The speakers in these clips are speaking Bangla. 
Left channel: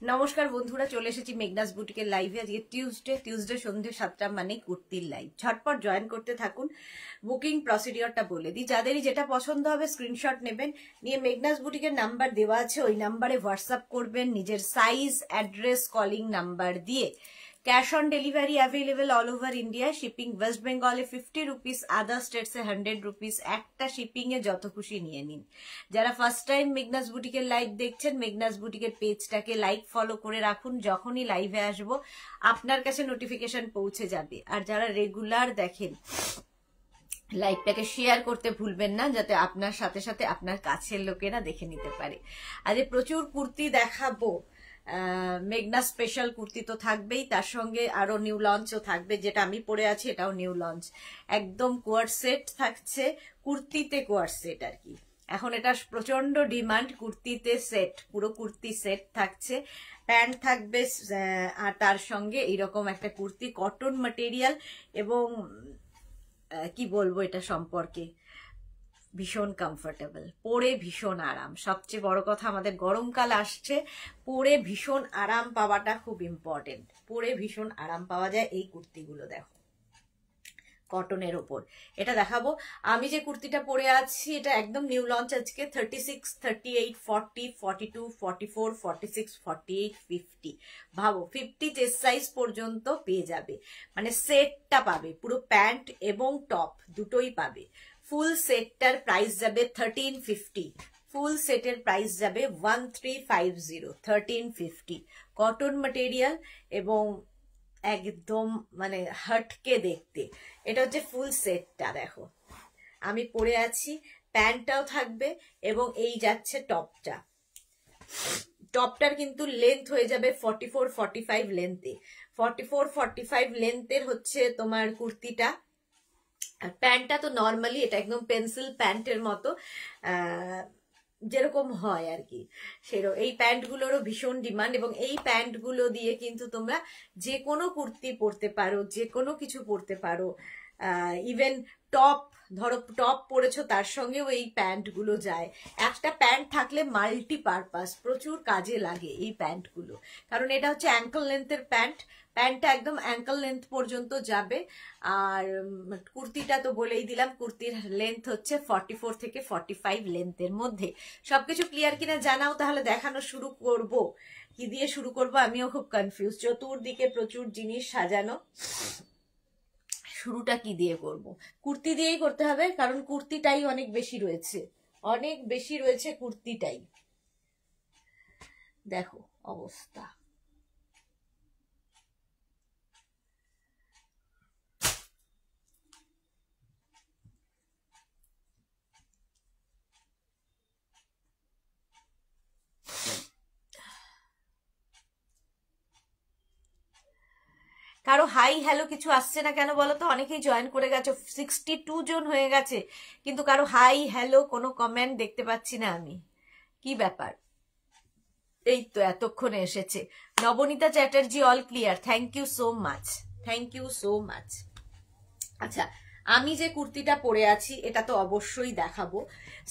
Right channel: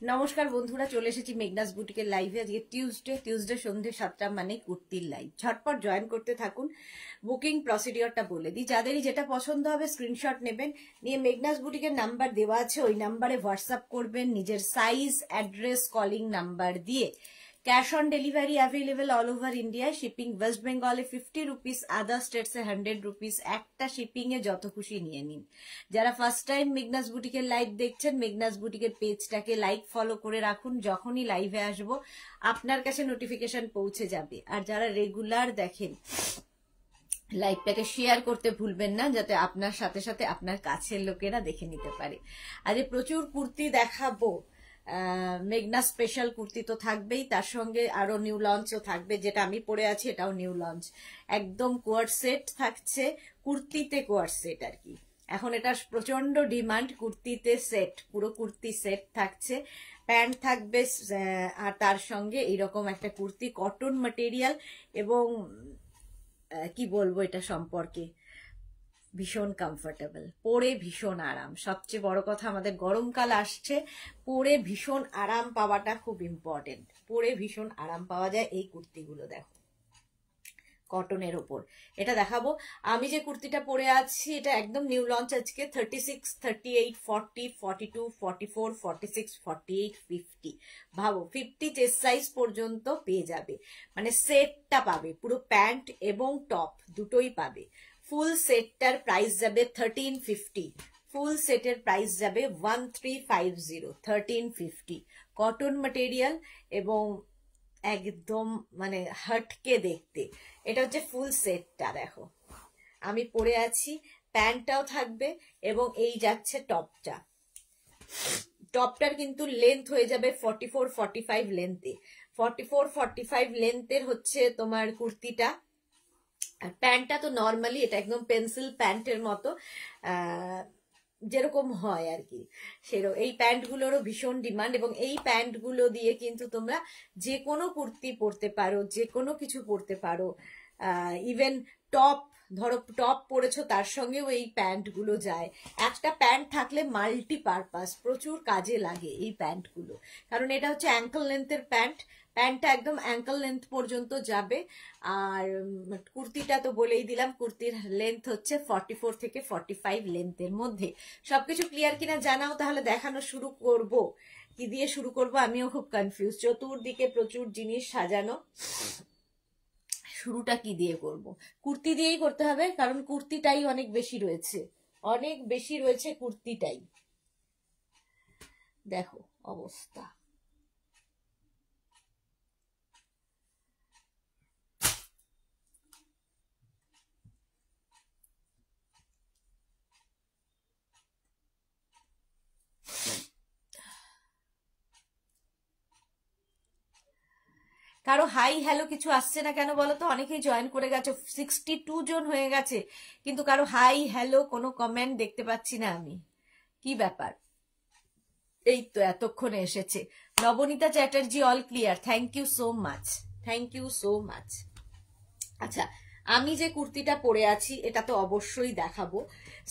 নমস্কার বন্ধুরা, চলে এসেছি মেঘনাস বুটিকের লাইভে। আজকে টিউসডে সন্ধ্যে 7টা মানে কুর্তির লাইভ। ঝটপট জয়েন করতে থাকুন। বুকিং প্রসিডিওরটা বলে দিই, যাদেরই যেটা পছন্দ হবে স্ক্রিনশট নেবেন, নিয়ে মেঘনাস বুটিকের নাম্বার দেওয়া আছে, ওই নাম্বারে হোয়াটসঅ্যাপ করবেন নিজের সাইজ, অ্যাড্রেস, কলিং নাম্বার দিয়ে। Cash on delivery available all over India. Shipping West বেঙ্গলে 50 রুপিস, আদার স্টেটসে 100 রুপিস। একটা শিপিং এ যত খুশি নিয়ে নিন। যারা ফার্স্ট টাইম মেঘনাস বুটিকের লাইভ দেখছেন, মেঘনাস বুটিকের পেজটাকে লাইক ফলো করে রাখুন, যখনই লাইভে আসবো আপনার কাছে নোটিফিকেশন পৌঁছে যাবে। আর যারা রেগুলার দেখেন, লাইভটাকে শেয়ার করতে ভুলবেন না, যাতে আপনার সাথে সাথে আপনার কাছের লোকেরা দেখে নিতে পারে। আজ প্রচুর কুর্তি দেখাবো। মেঘনা স্পেশাল কুর্তি তো থাকবেই, তার সঙ্গে আরো নিউ লঞ্চও থাকবে। যেটা আমি পরে আছি এটাও নিউ লঞ্চ, একদম কোয়ার সেট থাকছে, কুর্তিতে কোয়ার সেট আর কি। এখন এটা প্রচন্ড ডিমান্ড, কুর্তিতে সেট, পুরো কুর্তি সেট থাকছে। প্যান্ট থাকবে আর তার সঙ্গে এইরকম একটা কুর্তি, কটন ম্যাটেরিয়াল, এবং কি বলবো এটা সম্পর্কে, ভীষণ কমফোর্টেবল, পরে ভীষণ আরাম। সবচেয়ে বড় কথা, আমাদের গরমকাল আসছে, পরে ভীষণ আরাম পাওয়াটা খুব ইম্পর্টেন্ট। পরে ভীষণ আরাম পাওয়া যায় এই কুর্তিগুলো। দেখো কটনের ওপর এটা দেখাবো। আমি যে কুর্তিটা পরে আছি এটা একদম নিউ লঞ্চ আজকে। 36, 38, 40, 42, 44, 46, 48, 50। ভাবো 50 চেস্ট সাইজ পর্যন্ত পেয়ে যাবে, মানে সেটটা পাবে, পুরো প্যান্ট এবং টপ দুটোই পাবে। ফুল সেটটার প্রাইস যাবে 1350। ফুল সেটের প্রাইস যাবে 1350, 1350। কটন ম্যাটেরিয়াল এবং একদম মানে হটকে দেখতে। এটা হচ্ছে ফুল সেটটা। দেখো আমি পরে আছি, প্যান্টটাও থাকবে এবং এই যাচ্ছে টপটা। টপটার কিন্তু লেন্থ হয়ে যাবে 44, 45 লেন্থে। 44, 45 লেন্থের হচ্ছে তোমার কুর্তিটা। আর প্যান্টটা তো নর্মালি এটা একদম পেন্সিল প্যান্টের মতো, যেরকম হয় আর কি সেরকম। এই প্যান্টগুলোরও ভীষণ ডিমান্ড, এবং এই প্যান্টগুলো দিয়ে কিন্তু তোমরা যে কোনো কুর্তি পরতে পারো, যে কোনো কিছু পরতে পারো। ইভেন টপ, ধরো টপ পরেছো তার সঙ্গেও এই প্যান্টগুলো যায়। একটা প্যান্ট থাকলে মাল্টি পারপাস, প্রচুর কাজে লাগে এই প্যান্টগুলো। কারণ এটা হচ্ছে অ্যাঙ্কল লেন্থের প্যান্ট, প্যান্টটা একদম অ্যাঙ্কল লেন্থ পর্যন্ত যাবে। আর কুর্তিটা তো বলেই দিলাম, কুর্তির লেন্থ হচ্ছে 44 থেকে 45 লেন্থের মধ্যে। সবকিছু ক্লিয়ার কিনা জানাও, তাহলে দেখানো শুরু করব। কি দিয়ে শুরু করব আমিও খুব কনফিউজ, চতুর্দিকে প্রচুর জিনিস সাজানো। শুরুটা কি দিয়ে করব? কুর্তি দিয়েই করতে হবে, কারণ কুর্তিটাই অনেক বেশি রয়েছে, অনেক বেশি রয়েছে কুর্তিটাই। দেখো অবস্থা। কারো হাই হ্যালো কিছু আসছে না কেন বলো তো? অনেকেই জয়েন করে গেছে, 62 জন হয়ে গেছে, কিন্তু কারো হাই হ্যালো কোনো কমেন্ট দেখতে পাচ্ছি না আমি। কি ব্যাপার? এই তো এতক্ষণে এসেছে। Nabanita Chatterjee, all clear, thank you so much, thank you so much. আচ্ছা, আমি যে কুর্তিটা পরে আছি এটা তো অবশ্যই দেখাবো।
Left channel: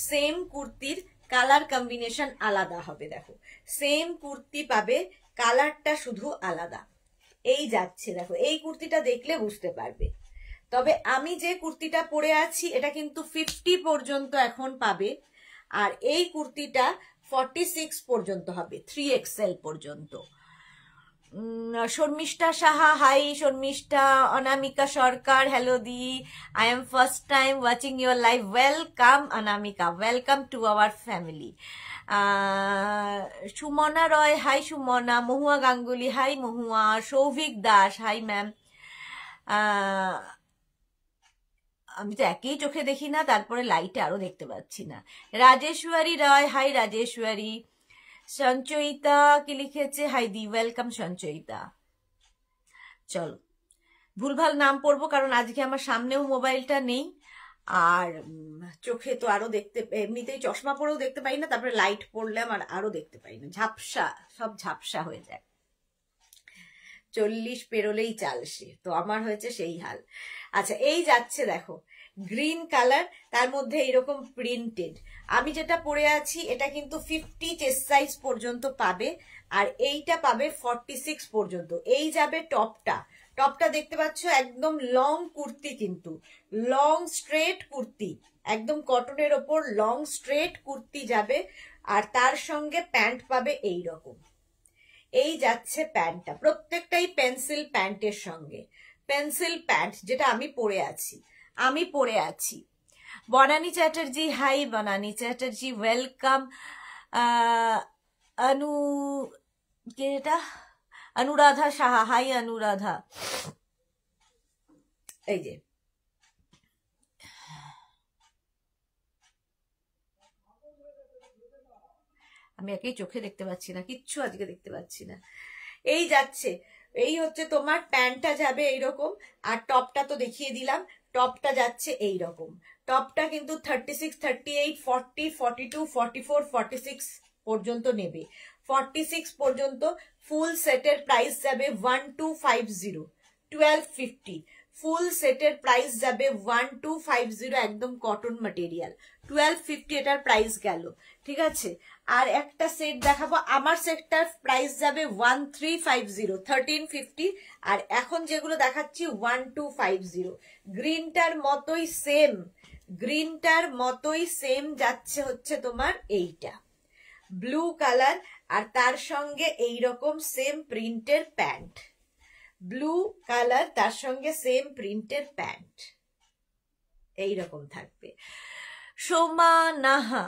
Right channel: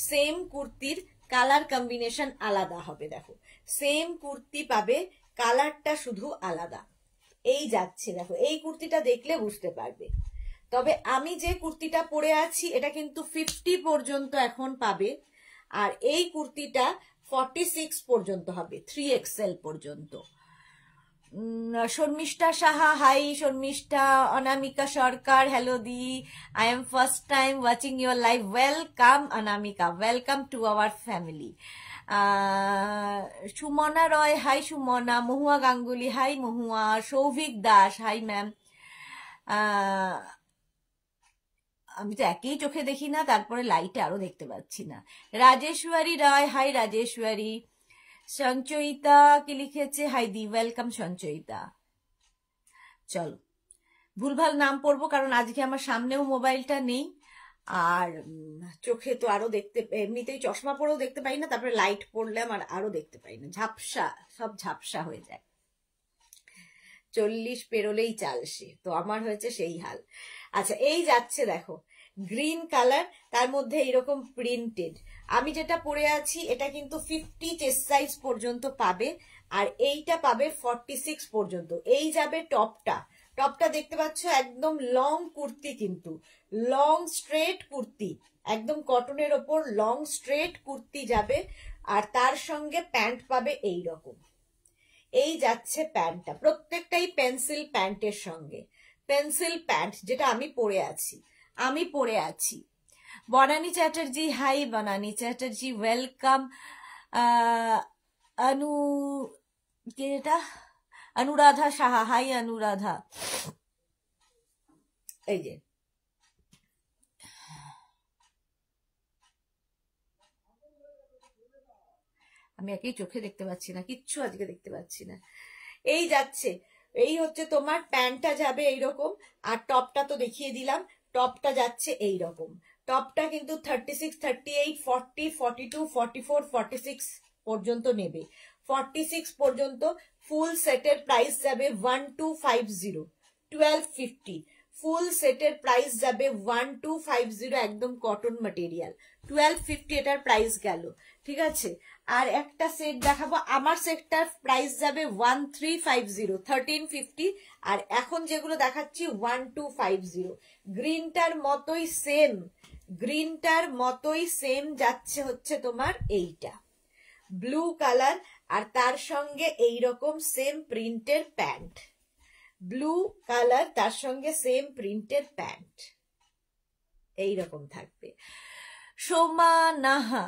সেম কুর্তির কালার কম্বিনেশন আলাদা হবে। দেখো সেম কুর্তি পাবে, কালারটা শুধু আলাদা। এই যাচ্ছে, দেখো এই কুর্তিটা দেখলে বুঝতে পারবে। তবে আমি যে কুর্তিটা পরে আছি এটা কিন্তু 50 পর্যন্ত এখন পাবে, আর এই কুর্তিটা 46 পর্যন্ত হবে, 3XL পর্যন্ত। শর্মিষ্ঠা সাহা, হাই শর্মিষ্ঠা। অনামিকা সরকার, হ্যালো দি, I am first time watching your live. Welcome Anamika, welcome to our family. Sumana Roy, hi Sumana. Mahua Ganguly, hi Mahua. Souvik Das, hi ma'am. আমি তো একই চোখে দেখি না, তারপরে লাইটে আরো দেখতে পাচ্ছি না। রাজেশ্বরী রায়, হাই রাজেশ্বরী। সঞ্চয়িতা কি লিখেছে, হাই দি, ওয়েলকাম সঞ্চয়িতা। চলো ভুলভাল নাম পড়বো, কারণ আজকে আমার সামনেও মোবাইলটা নেই, আর চোখে তো আরো দেখতে, এমনিতেই চশমা পরেও দেখতে পাই না, তারপরে লাইট পড়লে আমার আরো দেখতে পাই না, ঝাপসা, সব ঝাপসা হয়ে যায়। 40 পেরোলেই চালসে, তো আমার হয়েছে সেই হাল। আচ্ছা এই যাচ্ছে, দেখো গ্রিন কালার, তার মধ্যে এরকম প্রিন্টেড। আমি যেটা পরে আছি এটা কিন্তু 50 চেস্ট সাইজ পর্যন্ত পাবে, আর এইটা পাবে 46 পর্যন্ত। এই যাবে টপটা, টপটা দেখতে পাচ্ছ একদম লং কুর্তি, কিন্তু লং স্ট্রেট কুর্তি, একদম কটনের ওপর লং স্ট্রেট কুর্তি যাবে। আর তার সঙ্গে প্যান্ট পাবে এই রকম, এই যাচ্ছে প্যান্টটা, প্রত্যেকটাই পেন্সিল প্যান্টের সঙ্গে, পেন্সিল প্যান্ট যেটা আমি পরে আছি। Banani Chatterjee, hi Banani Chatterjee, welcome. Anuradha Saha, hi Anuradha. এই যে আমি একই চোখে দেখতে পাচ্ছি না, কিচ্ছু আজকে দেখতে পাচ্ছি না। এই যাচ্ছে, এই হচ্ছে তোমার প্যান্টটা যাবে এইরকম, আর টপটা তো দেখিয়ে দিলাম, টপটা যাচ্ছে এইরকম। টপটা কিন্তু 36, 38, 40, 42, 44, 46 পর্যন্ত নেবে। 46 পর্যন্ত ফুল সেটের প্রাইস যাবে 1250, 1250। ফুল সেটের প্রাইস যাবে 1250, একদম কটন ম্যাটেরিয়াল, 1250 এটার প্রাইস গেল। ঠিক আছে, আর একটা সেট দেখাবো, আমার সেটটার প্রাইস যাবে 1350, 1350। আর এখন যেগুলো দেখাচ্ছি 1250। গ্রিনটার মতোই সেম যাচ্ছে হচ্ছে তোমার এইটা ব্লু কালার, আর তার সঙ্গে এইরকম সেম প্রিন্টের প্যান্ট, ব্লু কালার তার সঙ্গে সেম প্রিন্টের প্যান্ট এইরকম থাকবে। সোমা নাহা,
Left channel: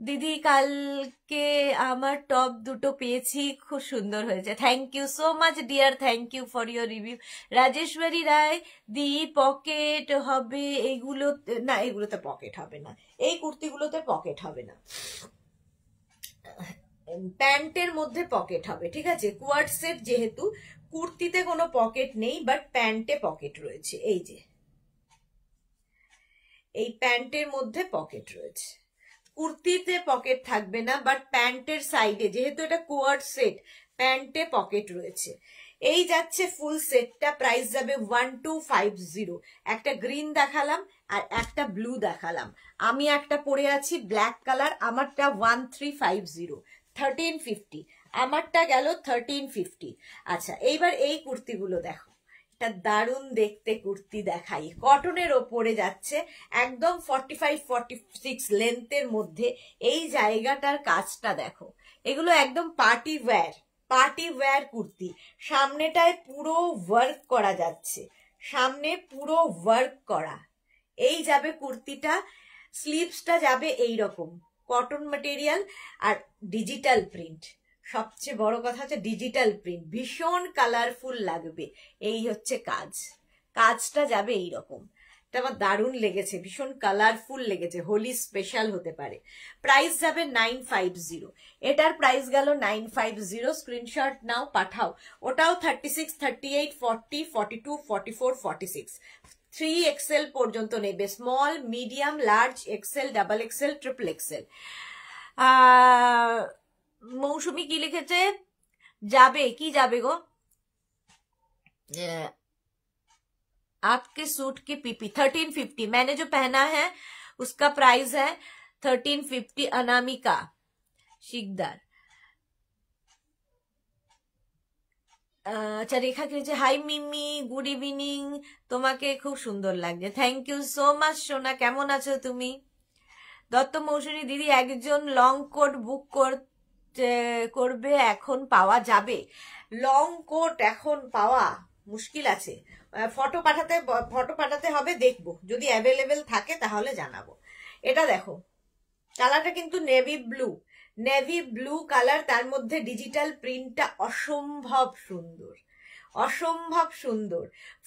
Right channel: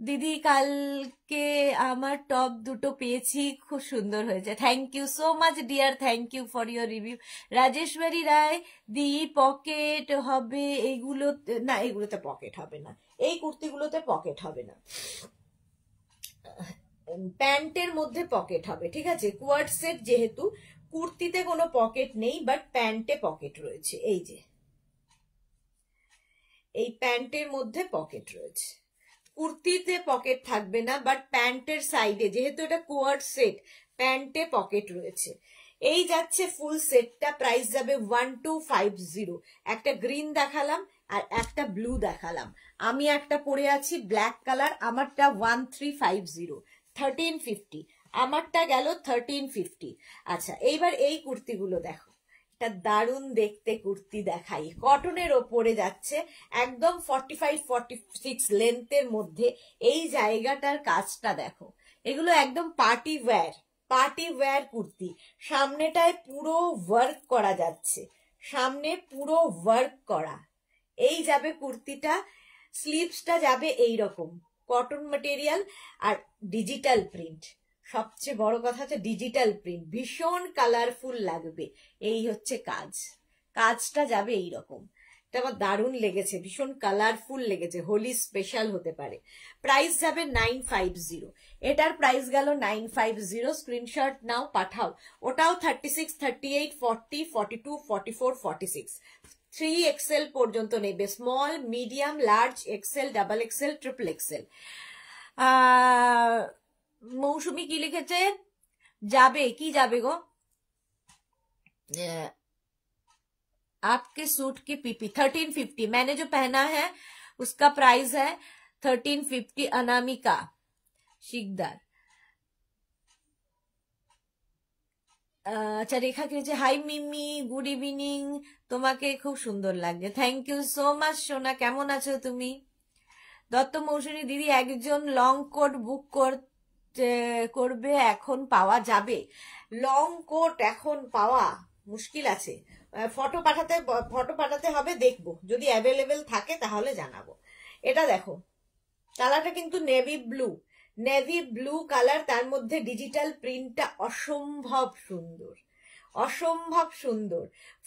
দিদি কালকে আমার টপ দুটো পেয়েছি, খুব সুন্দর হয়েছে, thank you so much dear, thank you for your review. Rajeshwari Roy, দি পকেট হবে এগুলো? না, এগুলোতে পকেট হবে না, এই কুর্তিগুলোতে পকেট হবে না, প্যান্টের মধ্যে পকেট হবে। ঠিক আছে, কোয়ার্ড সেট যেহেতু, কুর্তিতে কোনো পকেট নেই, বাট প্যান্টে পকেট রয়েছে। এই যে এই প্যান্টের মধ্যে পকেট রয়েছে, কুর্তিতে পকেট থাকবে না, বাট প্যান্টের সাইডে, যেহেতু এটা কোয়ার্ড সেট, প্যান্টে পকেট রয়েছে। এই যাচ্ছে ফুল সেটটা, প্রাইস যাবে 1250। একটা গ্রিন দেখালাম আর একটা ব্লু দেখালাম, আমি একটা পরে আছি ব্ল্যাক কালার, আমারটা 1350, 1350, আমারটা গেল 1350। আচ্ছা, এইবার এই কুর্তিগুলো দেখো, এটা দারুণ দেখতে কুর্তি দেখাই, কটনের ওপরে যাচ্ছে, একদম 45, 46 লেন্থের মধ্যে। এই জায়গাটার কাজটা দেখো, এগুলো একদম পার্টি ওয়্যার কুর্তি। সামনেটায় পুরো ওয়ার্ক করা যাচ্ছে, সামনে পুরো ওয়ার্ক করা। এই যাবে কুর্তিটা, স্লিভসটা যাবে এইরকম কটন ম্যাটেরিয়াল আর ডিজিটাল প্রিন্ট। সবচেয়ে বড় কথা হচ্ছে ডিজিটাল প্রিন্ট, ভীষণ কালারফুল লাগবে। এই হচ্ছে কাজটা যাবে এইরকম, এটা আমার দারুণ লেগেছে, ভীষণ কালারফুল লেগেছে, হোলি স্পেশাল হতে পারে। প্রাইস যাবে 950, এটার প্রাইস গেল 950। স্ক্রিনশট নাও, পাঠাও। ওটাও 36, 38, 40, 42, 44, 46, 3XL পর্যন্ত নেবে, small, medium, large, XL, double XL, triple XL. Mousumi কি লিখেছে? যাবে কি যাবে গো? आपके सूट की पीपी 1350, मैंने जो पहना है उसका प्राइस है 1350। अनामिका शिकदार। আচ্ছা, রেখা কে, হাই মিমি, গুড ইভিনিং, তোমাকে খুব সুন্দর লাগছে, থ্যাংক ইউ সো মাচ সোনা, কেমন আছো তুমি? দত্ত মৌসুমী দিদি, একজন লং কোট বুক করবে, এখন পাওয়া যাবে? লং কোট এখন পাওয়া মুশকিল আছে, ফটো পাঠাতে হবে, দেখবো যদি অ্যাভেলেবেল থাকে তাহলে জানাবো। এটা দেখো, কালারটা কিন্তু নেভি ব্লু কালার, তার মধ্যে ডিজিটাল প্রিন্টটা অসম্ভব সুন্দর।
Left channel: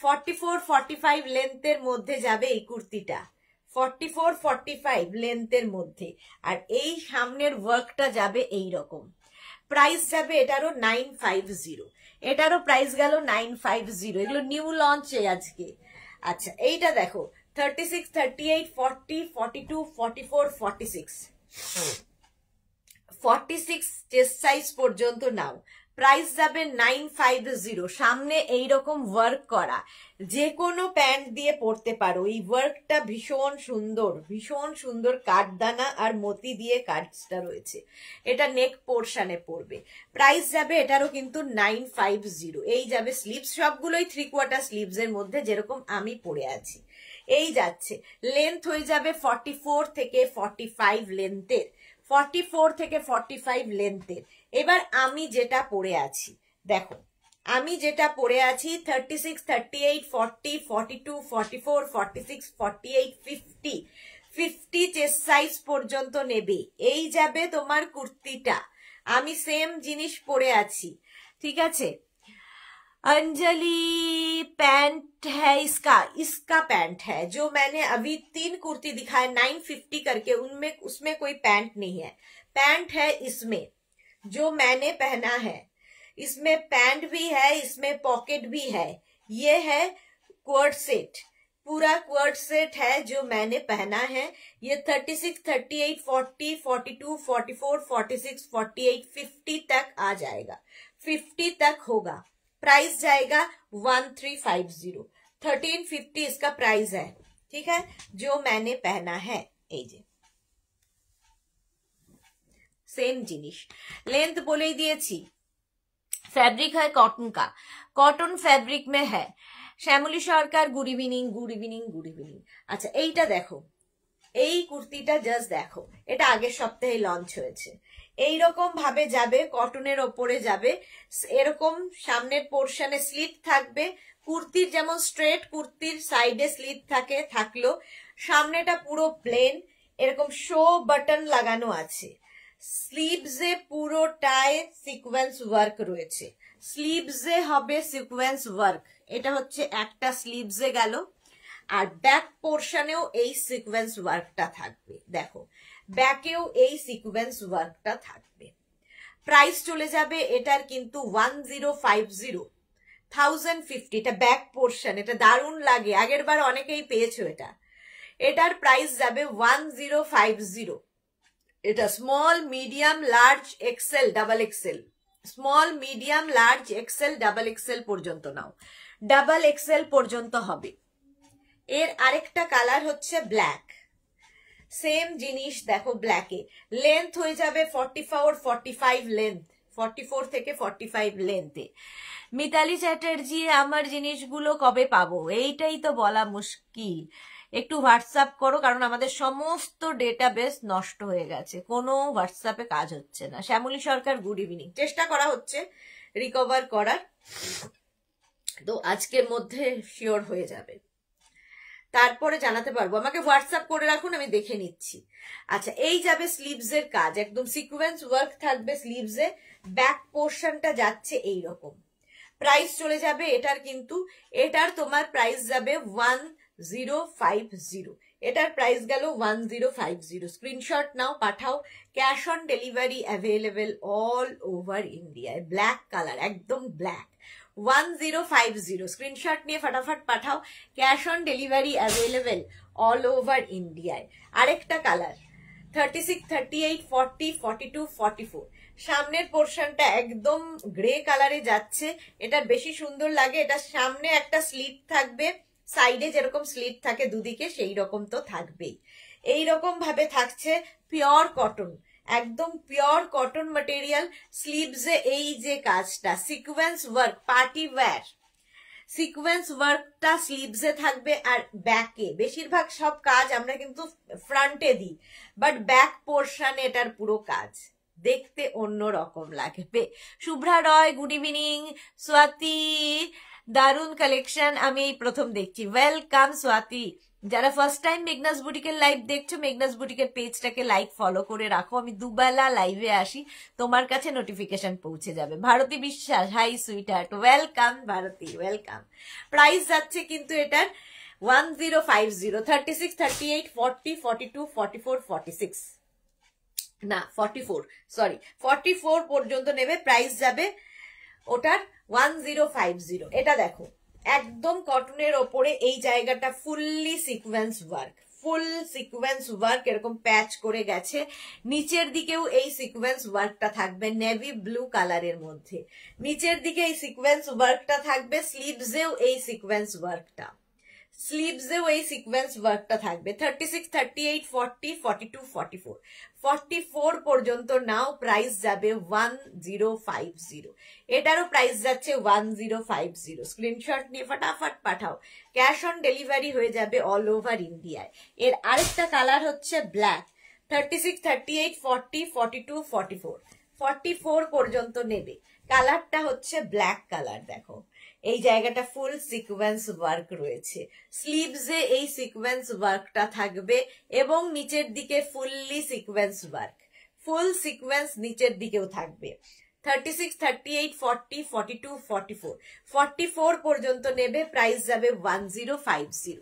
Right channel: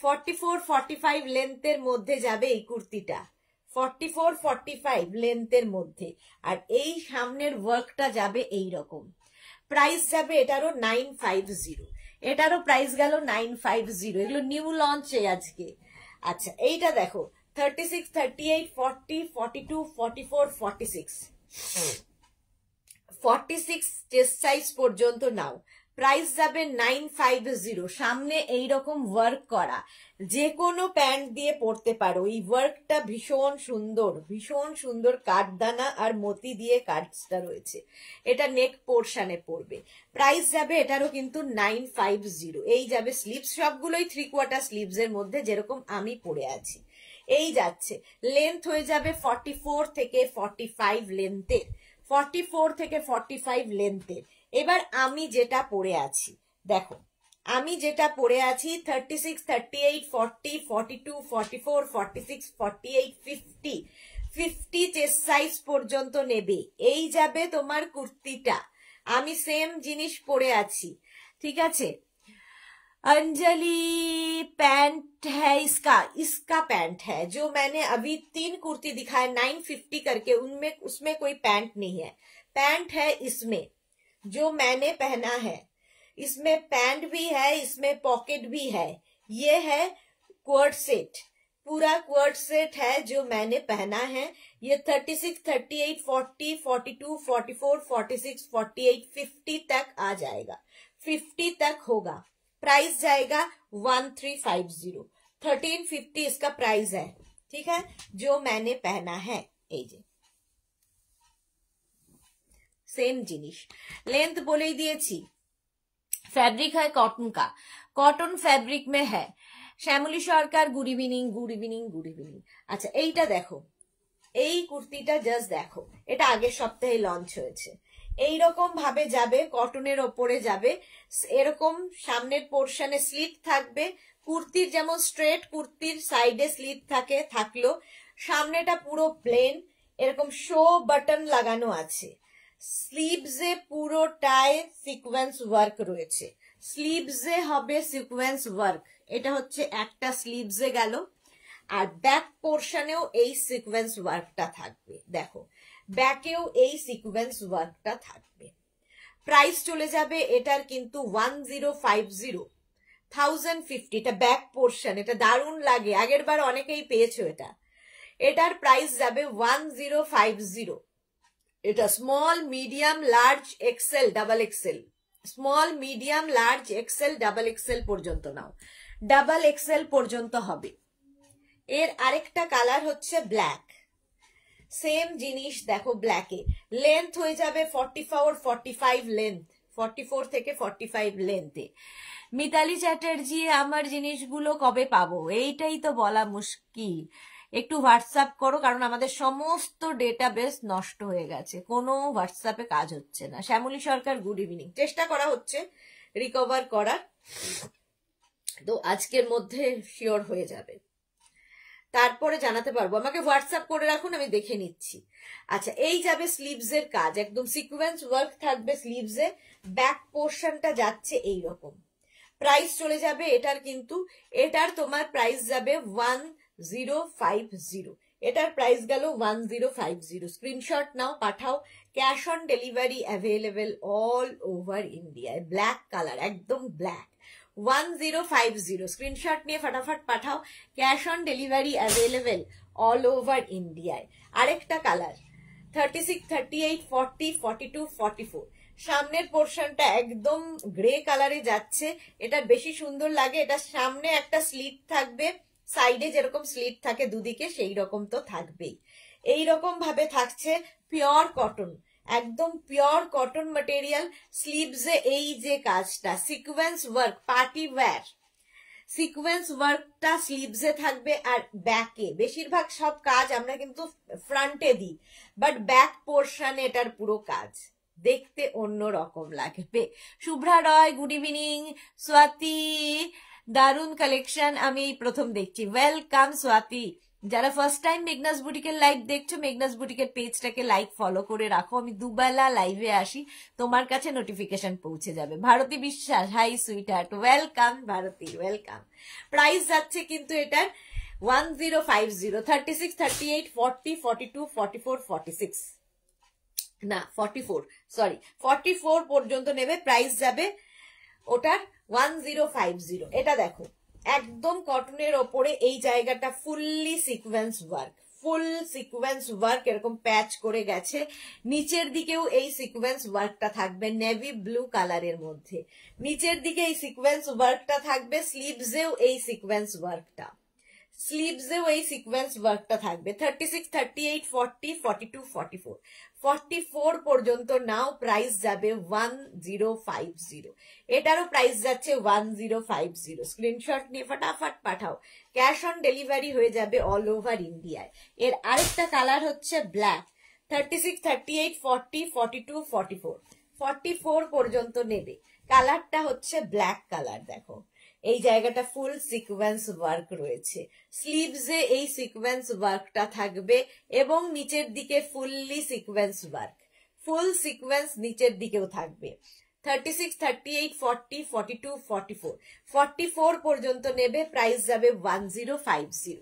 44, 45 লেন্থের মধ্যে যাবে এই কুর্তিটা, 44, 45 লেন্থের মধ্যে। আর এই সামনের ওয়ার্কটা যাবে এই রকম। প্রাইস যাবে এটারও 950, এটারও প্রাইস গেল 950। এগুলো নিউ লঞ্চে আজকে। আচ্ছা, এইটা দেখো 36, 38, 40, 42, 44, 46, 46 চেস্ট সাইজ পর্যন্ত নাও, প্রাইস যাবে 950। সামনে এইরকম ওয়ার্ক করা, যে কোনো প্যান্ট দিয়ে পরতে পারো। এই ওয়ার্কটা ভীষণ সুন্দর কাঠদানা আর মতি দিয়ে কাজটা রয়েছে। এটা নেক পোর্শনে পড়বে। প্রাইস যাবে এটারও কিন্তু 950। এই যাবে স্লিভস, সবগুলোই 3/4 স্লিভস এর মধ্যে, যেরকম আমি পরে আছি। এই যাচ্ছে, লেন্থ হয়ে যাবে 44 থেকে 45 লেন্থের, 44 থেকে 45 লেন্থের। এবার আমি যেটা পরে আছি দেখো, আমি যেটা পরে আছি 36, 38, 40, 42, 44, 46, 48, 50 চেস্ট সাইজ পর্যন্ত নেবে। এই যাবে তোমার কুর্তিটা। আমি সেম জিনিস পরে আছি, ঠিক আছে। अंजलि पैंट है इसका पैंट है, जो मैंने अभी 3 कुर्ती दिखाए 950 करके, उनमें उसमें कोई पैंट नहीं है। पैंट है इसमें जो मैंने पहना है, इसमें पैंट भी है, इसमें पॉकेट भी है। ये है क्वर्ट सेट, पूरा क्वर्ट सेट है जो मैंने पहना है। ये 36, 38, 40, 42, 44, 46, 48, 50 तक आ जाएगा, 50 तक होगा। प्राइस जाएगा 1350, 1350 इसका प्राइस है, ठीक है, जो मैंने पहना है। सेम जिनिस, लेंथ बोले ही दिएছি। फैब्रिक है कॉटन का, कॉटन फैब्रिक में है। Shyamali Sarkar good evening, good evening, good evening. আচ্ছা এইটা দেখো, এই কুর্তিটা জাস্ট দেখো, এটা আগের সপ্তাহে লঞ্চ হয়েছে। এইরকম ভাবে যাবে, কটনের ওপরে যাবে, এরকম সামনের পোর্শনে স্লিট থাকবে। কুর্তির যেমন স্ট্রেট কুর্তির সাইডে স্লিট থাকে, থাকলো, সামনেটা পুরো প্লেন, এরকম শো বাটন লাগানো আছে। স্লিভসে পুরোটায় সিকোয়েন্স ওয়ার্ক রয়েছে, স্লিভসে হবে সিকোয়েন্স ওয়ার্ক। এটা হচ্ছে একটা স্লিভসে গেল, আর ব্যাক পোর্শনেও এই সিকোয়েন্স ওয়ার্কটা থাকবে। দেখো ব্যাকেও এই সিকোয়েন্স ওয়ার্কটা থাকবে। প্রাইস চলে যাবে এটার কিন্তু 1050, 1050। এটা ব্যাক পোর্শন, এটা দারুণ লাগে, আগের বার অনেকেই পেয়েছো এটা। এটার প্রাইস যাবে 1050। এটা small, medium, large, XL, double XL, small, medium, large, XL, double XL পর্যন্ত নাও, ডাবল এক্সেল পর্যন্ত হবে। এর আরেকটা কালার হচ্ছে ব্ল্যাক, সেম জিনিস দেখো ব্ল্যাকে। লেন্থ হয়ে যাবে 44, 45 লেন্থ, 44 থেকে 45 লেন্থে। মিতালি চ্যাটার্জি, আমার জিনিসগুলো কবে পাবো? এইটাই তো বলা মুশকিল। একটু হোয়াটসঅ্যাপ করো, কারণ আমাদের সমস্ত ডেটাবেস নষ্ট হয়ে গেছে, কোনো হোয়াটসঅ্যাপে কাজ হচ্ছে না। Shyamoli Sarkar good evening. চেষ্টা করা হচ্ছে রিকভার করার, তো আজকের মধ্যে শিওর হয়ে যাবে, তারপরে জানাতে পারবো। আমাকে হোয়াটসঅ্যাপ করে রাখুন, আমি দেখে নিচ্ছি। আচ্ছা এই যাবে স্লিভস এর কাজ, একদম সিকোয়েন্স ওয়ার্ক থাকবে স্লিভসে, ব্যাক পোর্শনটা যাচ্ছে এইরকম। প্রাইস চলে যাবে এটার কিন্তু, এটার তোমার প্রাইস যাবে 1050। এটার প্রাইস গেল 1050। স্ক্রিনশট নাও, পাঠাও। Cash on delivery available all over ইন্ডিয়ায়। ব্ল্যাক কালার, একদম ব্ল্যাক, 1050। স্ক্রিনশট নিয়ে ফটাফট পাঠাও। Cash on delivery available all over ইন্ডিয়ায়। আরেকটা কালার 36, 38, 40, 42, 44। সামনের পোর্শনটা একদম গ্রে কালারে যাচ্ছে, এটা বেশি সুন্দর লাগে। এটা সামনে একটা স্লিট থাকবে, সাইডে যেরকম স্লিট থাকে দুদিকে সেই রকম তো থাকবেই। এইরকম ভাবে থাকছে, পিওর কটন, একদম পিওর কটন ম্যাটেরিয়াল। স্লিভসে এই যে কাজটা, sequence work, party wear sequence ওয়ার্কটা স্লিভসে থাকবে। আর ব্যাকে বেশিরভাগ সব কাজ আমরা কিন্তু ফ্রন্টে দিই, বাট ব্যাক পোর্শনে এটার পুরো কাজ দেখতে অন্য রকম লাগবে। শুভ্রা রয় গুড ইভিনিং। স্বাতি, দারুণ কালেকশন, আমি এই প্রথম দেখছি। ওয়েলকাম স্বাতি। যারা ফার্স্ট টাইম মেঘনাস বুটিকের লাইভ দেখছো, মেঘনাস বুটিকের পেজটাকে লাইক ফলো করে রাখো। আমি দুবেলা লাইভে আসি, তোমার কাছে নোটিফিকেশন পৌঁছে যাবে। Bharati Biswas, hi sweetheart, welcome Bharati, welcome. Price যাচ্ছে কিন্তু এটার 1050, 36, 38, 40, 42, 44, 46 না 44, সরি 44 পর্যন্ত নেবে। প্রাইস যাবে ওটার 1050। এটা দেখো একদম কটনের ওপরে এই জায়গাটা ফুললি সিকোয়েন্স ওয়ার্ক, ফুল সিকোয়েন্স ওয়ার্ক এরকম প্যাচ করে গেছে, নিচের দিকেও এই সিকোয়েন্স ওয়ার্কটা থাকবে নেভি ব্লু কালারের মধ্যে, নিচের দিকে এই সিকোয়েন্স ওয়ার্কটা থাকবে, স্লিভসেও এই সিকোয়েন্স ওয়ার্কটা, স্লিভসেও এই সিকোয়েন্স ওয়ার্কটা থাকবে। 36, 38, 40, 42, 44, 44 পর্যন্ত নাও, প্রাইস যাবে 1050, এটারও প্রাইস যাচ্ছে 1050। স্ক্রিনশট নিয়ে ফটাফট পাঠাও, ক্যাশ অন ডেলিভারি হয়ে যাবে অল ওভার ইন্ডিয়ায়। এর আরেকটা কালার হচ্ছে ব্ল্যাক, 36, 38, 40, 42, 44, 44 পর্যন্ত নেবে, কালারটা হচ্ছে ব্ল্যাক কালার। দেখো এই জায়গাটা ফুল সিকোয়েন্স ওয়ার্ক রয়েছে, স্লিভসে এই সিকোয়েন্স ওয়ার্কটা থাকবে এবং নিচের দিকে ফুললি সিকোয়েন্স ওয়ার্ক, ফুল সিকোয়েন্স নিচের দিকেও থাকবে। 36, 38, 40, 42, 44, 44 পর্যন্ত নেবে, প্রাইস যাবে 1050,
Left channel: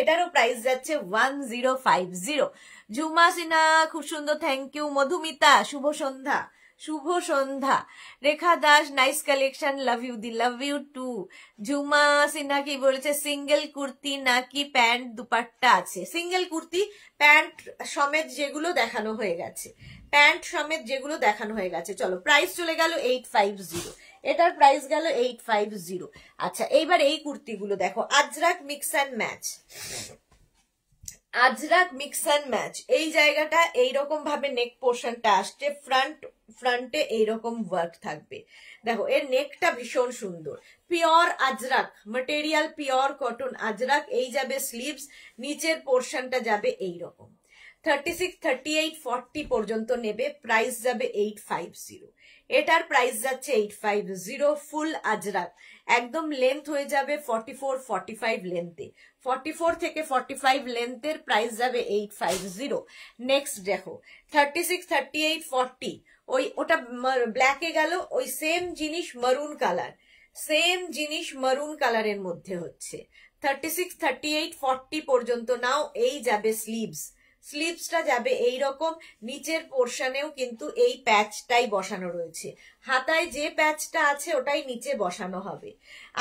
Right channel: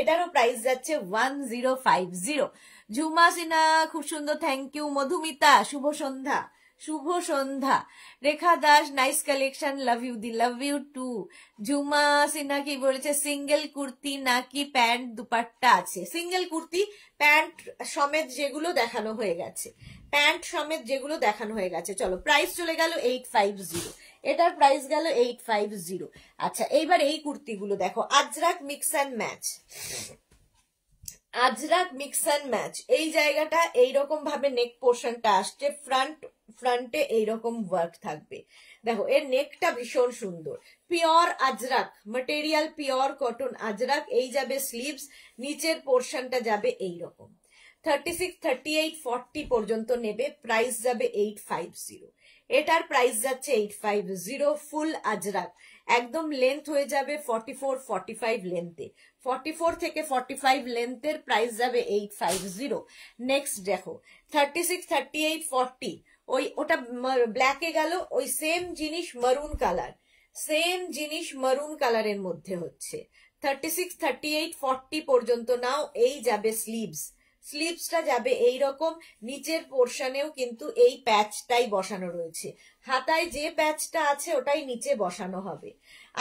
এটারও প্রাইস যাচ্ছে 1050। ঝুমা সিনহা খুব সুন্দর, থ্যাংক ইউ। মধুমিতা শুভ সন্ধ্যা, শুভ সন্ধ্যা। Rekha Das nice collection, love you দি, love you too. Jhuma Sinha কি বলেছে, সিঙ্গেল কুর্তি নাকি প্যান্ট দুপাট্টা আছে? সিঙ্গেল কুর্তি, প্যান্ট সমেত যেগুলো দেখানো হয়ে গেছে, প্যান্ট সমেত যেগুলো দেখানো হয়ে গেছে। চলো প্রাইস চলে গেল 850, এটার প্রাইস গেল 850। আচ্ছা এইবার এই কুর্তিগুলো দেখো, Ajrak mix and match, Ajrak mix and match. এই জায়গাটা এইরকম ভাবে নেক পোর্শনটা আসছে, ফ্রন্টে এইরকম ওয়ার্ক থাকবে। দেখো এর নেকটা ভীষণ সুন্দর, pure Ajrak material, pure cotton Ajrak. এই যাবে স্লিভস, নিচের পোর্শনটা যাবে এইরকম। 36, 38, 40 পর্যন্ত নেবে, প্রাইস যাবে 850, এটার প্রাইস যাচ্ছে 850। ফুল আজরাক, একদম লেন্থ হয়ে যাবে 44, 45 লেন্থে, 44 থেকে 45 লেন্থের প্রাইস যাবে 850। নেক্সট দেখো 36, 38, 40, ওটা ব্ল্যাকে গেল, ওই সেম জিনিস মারুন কালার, সেম জিনিস মারুন কালারের মধ্যে হচ্ছে। 36, 38, 40 পর্যন্ত নাও, এই যাবে স্লিভস, স্লিভসটা যাবে এইরকম, নিচের পোর্শনেও কিন্তু এই প্যাচটাই বসানো রয়েছে, হাতায় যে প্যাচটা আছে ওটাই নিচে বসানো হবে।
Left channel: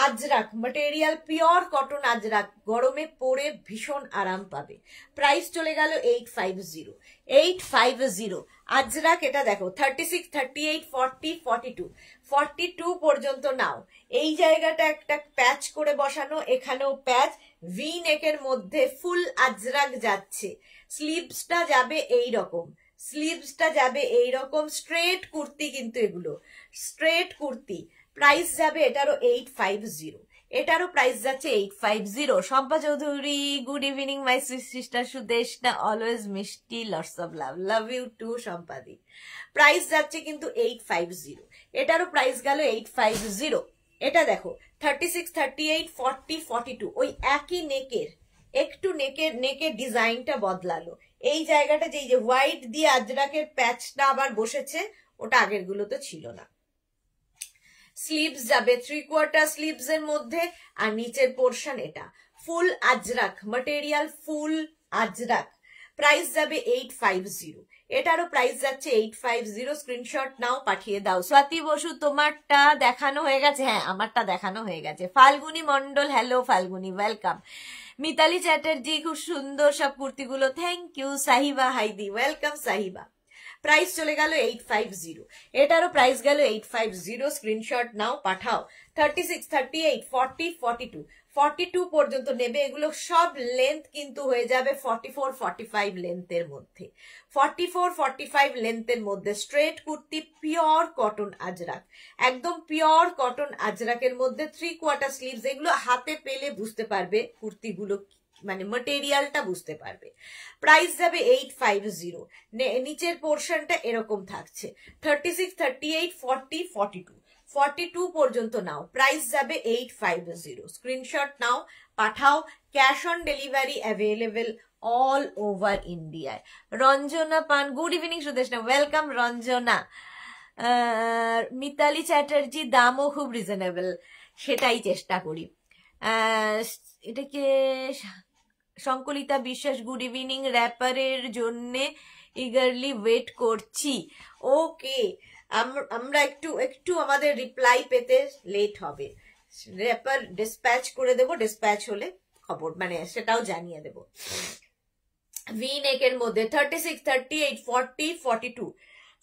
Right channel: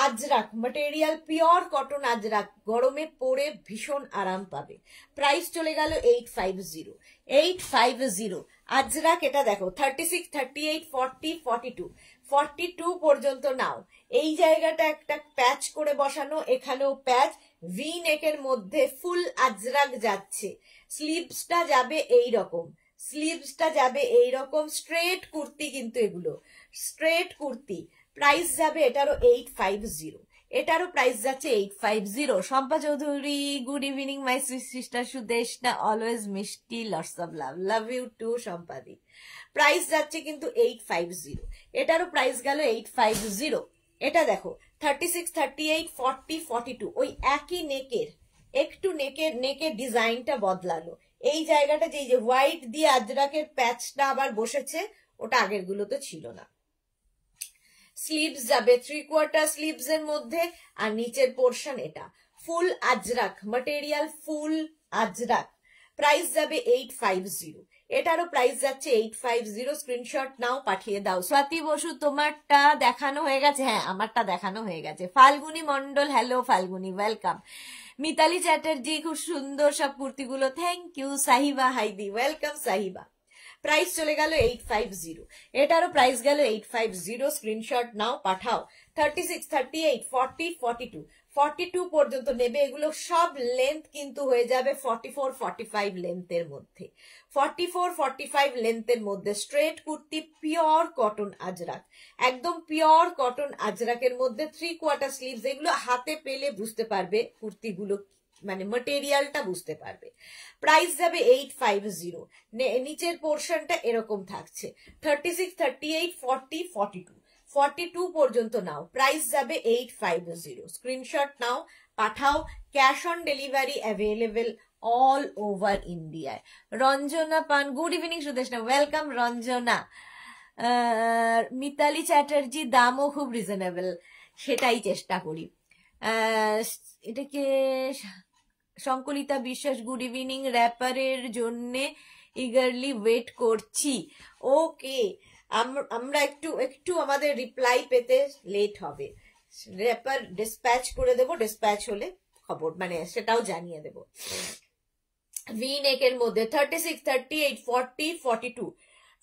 Ajrak material, pure cotton Ajrak, গরমে পরে ভীষণ আরাম পাবে। প্রাইস চলে গেল 850, 850 আজরাক। এটা দেখো 36, 38, 40, 42, 42 পর্যন্ত নাও। এই জায়গাটা একটা প্যাচ করে বসানো, এখানেও প্যাচ, ভি নেকের মধ্যে ফুল আজরাক যাচ্ছে, স্লিভসটা যাবে এইরকম, স্লিভসটা যাবে এইরকম, স্ট্রেট কুর্তি কিন্তু এগুলো স্ট্রেট কুর্তি। প্রাইস যাবে এটারও 850, এটারও প্রাইস যাচ্ছে 850। Shampa Chowdhury good evening my sister Sudeshna, always মিষ্টি, lots of love, love you too সম্পাদি। প্রাইস যাচ্ছে কিন্তু 850, এটারও প্রাইস গেল 850। এটা দেখো 36, 38, 40, 42, ওই একই নেকের, একটু নেকের ডিজাইনটা বদলালো, এই জায়গাটা যে হোয়াইট দিয়ে আজরাকের প্যাচটা আবার বসেছে, ওটা আগের গুলোতে ছিল না। স্লিভস যাবে 3/4 স্লিভস এর মধ্যে, আর নিচের পোর্শন এটা ফুল আজরাক মেটেরিয়াল, ফুল আজরাক। প্রাইস যাবে 850, এটারও প্রাইস যাচ্ছে 850। স্ক্রিনশট নাও, পাঠিয়ে দাও। স্বাতি বসু তোমারটা দেখানো হয়ে গেছে? হ্যাঁ আমারটা দেখানো হয়ে গেছে। Falguni Mondal, hello Falguni, welcome. মিতালি চ্যাটার্জি খুব সুন্দর সব কুর্তিগুলো, থ্যাংক ইউ। সাহিবা হাইদি, ওয়েলকাম সাহিবা। প্রাইস চলে গেল 850, এটারও প্রাইস গেল 850। স্ক্রিনশট নাও, পাঠাও। 36, 38, 40, 42, 42 পর্যন্ত নেবে, এগুলো সব লেন্থ কিন্তু হয়ে যাবে 44, 45 লেন্থের মধ্যে, 44, 45 লেন্থের মধ্যে। Straight kurti, pure cotton Ajrak, একদম পিওর কটন আজরাকের মধ্যে, 3/4 স্লিভস। এগুলো হাতে পেলে বুঝতে পারবে কুর্তিগুলো, মানে মেটেরিয়ালটা বুঝতে পারবে। প্রাইস যাবে 850, নিচের পোর্শনটা এরকম থাকছে। 36, 38, 40, 42, 42 পর্যন্ত নাও, প্রাইস যাবে 850। স্ক্রিনশট নাও, পাঠাও। Cash on delivery available all over ইন্ডিয়ায়। Ranjana Pan, good evening Sudeshna, welcome Ranjana. Mitali Chatterjee, দামও খুব রিজনেবল, সেটাই চেষ্টা করি। এটাকে সংকলিতা বিশ্বাস, গুড ইভিনিং, র্যাপারের জন্য ইগারলি ওয়েট করছি। ওকে, আমরা একটু আমাদের রিপ্লাই পেতে লেট হবে, র্যাপার ডিসপ্যাচ করে দেবো, ডিসপ্যাচ হলে খবর মানে সেটাও জানিয়ে দেব। ভি নেকের মধ্যে 36, 38, 40, 42,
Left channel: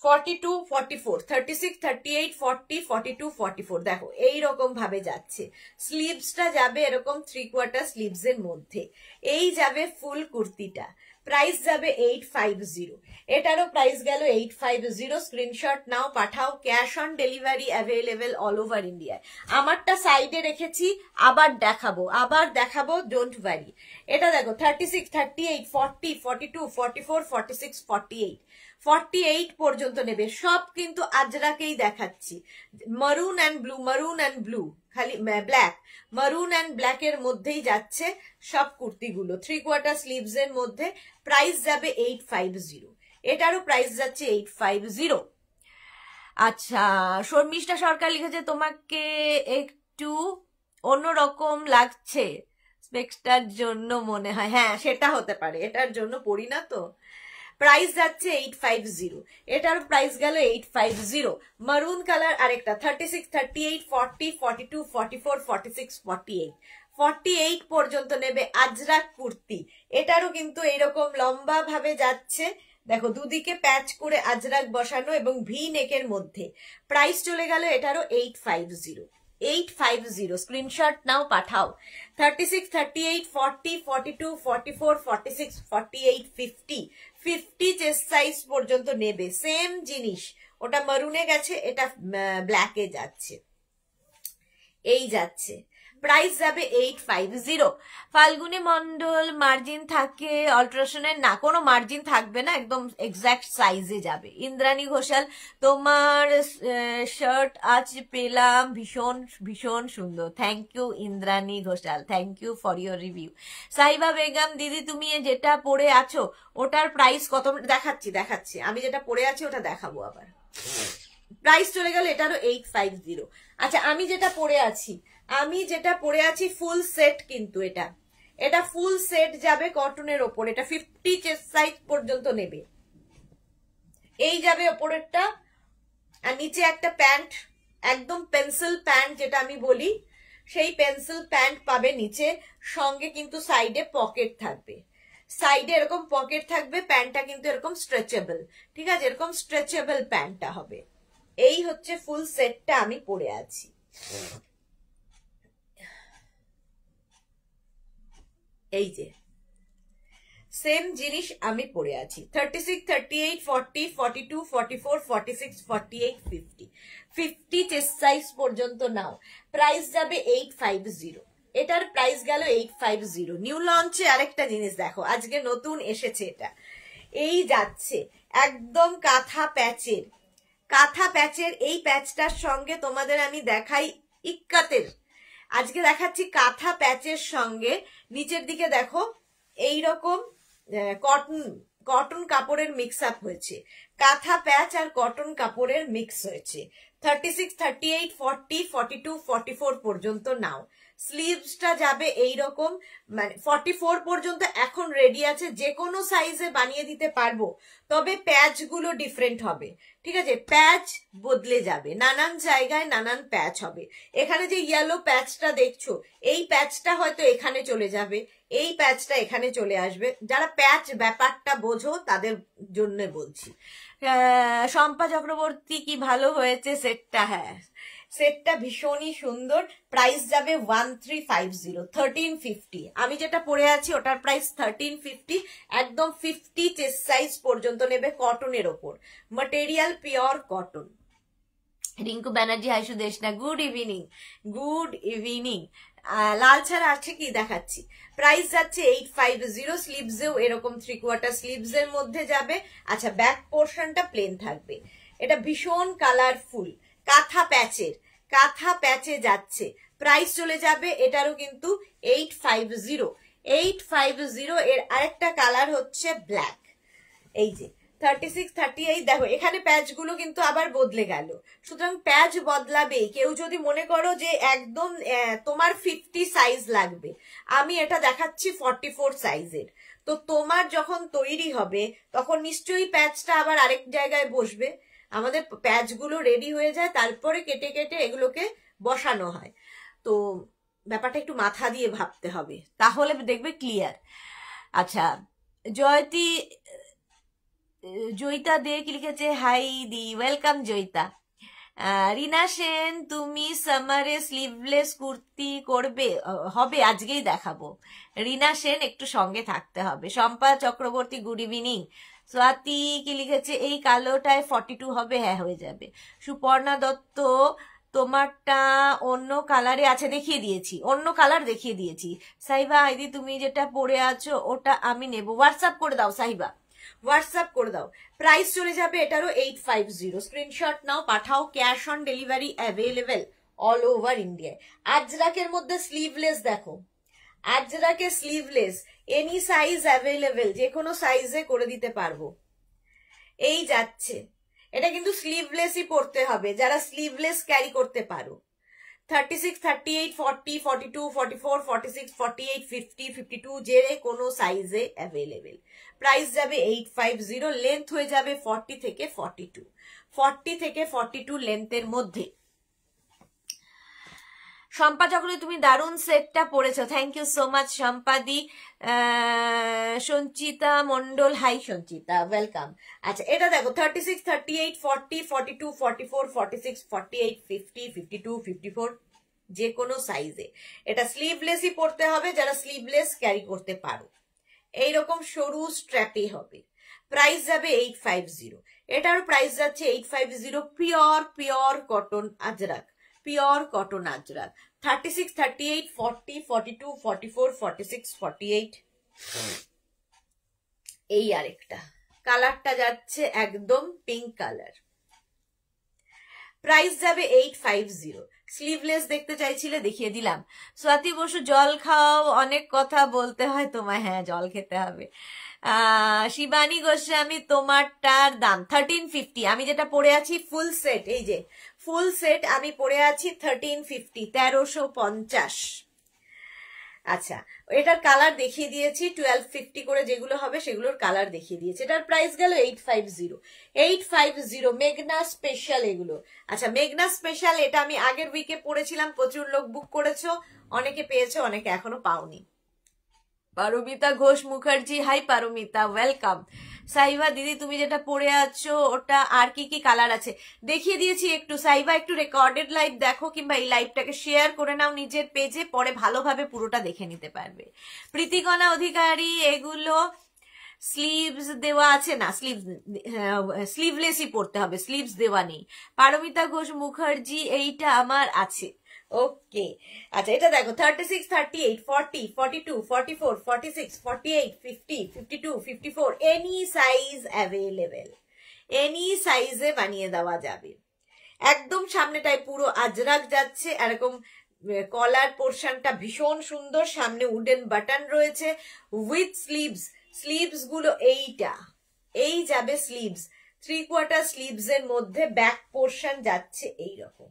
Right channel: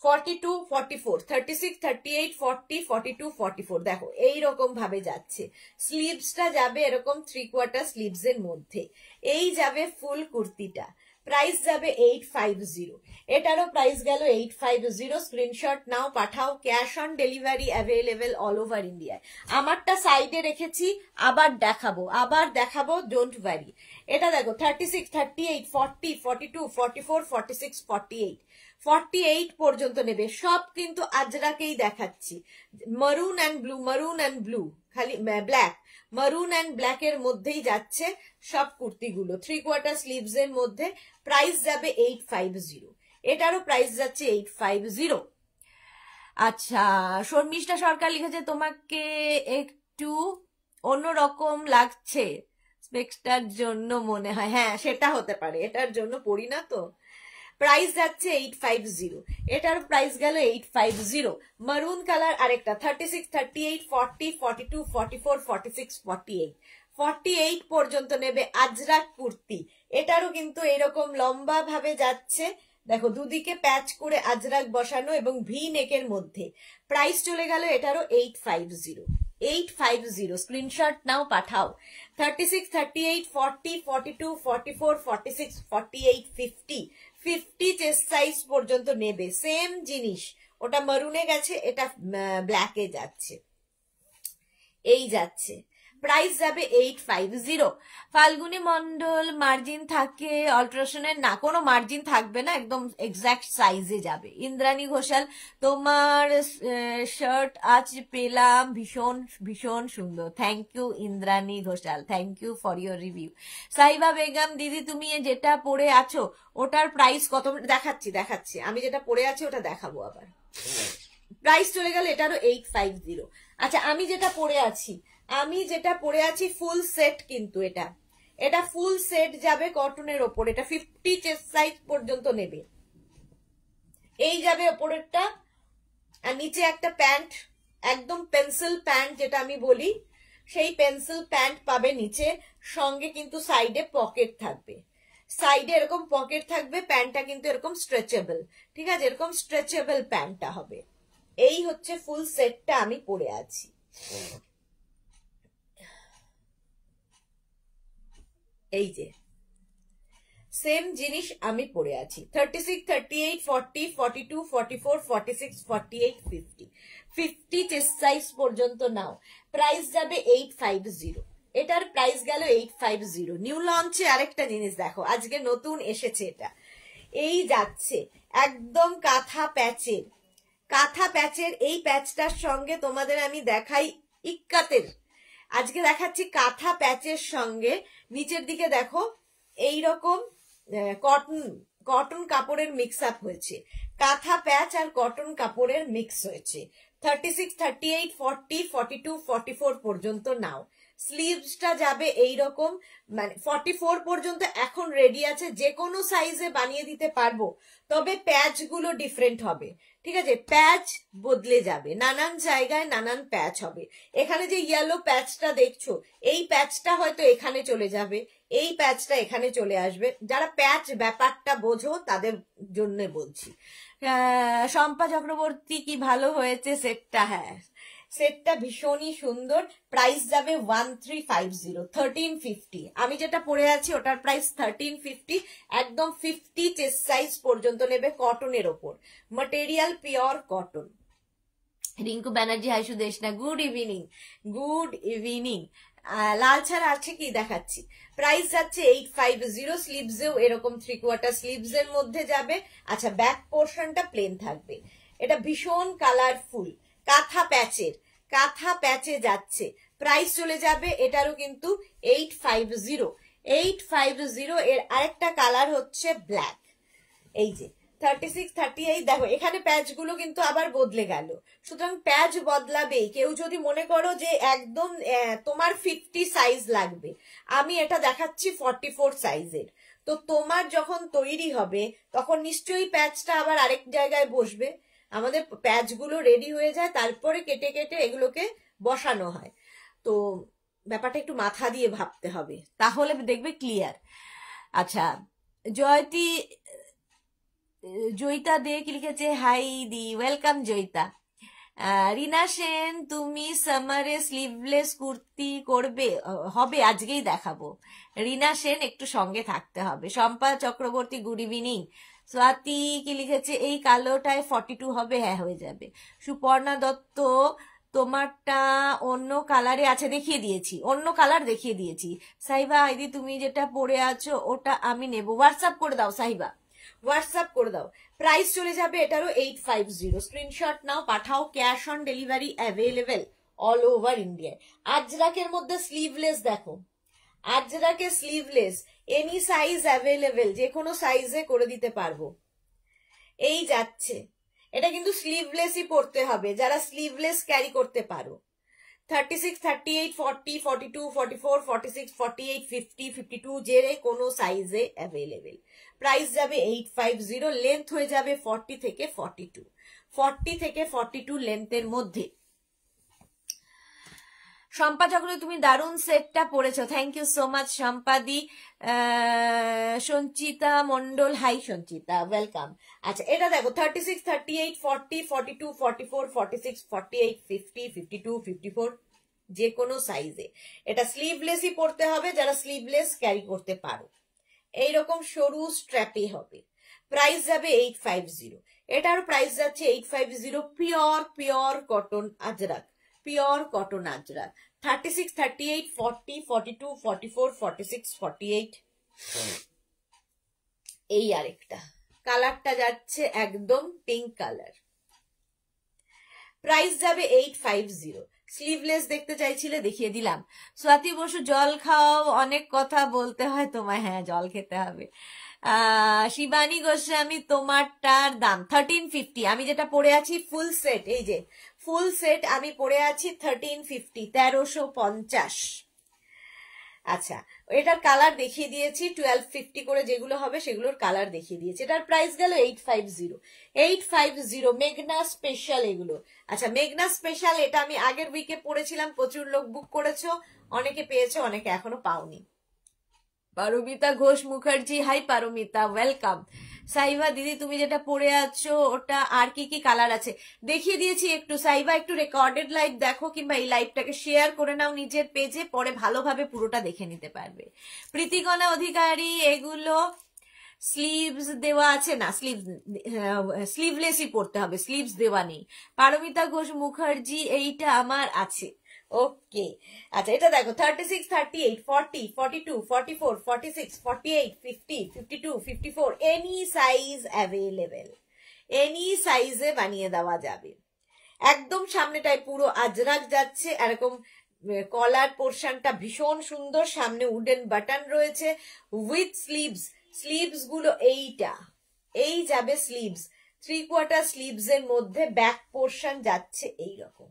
42, 44, 36, 38, 40, 42, 44 দেখো এইরকম ভাবে যাচ্ছে। স্লিভসটা যাবে এরকম 3/4 স্লিভস এর মধ্যে। এই যাবে ফুল কুর্তিটা, প্রাইস যাবে 850। এটারও প্রাইস গেল 850। স্ক্রিনশট নাও, পাঠাও। Cash on delivery available all over ইন্ডিয়ায়। আমারটা সাইডে রেখেছি, আবার দেখাবো, ডোন্ট ওয়ারি। এটা দেখো 36, 38, 40, 42, 44, 46, 48, 48 পর্যন্ত নেবে। সব কিন্তু আজরাকেই দেখাচ্ছি। মারুন অ্যান্ড ব্লু, খালি ব্ল্যাক, মারুন অ্যান্ড ব্ল্যাক এর মধ্যেই যাচ্ছে সব কুর্তিগুলো, 3/4 স্লিভস এর মধ্যে। প্রাইস যাবে 850। এটারও প্রাইস যাচ্ছে 850। আচ্ছা, শর্মিষ্ঠা সরকার লিখেছে তোমাকে একটু অন্যরকম লাগছে স্পেক্সটার জন্য মনে হয়। হ্যাঁ, সেটা হতে পারে, এটার জন্য পড়ি না তো। প্রাইস যাচ্ছে 850। এটার প্রাইস গেল 850। মারুন কালার আরেকটা 36, 38, 40, 42, 44, 46, 48, 48 পর্যন্ত নেবে আজরাক কুর্তি। এটারও কিন্তু এরকম লম্বা ভাবে যাচ্ছে, দেখো দুদিকে প্যাচ করে আজরাক বসানো এবং ভি নেকের মধ্যে। প্রাইস চলে গেল এটারও 850। 850 স্ক্রিনশট নাও, পাঠাও। 36, 38, 40, 42, 44, 46, 48, 50, 50 চেস্ট সাইজ পর্যন্ত নেবে। সেম জিনিস, ওটা মারুনে গেছে, এটা ব্ল্যাকে যাচ্ছে। এই যাচ্ছে, প্রাইস যাবে 850। ফাল্গুনি মন্ডল, মার্জিন থাকে অল্ট্রাসনের? না, কোনো মার্জিন থাকবে না, একদম এক্সাক্ট সাইজে যাবে। ইন্দ্রাণী ঘোষাল, তোমার শার্ট আজ পেলাম, ভীষণ ভীষণ সুন্দর। Thank you Indrani Ghoshal, thank you for your review. Saiba Begum, দিদি তুমি যেটা পরে আছো ওটার প্রাইস কত? দেখাচ্ছি, আমি যেটা পরে আছি ওটা দেখাবো আবার। প্রাইস চলে গেল এটারও 850। আচ্ছা, আমি যেটা পরে আছি ফুল সেট, কিন্তু এটা ফুল সেট যাবে কটনের ওপর। এটা 50 চেস্ট সাইজ পর্যন্ত নেবে। এই যাবে ওপরেরটা, আর নিচে একটা প্যান্ট, একদম পেন্সিল প্যান্ট যেটা আমি বলি, সেই পেন্সিল প্যান্ট পাবে নিচে। সঙ্গে কিন্তু সাইডে পকেট থাকবে, সাইডে এরকম পকেট থাকবে। প্যান্টটা কিন্তু এরকম স্ট্রেচেবল, ঠিক আছে, এরকম স্ট্রেচেবল প্যান্টটা হবে। এই হচ্ছে ফুল সেটটা আমি পরে আছি। এই যে সেম জিনিস আমি পরে আছি। 36, 38, 40, 42, 44, 46, 48, 50, 50 চেস্ট সাইজ পর্যন্ত নাও। প্রাইস যাবে 850। এটার প্রাইস গেল 850। নিউ লঞ্চে আরেকটা জিনিস দেখো, আজকে নতুন এসেছে এটা। এই যাচ্ছে একদম কাঁথা প্যাচের। এই প্যাচটার সঙ্গে তোমাদের আমি দেখাই ইক্কাতের। আজকে দেখাচ্ছি কাঁথা প্যাচের সঙ্গে নিচের দিকে দেখো এইরকম কটন কাপড়ের মিক্স আপ হয়েছে। কাঁথা প্যাচ আর কটন কাপড়ের মিক্স হয়েছে। 36, 38, 40, 42, 44 পর্যন্ত নাও। স্লিভসটা যাবে এইরকম, মানে 44 পর্যন্ত এখন রেডি আছে, যে কোনো সাইজে বানিয়ে দিতে পারবো, তবে প্যাচ গুলো ডিফারেন্ট হবে, ঠিক আছে, প্যাচ বদলে যাবে, নানান জায়গায় নানান প্যাচ হবে। এখানে যে ইয়েলো প্যাচটা দেখছো, এই প্যাচটা হয়তো এখানে চলে যাবে, এই প্যাচটা এখানে চলে আসবে। যারা প্যাচ ব্যাপারটা বোঝো তাদের জন্য বলছি। শম্পা চক্রবর্তী, কি ভালো হয়েছে সেটটা? হ্যাঁ, সেটটা ভীষণই সুন্দর। প্রাইস যাবে 1350, 1350। আমি যেটা পরে আছি ওটার প্রাইস 1350। একদম 50 চেস্ট সাইজ পর্যন্ত নেবে, কটনের ওপর, material pure cotton. Rinku Banerjee, hi Sudeshna, good evening. লাল ছাড়া আছে কি দেখাচ্ছি। প্রাইস যাচ্ছে 850। স্লিভসেও এরকম 3/4 স্লিভস এর মধ্যে যাবে। আচ্ছা, ব্যাক পোর্শনটা প্লেন থাকবে। এটা ভীষণ কালারফুল, কাঁথা প্যাচে যাচ্ছে। প্রাইস চলে যাবে এটারও কিন্তু 850। 850 এর আরেকটা কালার হচ্ছে ব্ল্যাক। এই যে 36, 38 দেখো এখানে প্যাচ গুলো কিন্তু আবার বদলে গেল। সুতরাং প্যাচ বদলাবেই। কেউ যদি মনে করো যে একদম তোমার 50 সাইজ লাগবে, আমি এটা দেখাচ্ছি 44 সাইজের, তো তোমার যখন তৈরি হবে তখন নিশ্চয়ই প্যাচটা আবার আরেক জায়গায় বসবে। আমাদের প্যাচ গুলো রেডি হয়ে যায়, তারপরে কেটে কেটে এগুলোকে বসানো হয়। তো ব্যাপারটা একটু মাথা দিয়ে ভাবতে হবে, তাহলে দেখবে ক্লিয়ার। আচ্ছা, জয়তি জয়িতা দে কি লিখেছে, হাই দি, ওয়েলকাম জয়িতা। রিনা সেন, তুমি সামারে স্লিভলেস কুর্তি করবে? হবে, আজকেই দেখাবো। রিনা সেন, একটু সঙ্গে থাকতে হবে। Shampa Chakraborty, good evening. স্বাতি কি লিখেছে, এই কালোটায় 42 হবে? হ্যাঁ, হয়ে যাবে। সুপর্ণা দত্ত, তোমারটা অন্য কালারে আছে, দেখিয়ে দিয়েছি, অন্য কালার দেখিয়ে দিয়েছি। সাহিবা আইদি, তুমি যেটা পরে আছো ওটা আমি নেব, হোয়াটসঅ্যাপ করে দাও সাহিবা, হোয়াটসঅ্যাপ করে দাও। প্রাইস চলে যাবে এটারও 850। স্ক্রিনশট নাও, পাঠাও। Cash on delivery available all over ইন্ডিয়ায়। আজরাকের মধ্যে স্লিভলেস দেখো, আজরাকে স্লিভলেস এনি সাইজ অ্যাভেলেবেল, যে কোনো সাইজে করে দিতে পারবো। এই যাচ্ছে, এটা কিন্তু স্লিভলেসই পড়তে হবে যারা স্লিভলেস ক্যারি করতে পারো। 36, 38, 40, 42, 44, 46, 48, 50, 52 যে কোনো সাইজে অ্যাভেলেবেল। প্রাইস যাবে 850, লেন্থ হয়ে যাবে 40 থেকে 42, 40 থেকে 42 লেন্থের মধ্যে। শম্পা চক্রবর্তী, তুমি দারুণ সেটটা পরেছো, থ্যাংক ইউ সো মাচ শম্পাদি। Sanchita Mondal, hi Sanchita, welcome. আচ্ছা, এটা দেখো 36, 38, 40, 42, 44, 46, 48, 50, 52, 54 যে কোনো সাইজে। এটা স্লিভলেসই পড়তে হবে যারা স্লিভলেস ক্যারি করতে পারো। এইরকম সরু স্ট্র্যাপে হবে। প্রাইস যাবে 850, এটার প্রাইস যাচ্ছে 850। Pure cotton Ajrak, pure cotton Ajrak. 36, 38, 40, 42, 44, 46, 48 এই আরেকটা কালারটা যাচ্ছে একদম পিঙ্ক কালার। প্রাইস যাবে 850। স্লিভলেস দেখতে চাইছিলে, দেখিয়ে দিলাম। স্বাতি বসু, জল খাও, অনেক কথা বলতে হয় তোমায়। হ্যাঁ, জল খেতে হবে। শিবানী গোস্বামী, তোমারটার দাম 1350। আমি যেটা পরে আছি ফুল সেট, এই যে ফুল সেট আমি পরে আছি 1350, 1350। আচ্ছা, এটার কালার দেখিয়ে দিয়েছি 1250 করে, যেগুলো হবে সেগুলোর কালার দেখিয়ে দিয়েছি। এটার প্রাইস গেল 850, 850। মেঘনা স্পেশাল এগুলো। আচ্ছা, মেঘনা স্পেশাল এটা আমি আগের উইকে পড়েছিলাম, প্রচুর লোক বুক করেছো, অনেকে পেয়েছো, অনেকে এখনো পাওনি। Paromita Ghosh Mukherjee, hi Paromita, welcome. সাইবা দিদি, তুমি যেটা পরে আছো ওটা আর কি কি কালার আছে দেখিয়ে দিয়েছি একটু। সাইবা, একটু রেকর্ডেড লাইভ দেখো, কিংবা এই লাইভটাকে শেয়ার করে নাও নিজের পেজে, পরে ভালোভাবে পুরোটা দেখে নিতে পারবে। প্রীতিকণা অধিকারী, এগুলো স্লিভস দেওয়া আছে না, স্লিভলেসই পড়তে হবে, স্লিভস দেওয়া নেই। পারমিতা ঘোষ মুখার্জি, এইটা আমার আছে। ওকে, আচ্ছা, এটা দেখো 36, 38, 40, 42, 44, 46, 48, 50, 52, 54 এনি সাইজ অ্যাভেলেবেল, এনি সাইজে বানিয়ে দেওয়া যাবে। একদম সামনেটায় পুরো আজরাক যাচ্ছে, এরকম কলার পোর্শনটা ভীষণ সুন্দর, সামনে উডেন বাটন রয়েছে উইথ স্লিভস। স্লিভস গুলো এইটা, এই যাবে স্লিভস, 3/4 স্লিভস এর মধ্যে ব্যাক পোর্শন যাচ্ছে এইরকম।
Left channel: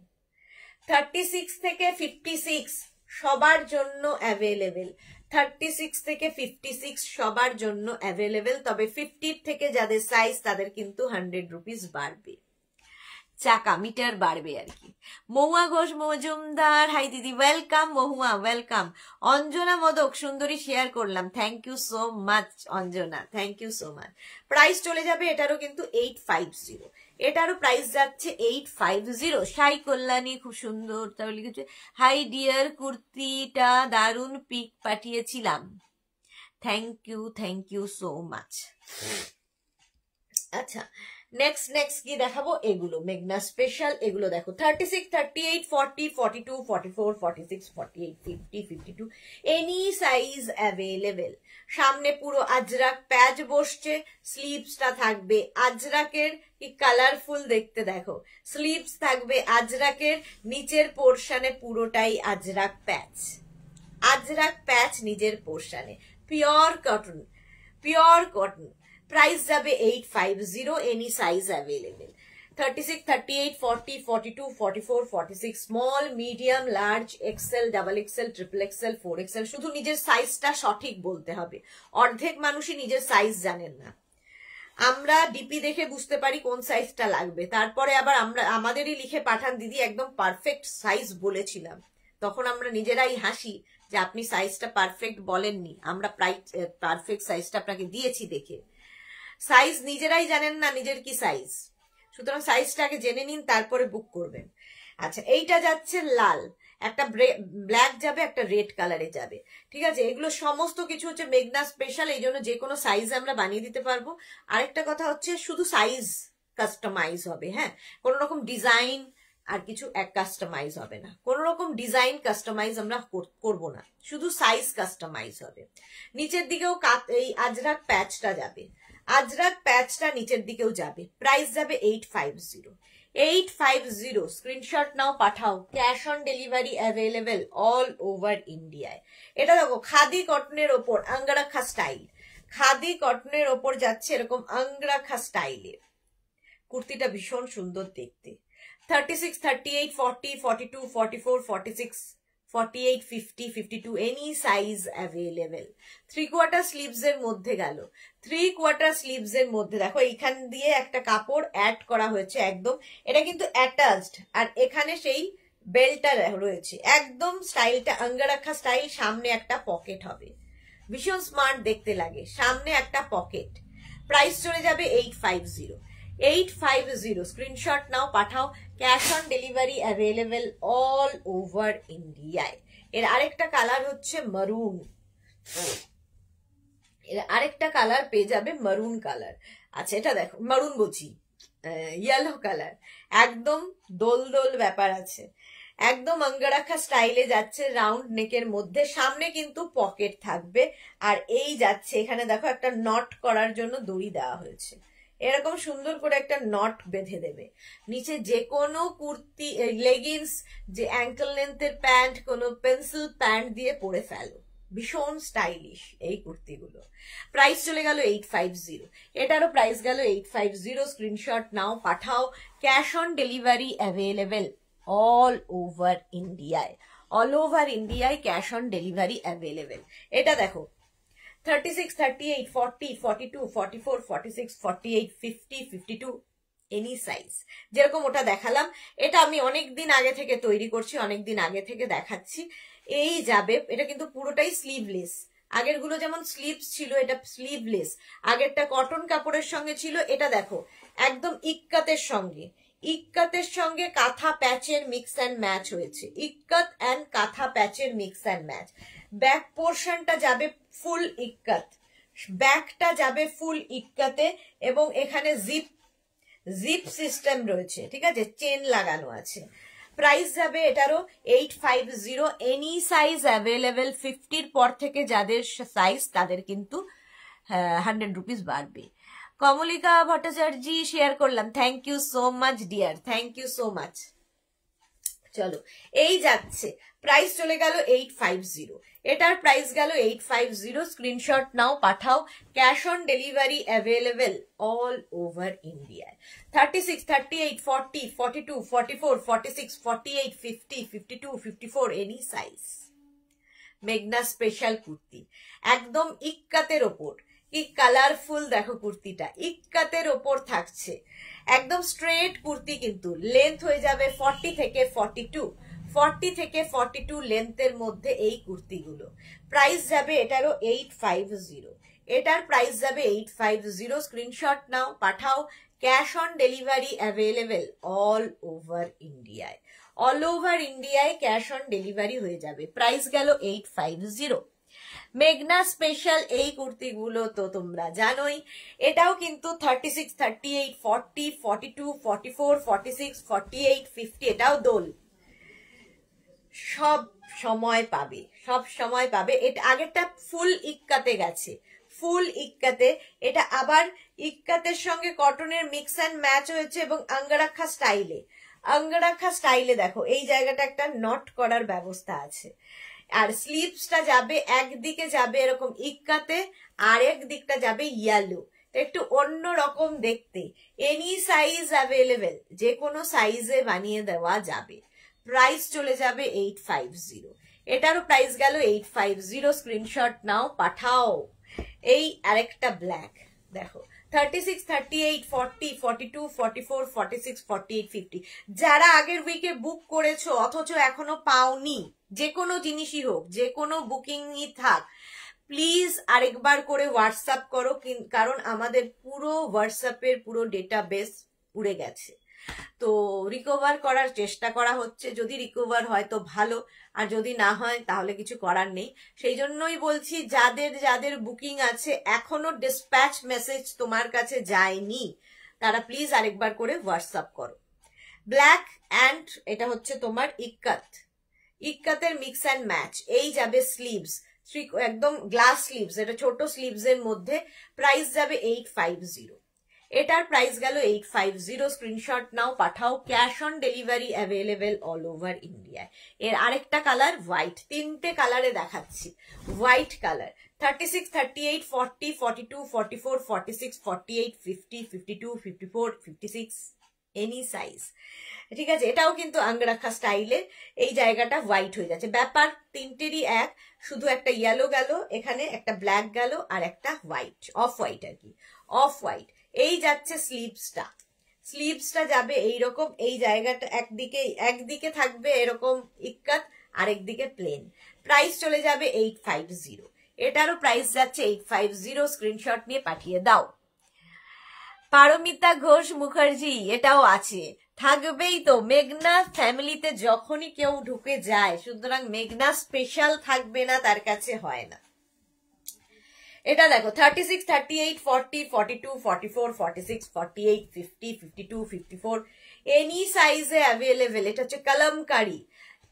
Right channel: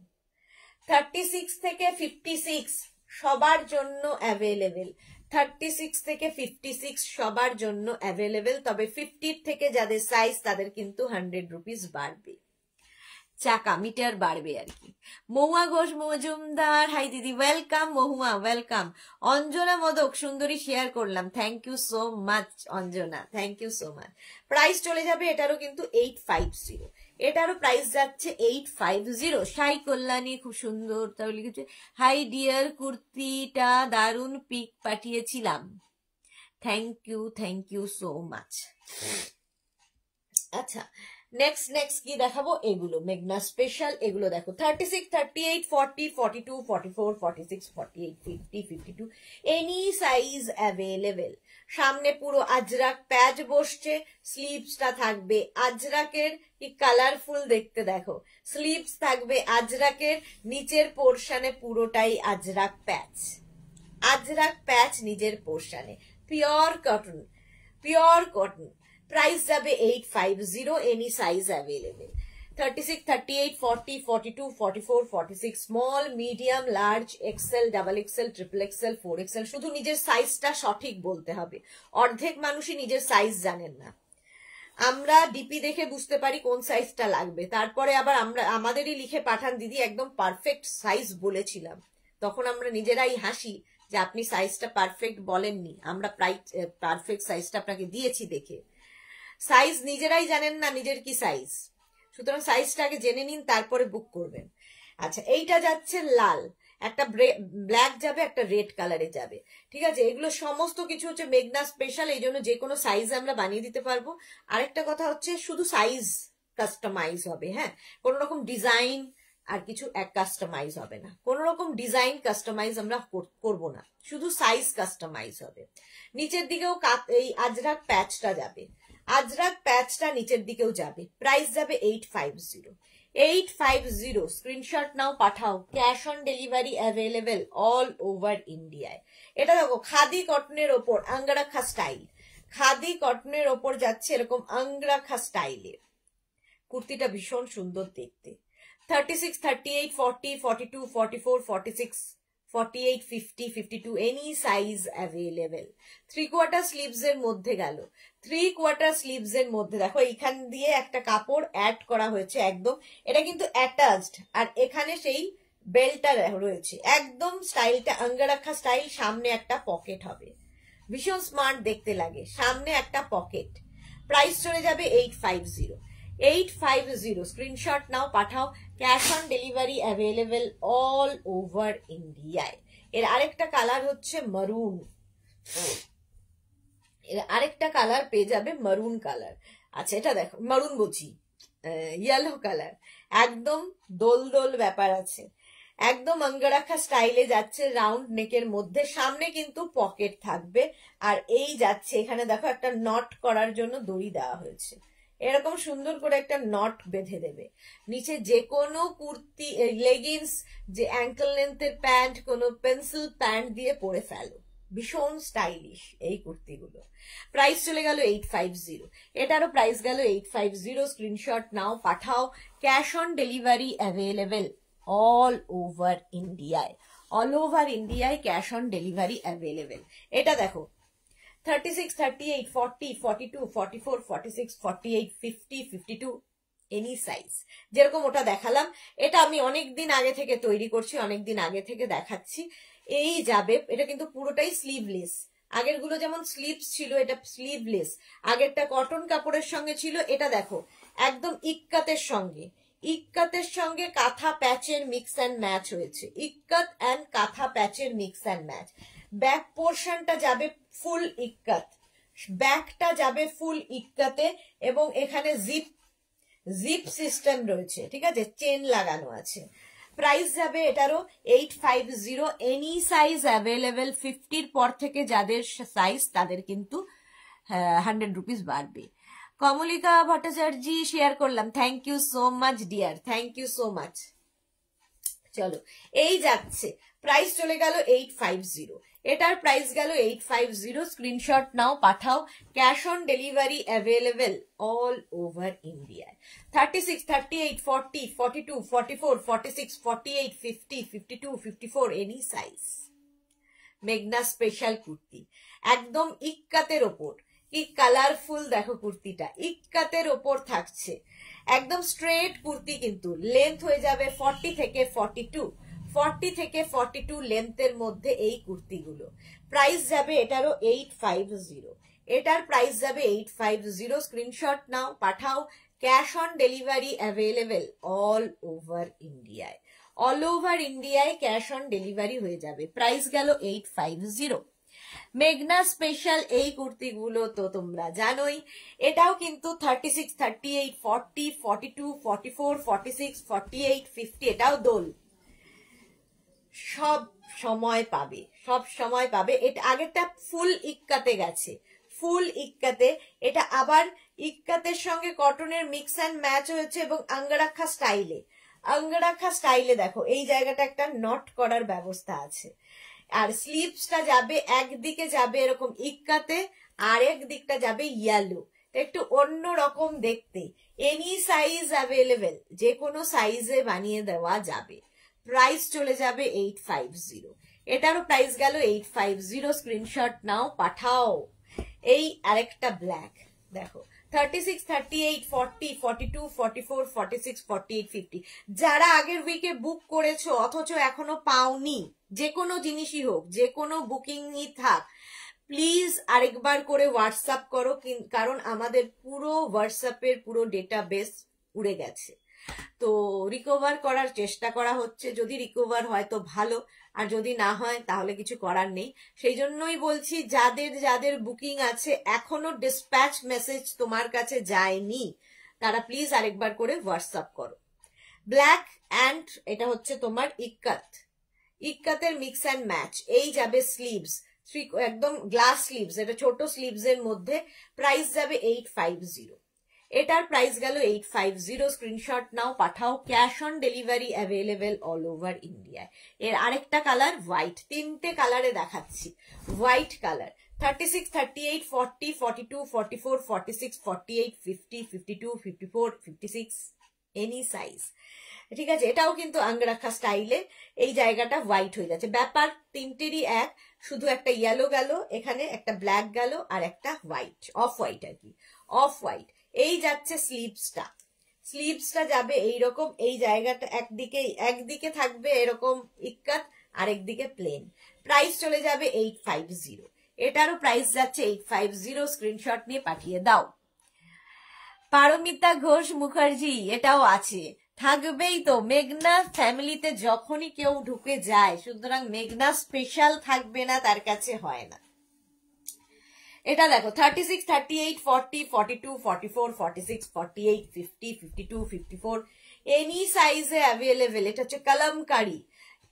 36 থেকে 56 সবার জন্য অ্যাভেলেবেল, 36 থেকে 56 সবার জন্য অ্যাভেলেবেল। তবে 50 থেকে যাদের সাইজ তাদের কিন্তু 100 রুপিস বাড়বে, চাকা মিটার বাড়বে আর কি। মহুয়া ঘোষ মজুমদার, হাই দিদি, ওয়েলকাম মহুয়া, ওয়েলকাম। অঞ্জনা মোদক সুন্দরী, শেয়ার করলাম, thank you so much Anjana, thank you so much. Price চলে যাবে এটারও কিন্তু 850, এটারও প্রাইস যাচ্ছে 850। সাই কল্যাণী, খুব সুন্দর, তবে লিখেছে হাই ডিয়ার, কুর্তিটা দারুন পিক পাঠিয়েছিলাম, থ্যাংক ইউ সো মাচ। আচ্ছা, নেক্সট কি দেখাবো, এগুলো মেঘনা স্পেশাল, এগুলো দেখো 36, 38, 40, 42, 44, 46, 48, 50, 52 এনি সাইজ অ্যাভেলেবেল। সামনে পুরো আজরাক প্যাচ বসছে, স্লিভসটা থাকবে আজরাকের, কি কালারফুল দেখতে দেখো। স্লিভস থাকবে আজরাকের, নিচের পোর্শনে পুরোটাই আজরাক প্যাচ, আজরাক প্যাচ নিচের পোর্শনে, pure cotton, pure cotton. Price যাবে 850, any size available. 36, 38, 40, 42, 44, 46 small, medium, large, XL, double XL, triple XL, 4XL। শুধু নিজের সাইজটা সঠিক বলতে হবে, অর্ধেক মানুষই নিজের সাইজ জানেন না। আমরা ডিপি দেখে বুঝতে পারি কোন সাইজটা লাগবে, তারপরে আবার আমাদেরই লিখে পাঠান দিদি একদম পারফেক্ট সাইজ বলেছিলাম, তখন আমরা নিজেরাই হাসি যে আপনি সাইজটা পারফেক্ট বলেননি, আমরা পারফেক্ট সাইজটা আপনাকে দিয়েছি দেখে। সাইজ নিজেরাই জানেন না নিজের কি সাইজ, সুতরাং সাইজটা আগে জেনে নিন, তারপরে বুক করবেন। আচ্ছা, এইটা যাচ্ছে লাল, একটা ব্ল্যাক যাবে, একটা রেড কালারে যাবে, ঠিক আছে। এগুলো সমস্ত কিছু হচ্ছে মেঘনা স্পেশাল, এই জন্য যে কোনো সাইজ আমরা বানিয়ে দিতে পারবো। আরেকটা কথা হচ্ছে শুধু সাইজ কাস্টমাইজ হবে, হ্যাঁ, কোনো রকম ডিজাইন আর কিছু এক কাস্টমাইজ হবে না, কোনো রকম ডিজাইন কাস্টমাইজ আমরা করব না, শুধু সাইজ কাস্টমাইজ হবে। নিচের দিকেও এই আজরাক প্যাচটা যাবে, আজরাক প্যাচটা নিচের দিকেও যাবে। প্রাইস যাবে 850। 850 স্ক্রিনশট নাও, পাঠাও। Cash on delivery available all over ইন্ডিয়ায়। এটা দেখো খাদি কটনের ওপর আঙ্গারাখা স্টাইল, খাদি কটনের ওপর যাচ্ছে এরকম আঙ্গারাখা স্টাইলে। কুর্তিটা ভীষণ সুন্দর দেখতে। 36, 38, 40, 42, 44, 46, 48, 50, 52 এনি সাইজ অ্যাভেলেবেল। 3/4 স্লিভস এর মধ্যে গেল, 3/4 স্লিভস এর মধ্যে দেখো এইখান দিয়ে একটা কাপড় অ্যাড করা হয়েছে একদম, এটা কিন্তু অ্যাটাচড, আর এখানে সেই বেলটা রয়েছে, একদম স্টাইলটা আঙ্গারাখা স্টাইল। সামনে একটা পকেট হবে, ভীষণ স্মার্ট দেখতে লাগে, সামনে একটা পকেট। প্রাইস চলে যাবে 850। 850 স্ক্রিনশট নাও, পাঠাও। Cash on delivery available all over ইন্ডিয়ায়। এর আরেকটা কালার হচ্ছে মারুন, এর আরেকটা কালার পেয়ে যাবে মারুন কালার। আচ্ছা, এটা দেখো মারুন বলছি, ইয়েলো কালার, একদম দোল দোল ব্যাপার আছে, একদম আঙ্গারাখা স্টাইলে যাচ্ছে, রাউন্ড নেকের মধ্যে, সামনে কিন্তু পকেট থাকবে। আর এই যাচ্ছে এখানে দেখো একটা নট করার জন্য দড়ি দেওয়া হয়েছে, এরকম সুন্দর করে একটা নট বেঁধে দেবে। নিচে যে কোনো কুর্তি, লেগিংস, যে অ্যাঙ্কেল লেন্থের প্যান্ট, কোনো পেন্সিল প্যান্ট দিয়ে পরে ফেলো, ভীষণ স্টাইলিশ এই কুর্তিগুলো। প্রাইস চলে গেল 850, এটারও প্রাইস গেল 850। স্ক্রিনশট নাও, পাঠাও। Cash on delivery available all over ইন্ডিয়ায়, অল ওভার ইন্ডিয়ায় ক্যাশ অন ডেলিভারি অ্যাভেলেবেল। এটা দেখো 36, 38, 40, 42, 44, 46, 48, 50, 52 এনি সাইজ। যেরকম ওটা দেখালাম, এটা আমি অনেকদিন আগে থেকে তৈরি করছি, অনেকদিন আগে থেকে দেখাচ্ছি। এই যাবে, এটা কিন্তু পুরোটাই স্লিভলেস, আগের গুলো যেমন স্লিভস ছিল, এটা স্লিভলেস। আগেরটা কটন কাপড়ের সঙ্গে ছিল, এটা দেখো একদম ইক্কাতের সঙ্গে, ইক্কাতের সঙ্গে কাঁথা প্যাচের মিক্স অ্যান্ড ম্যাচ হয়েছে, ইক্কাত অ্যান্ড কাঁথা প্যাচের মিক্স অ্যান্ড ম্যাচ। ব্যাক পোর্শনটা যাবে ফুল ইক্কাত, ব্যাকটা যাবে ফুল ইক্কাতে, এবং এখানে জিপ সিস্টেম রয়েছে, ঠিক আছে, চেন লাগানো আছে। প্রাইস যাবে এটারও 850। এনি সাইজ অ্যাভেলেবেল, 50-র পর থেকে যাদের সাইজ তাদের কিন্তু 100 রুপিস বাড়বে। কমলিকা ভট্টাচার্য শেয়ার করলাম, thank you so much dear, thank you so much. চলো, এই যাচ্ছে, প্রাইস চলে গেল 850, এটার প্রাইস গেল 850। স্ক্রিনশট নাও, পাঠাও। Cash on delivery available all over ইন্ডিয়ায়। 36, 38, 40, 42, 44, 46, 48, 50, 52, 54 এনি সাইজ। মেঘনা স্পেশাল কুর্তি, একদম ইক্কাতের ওপর, কি কালারফুল দেখো কুর্তিটা, ইক্কাতের ওপর থাকছে, একদম স্ট্রেট কুর্তি, কিন্তু লেন্থ হয়ে যাবে 40 থেকে 42, 40 থেকে 42 লেন্থের মধ্যে এই কুর্তিগুলো। প্রাইস যাবে এটারও 850, এটার প্রাইস যাবে 850। স্ক্রিনশট নাও, পাঠাও। Cash on delivery available all over ইন্ডিয়ায়, অল ওভার ইন্ডিয়ায় ক্যাশ অন ডেলিভারি হয়ে যাবে। প্রাইস গেল 850। মেঘনা স্পেশাল এই কুর্তিগুলো তো তোমরা জানোই, এটাও কিন্তু 36, 38, 40, 42, 44, 46, 48, 50 এটাও দোল, সব সময় পাবে, সব সময় পাবে। এটা আগেরটা ফুল ইক্কাতে গেছে, ফুল ইক্কাতে, এটা আবার ইক্কাতের সঙ্গে কটনের মিক্স অ্যান্ড ম্যাচ হয়েছে, এবং আঙ্গারাখা স্টাইলে, আঙ্গারাখা স্টাইলে দেখো এই জায়গাটা একটা নট করার ব্যবস্থা আছে। আর স্লিভসটা যাবে একদিকে যাবে এরকম ইক্কাতে, আর এক দিকটা যাবে ইয়েলো, একটু অন্য রকম দেখতে। এনি সাইজ অ্যাভেলেবেল, যে কোনো সাইজে বানিয়ে দেওয়া যাবে। প্রাইস চলে যাবে 850, এটারও প্রাইস গেল 850। স্ক্রিনশট নাও, পাঠাও। এই আরেকটা ব্ল্যাক দেখো, 36, 38, 40, 42, 44, 46, 48, 50 যারা আগের উইকে বুক করেছো অথচ এখনো পাওনি, যে কোনো জিনিসই হোক, যে কোনো বুকিংই থাক, প্লিজ আরেকবার করে হোয়াটসঅ্যাপ করো, কারণ আমাদের পুরো হোয়াটসঅ্যাপের পুরো ডেটাবেস উড়ে গেছে। তো রিকভার করার চেষ্টা করা হচ্ছে, যদি রিকভার হয় তো ভালো, আর যদি না হয় তাহলে কিছু করার নেই। সেই জন্যই বলছি, যাদের যাদের বুকিং আছে এখনো ডিসপ্যাচ মেসেজ তোমার কাছে যায়নি, তারা প্লিজ আরেকবার করে হোয়াটসঅ্যাপ করো। ব্ল্যাক অ্যান্ড এটা হচ্ছে তোমার ইক্কাত, ইক্কাতের মিক্স অ্যান্ড ম্যাচ। এই যাবে স্লিভস, একদম গ্লাস স্লিভস, এটা ছোট স্লিভস এর মধ্যে, প্রাইস যাবে 850। এটার প্রাইস গেল 850। স্ক্রিনশট নাও, পাঠাও। Cash on delivery available all over ইন্ডিয়ায়। এর আরেকটা কালার হোয়াইট, তিনটে কালারে দেখাচ্ছি। White colour 36, 38, 40, 42, 44, 46, 48, 50, 52, 54, 56 any size. ঠিক আছে, এটাও কিন্তু আঙ্গরাখা স্টাইলে, এই জায়গাটা হোয়াইট হয়ে যাচ্ছে। ব্যাপার তিনটেরই এক, শুধু একটা ইয়েলো গেল এখানে, একটা ব্ল্যাক গেল, আর একটা হোয়াইট, অফ হোয়াইট আর কি, অফ হোয়াইট। এই যাচ্ছে স্লিভসটা, স্লিভসটা যাবে এইরকম, এই জায়গাটা একদিকে থাকবে এরকম ইক্কাত, আরেকদিকে প্লেন। প্রাইস চলে যাবে 850। এটারও প্রাইস যাচ্ছে 850। স্ক্রিনশট নিয়ে পাঠিয়ে দাও। পারমিতা ঘোষ মুখার্জি, এটাও আছে, থাকবেই তো। মেঘনা ফ্যামিলিতে যখনই কেউ ঢুকে যায়, সুতরাং মেঘনা স্পেশাল থাকবে না, তার কাছে হয় না। এটা দেখো 36, 38, 40, 42, 44, 46, 48, 50, 52, 54 এনি সাইজে অ্যাভেলেবেল। এটা হচ্ছে কলমকারি,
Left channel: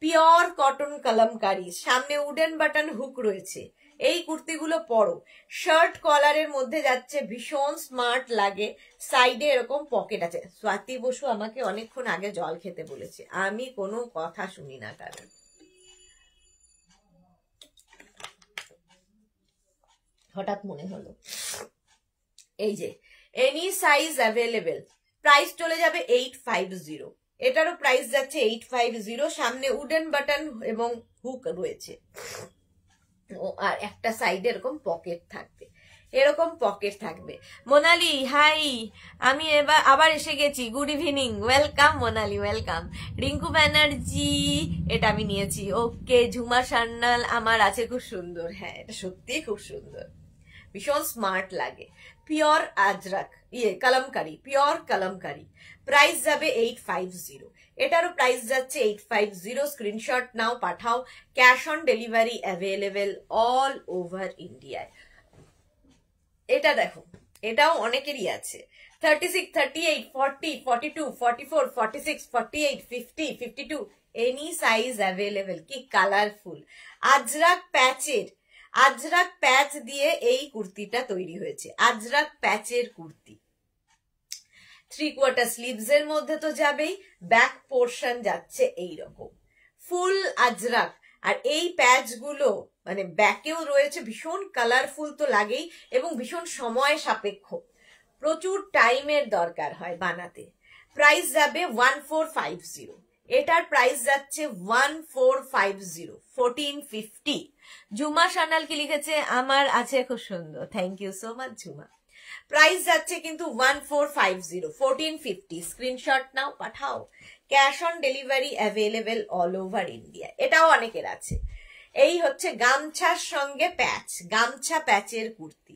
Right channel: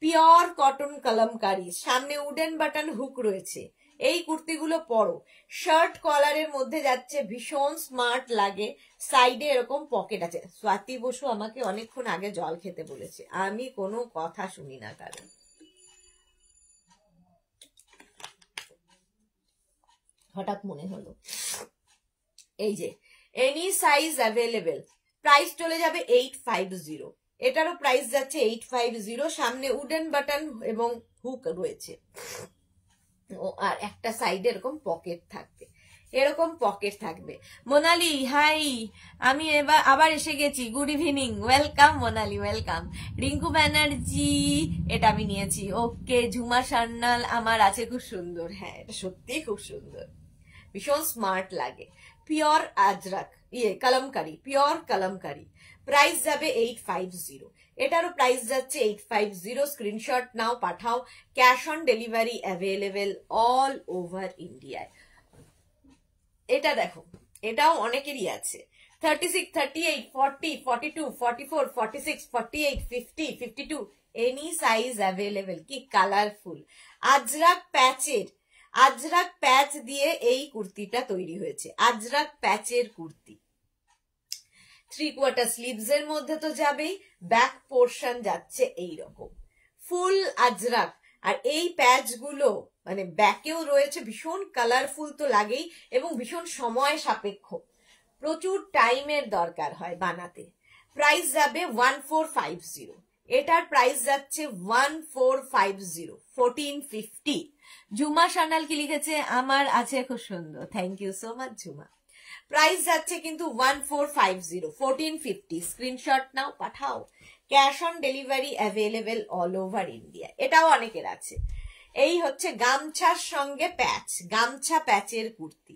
পিওর কটন কলমকারি, সামনে উডেন বাটন হুক রয়েছে। এই কুর্তিগুলো পরো, শার্ট কলারের মধ্যে যাচ্ছে, ভীষণ স্মার্ট লাগে। সাইডে এরকম পকেট আছে। স্বাতি বসু আমাকে অনেকক্ষণ আগে জল খেতে বলেছে, আমি কোনো কথা শুনি না কারণ হঠাৎ মনে হলো। এই যে এনি সাইজ অ্যাভেলেবেল, প্রাইস চলে যাবে 850। এটারও প্রাইস যাচ্ছে 850। সামনে উডেন বাটন এবং হুক রয়েছে, আর একটা সাইডে এরকম পকেট থাকবে, এরকম পকেট থাকবে। মোনালি হাই, আমি এবার আবার এসে গেছি, good evening, welcome Monali, welcome. Rinku Banerjee, এটা আমি নিয়েছি, ওকে। ঝুমা সান্নাল আমার আছে, খুব সুন্দর, হ্যাঁ এটা সত্যি খুব সুন্দর, ভীষণ স্মার্ট লাগে। Pure Ajrak, kalamkari, pure kalamkari. Price যাবে 850। এটারও প্রাইস যাচ্ছে 850। স্ক্রিনশট নাও, পাঠাও। Cash on delivery available all over ইন্ডিয়ায়। এটা দেখো, এটাও অনেকেরই আছে। 36, 38, 40, 42, 44, 46, 48, 50, 52 এনি সাইজ অ্যাভেলেবেল। কি কালারফুল আজরাক প্যাচের, আজরাক প্যাচ দিয়ে এই কুর্তিটা তৈরি হয়েছে, আজরাক প্যাচের কুর্তি। 3/4 স্লিভস এর মধ্যে তো যাবেই, ব্যাক পোর্শন যাচ্ছে এইরকম ফুল আজরাক। আর এই প্যাচ গুলো মানে ব্যাকেও রয়েছে, ভীষণ কালারফুল তো লাগেই, এবং ভীষণ সময় সাপেক্ষ, প্রচুর টাইমের দরকার হয় বানাতে। প্রাইস যাবে 1450। এটার প্রাইস যাচ্ছে 1450, 1450। ঝুমা সানাল কি লিখেছে, আমার আছে, খুব সুন্দর, thank you so much Jhuma. Price যাচ্ছে কিন্তু 1450, 1450। স্ক্রিনশট নাও, পাঠাও। Cash on delivery available all over India. এটাও অনেকের আছে। এই হচ্ছে গামছার সঙ্গে প্যাচ, গামছা প্যাচের কুর্তি।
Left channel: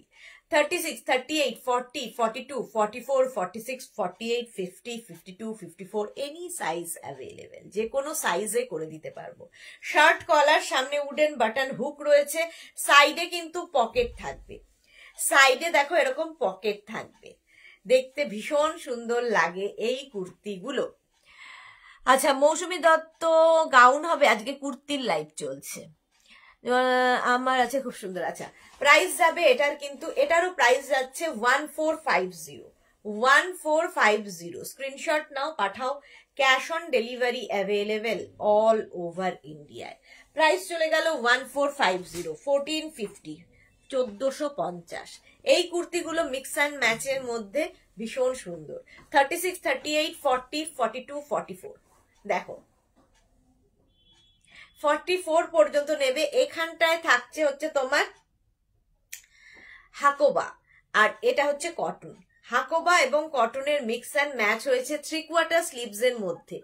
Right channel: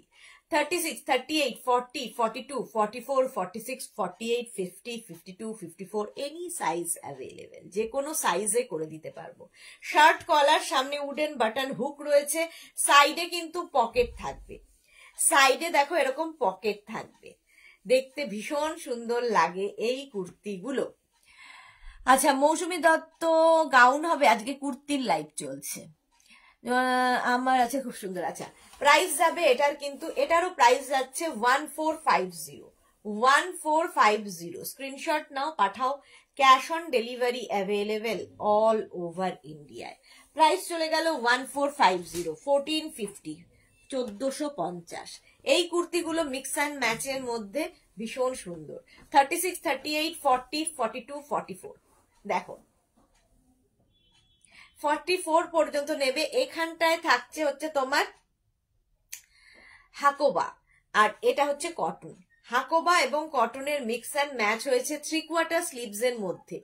36, 38, 40, 42, 44, 46, 48, 50, 52, 54 এনি সাইজ অ্যাভেলেবেল, যে কোনো সাইজে করে দিতে পারবো। শার্ট কলার, সামনে উডেন বাটন হুক রয়েছে, সাইডে কিন্তু পকেট থাকবে, সাইডে দেখো এরকম পকেট থাকবে, দেখতে ভীষণ সুন্দর লাগে এই কুর্তিগুলো। আচ্ছা, মৌসুমী দত্ত গাউন হবে, আজকে কুর্তির লাইভ চলছে, আমার আছে, খুব সুন্দর। আচ্ছা, প্রাইস যাবে এটার কিন্তু, এটারও প্রাইস যাচ্ছে 1450, 1450। স্ক্রিনশট নাও, পাঠাও। Cash on delivery available all over ইন্ডিয়ায়। প্রাইস চলে গেল 1450, 1450, 1450। এই কুর্তিগুলো মিক্স অ্যান্ড ম্যাচের মধ্যে ভীষণ সুন্দর। 36, 38, 40, 42, 44 দেখো 44 পর্যন্ত নেবে। এখানটায় থাকছে হচ্ছে তোমার হাকোবা, আর এটা হচ্ছে কটন। হাকোবা এবং কটনের মিক্স অ্যান্ড ম্যাচ হয়েছে 3/4 স্লিভস এর মধ্যে,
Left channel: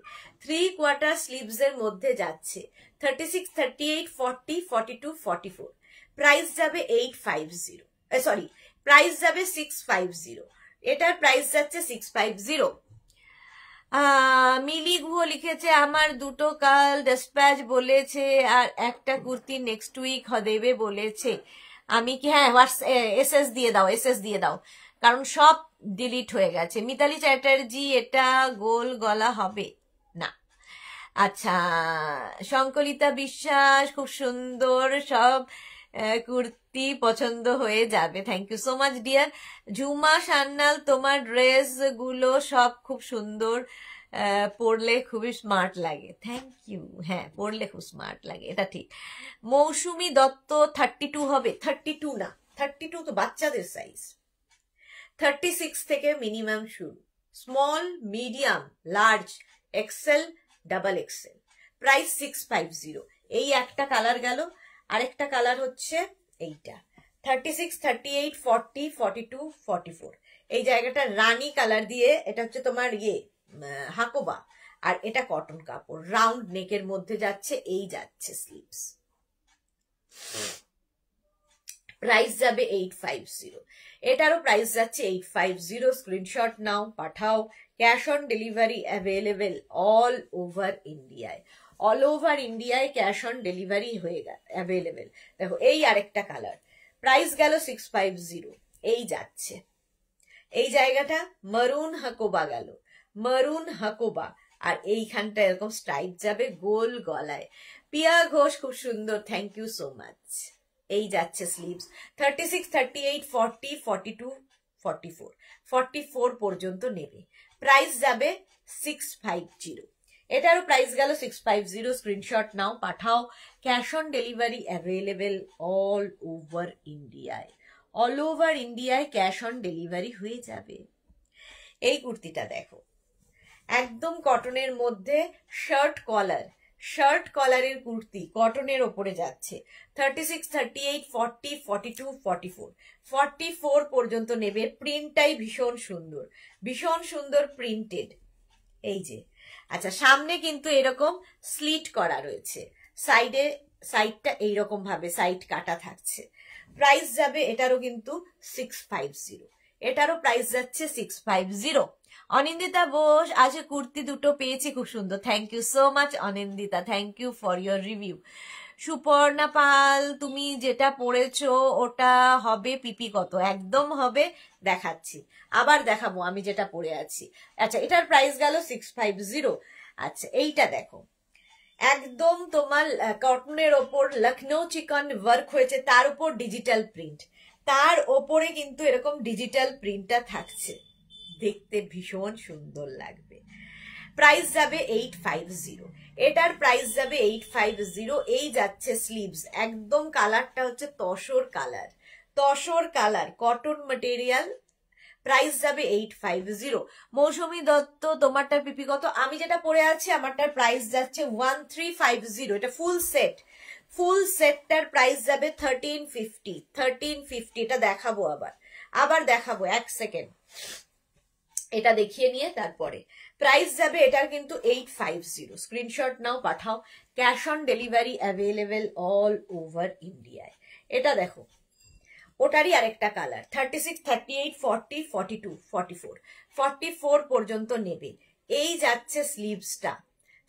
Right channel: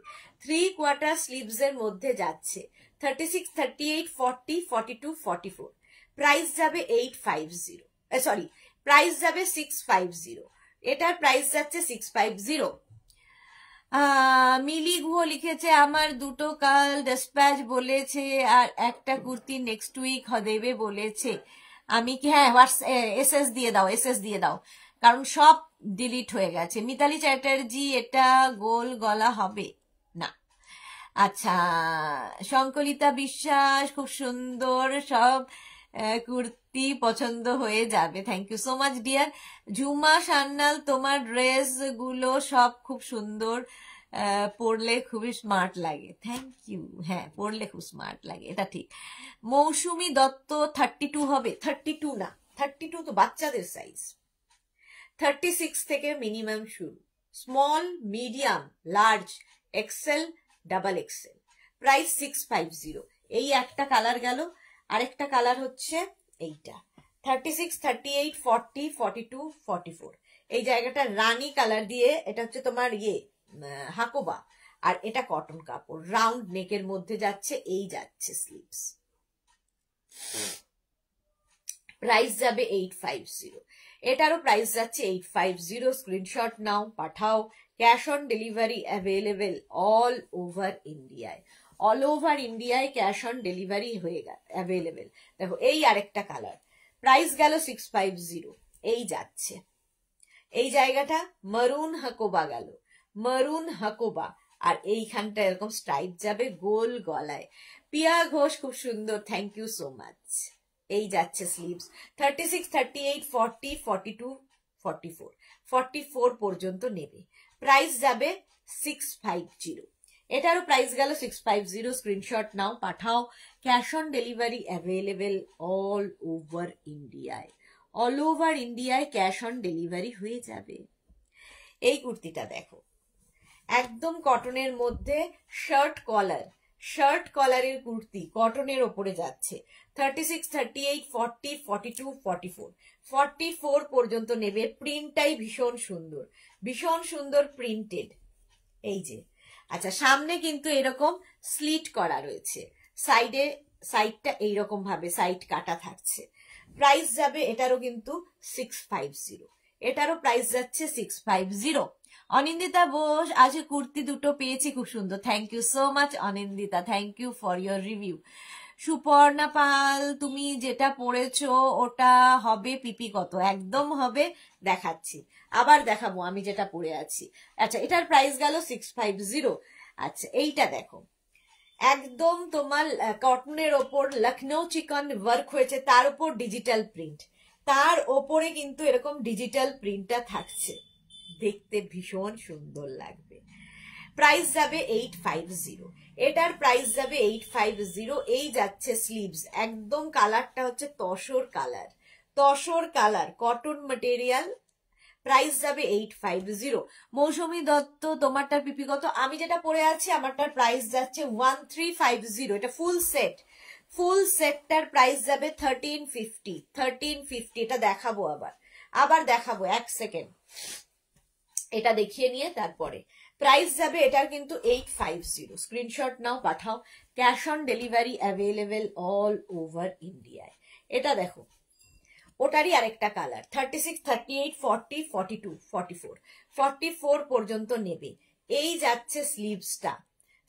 3/4 স্লিভস এর মধ্যে যাচ্ছে 36, 38, 40, 42, 44। প্রাইস যাবে 850, সরি প্রাইস যাবে 650, এটার প্রাইস যাচ্ছে 650। মিলি গুহ লিখেছে আমার দুটো কাল ডেসপ্যাচ বলেছে আর একটা কুর্তি নেক্সট উইক দেবে বলেছে, আমি কি, হ্যাঁ এসএস দিয়ে দাও, এসএস দিয়ে দাও, কারণ সব ডিলিট হয়ে গেছে। মিতালি চ্যাটার্জি এটা গোল গলা হবে না। আচ্ছা, শঙ্করিতা বিশ্বাস খুব সুন্দর, সব কুর্তি পছন্দ হয়ে যাবে, thank you so much dear. Jhuma Sanyal তোমার ড্রেস গুলো সব খুব সুন্দর, পরলে খুবই স্মার্ট লাগে, থ্যাংক ইউ। হ্যাঁ পরলে খুব স্মার্ট লাগে, এটা ঠিক। মৌসুমী দত্ত 32 হবে, 32 না, 32 তো বাচ্চাদের সাইজ, 36 থেকে মিনিমাম শুরু, small, medium, large, XL, double XL. Price 650। এই একটা কালার গেল, আরেকটা কালার হচ্ছে এইটা 36, 38, 40, 42, 44। এই জায়গাটা রানী কালার দিয়ে, এটা হচ্ছে তোমার হাকোবা, আর এটা কটন কাপড়, রাউন্ড নেকের মধ্যে যাচ্ছে, এই যাচ্ছে স্লিভস। প্রাইস যাবে 850, এটারও প্রাইস যাচ্ছে 850। স্ক্রিনশট নাও, পাঠাও। Cash on delivery available all over ইন্ডিয়ায়, অল ওভার ইন্ডিয়ায় ক্যাশ অন ডেলিভারি হয়ে গেল অ্যাভেলেবেল। দেখো এই আরেকটা কালার, প্রাইস গেল 650, এই যাচ্ছে। এই জায়গাটা মারুন হাকোবা গেল, মারুন হাকোবা, আর এইখানটা এরকম স্ট্রাইপ যাবে গোল গলায়। পিয়া ঘোষ খুব সুন্দর, থ্যাংক ইউ সো মাচ। এই যাচ্ছে স্লিভস, 36, 38, 40, 42, 44, 44 পর্যন্ত নেবে। প্রাইস যাবে 650, এটারও প্রাইস গেল 650। স্ক্রিনশট নাও, পাঠাও। Cash on delivery available all over ইন্ডিয়ায়, অল ওভার ইন্ডিয়ায় ক্যাশ অন ডেলিভারি হয়ে যাবে। এই কুর্তিটা দেখো, একদম কটনের মধ্যে শার্ট কলার, শার্ট কলারের কুর্তি কটনের ওপরে যাচ্ছে, 36, 38, 40, 42, 44, 44 পর্যন্ত নেবে। প্রিন্টটাই ভীষণ সুন্দর, ভীষণ সুন্দর প্রিন্টেড। এই যে, আচ্ছা সামনে কিন্তু এরকম স্লিট করা রয়েছে, সাইডে সাইডটা এইরকম ভাবে সাইড কাটা থাকছে। প্রাইস যাবে এটারও কিন্তু 650, এটারও প্রাইস যাচ্ছে 650। অনিন্দিতা বোস, আজ কুর্তি দুটো পেয়েছি খুব সুন্দর, thank you so much Anindita, thank you for your review. Suparna Pal, তুমি যেটা পরেছো ওটা হবে পিপি কত? একদম হবে, দেখাচ্ছি, আবার দেখাবো আমি যেটা পরে আছি। আচ্ছা এটার প্রাইস গেল 650। আচ্ছা এইটা দেখো, একদম তোমার কটনের ওপর লখনৌ চিকন ওয়ার্ক হয়েছে, তার উপর ডিজিটাল প্রিন্ট, তার ওপরে কিন্তু এরকম ডিজিটাল প্রিন্টটা থাকছে, দেখতে ভীষণ সুন্দর লাগবে। প্রাইস যাবে 850, এটার প্রাইস যাবে 850। এই যাচ্ছে স্লিভস, একদম কালারটা হচ্ছে tussar colour, tussar colour, cotton material. Price যাবে 850। মৌসুমী দত্ত, তোমারটার পিপি কত? আমি যেটা পরে আছি আমারটার প্রাইস যাচ্ছে 1350। এটা ফুল সেট, ফুল সেটটার প্রাইস যাবে 1350, 1350। এটা দেখাবো, আবার দেখাবো, এক সেকেন্ড এটা দেখিয়ে নিয়ে তারপরে। প্রাইস যাবে এটার কিন্তু 850। স্ক্রিনশট নাও, পাঠাও। Cash on delivery available all over ইন্ডিয়ায়। এটা দেখো, ওটারই আরেকটা কালার, 36, 38, 40, 42, 44, 44 পর্যন্ত নেবে। এই যাচ্ছে স্লিভসটা,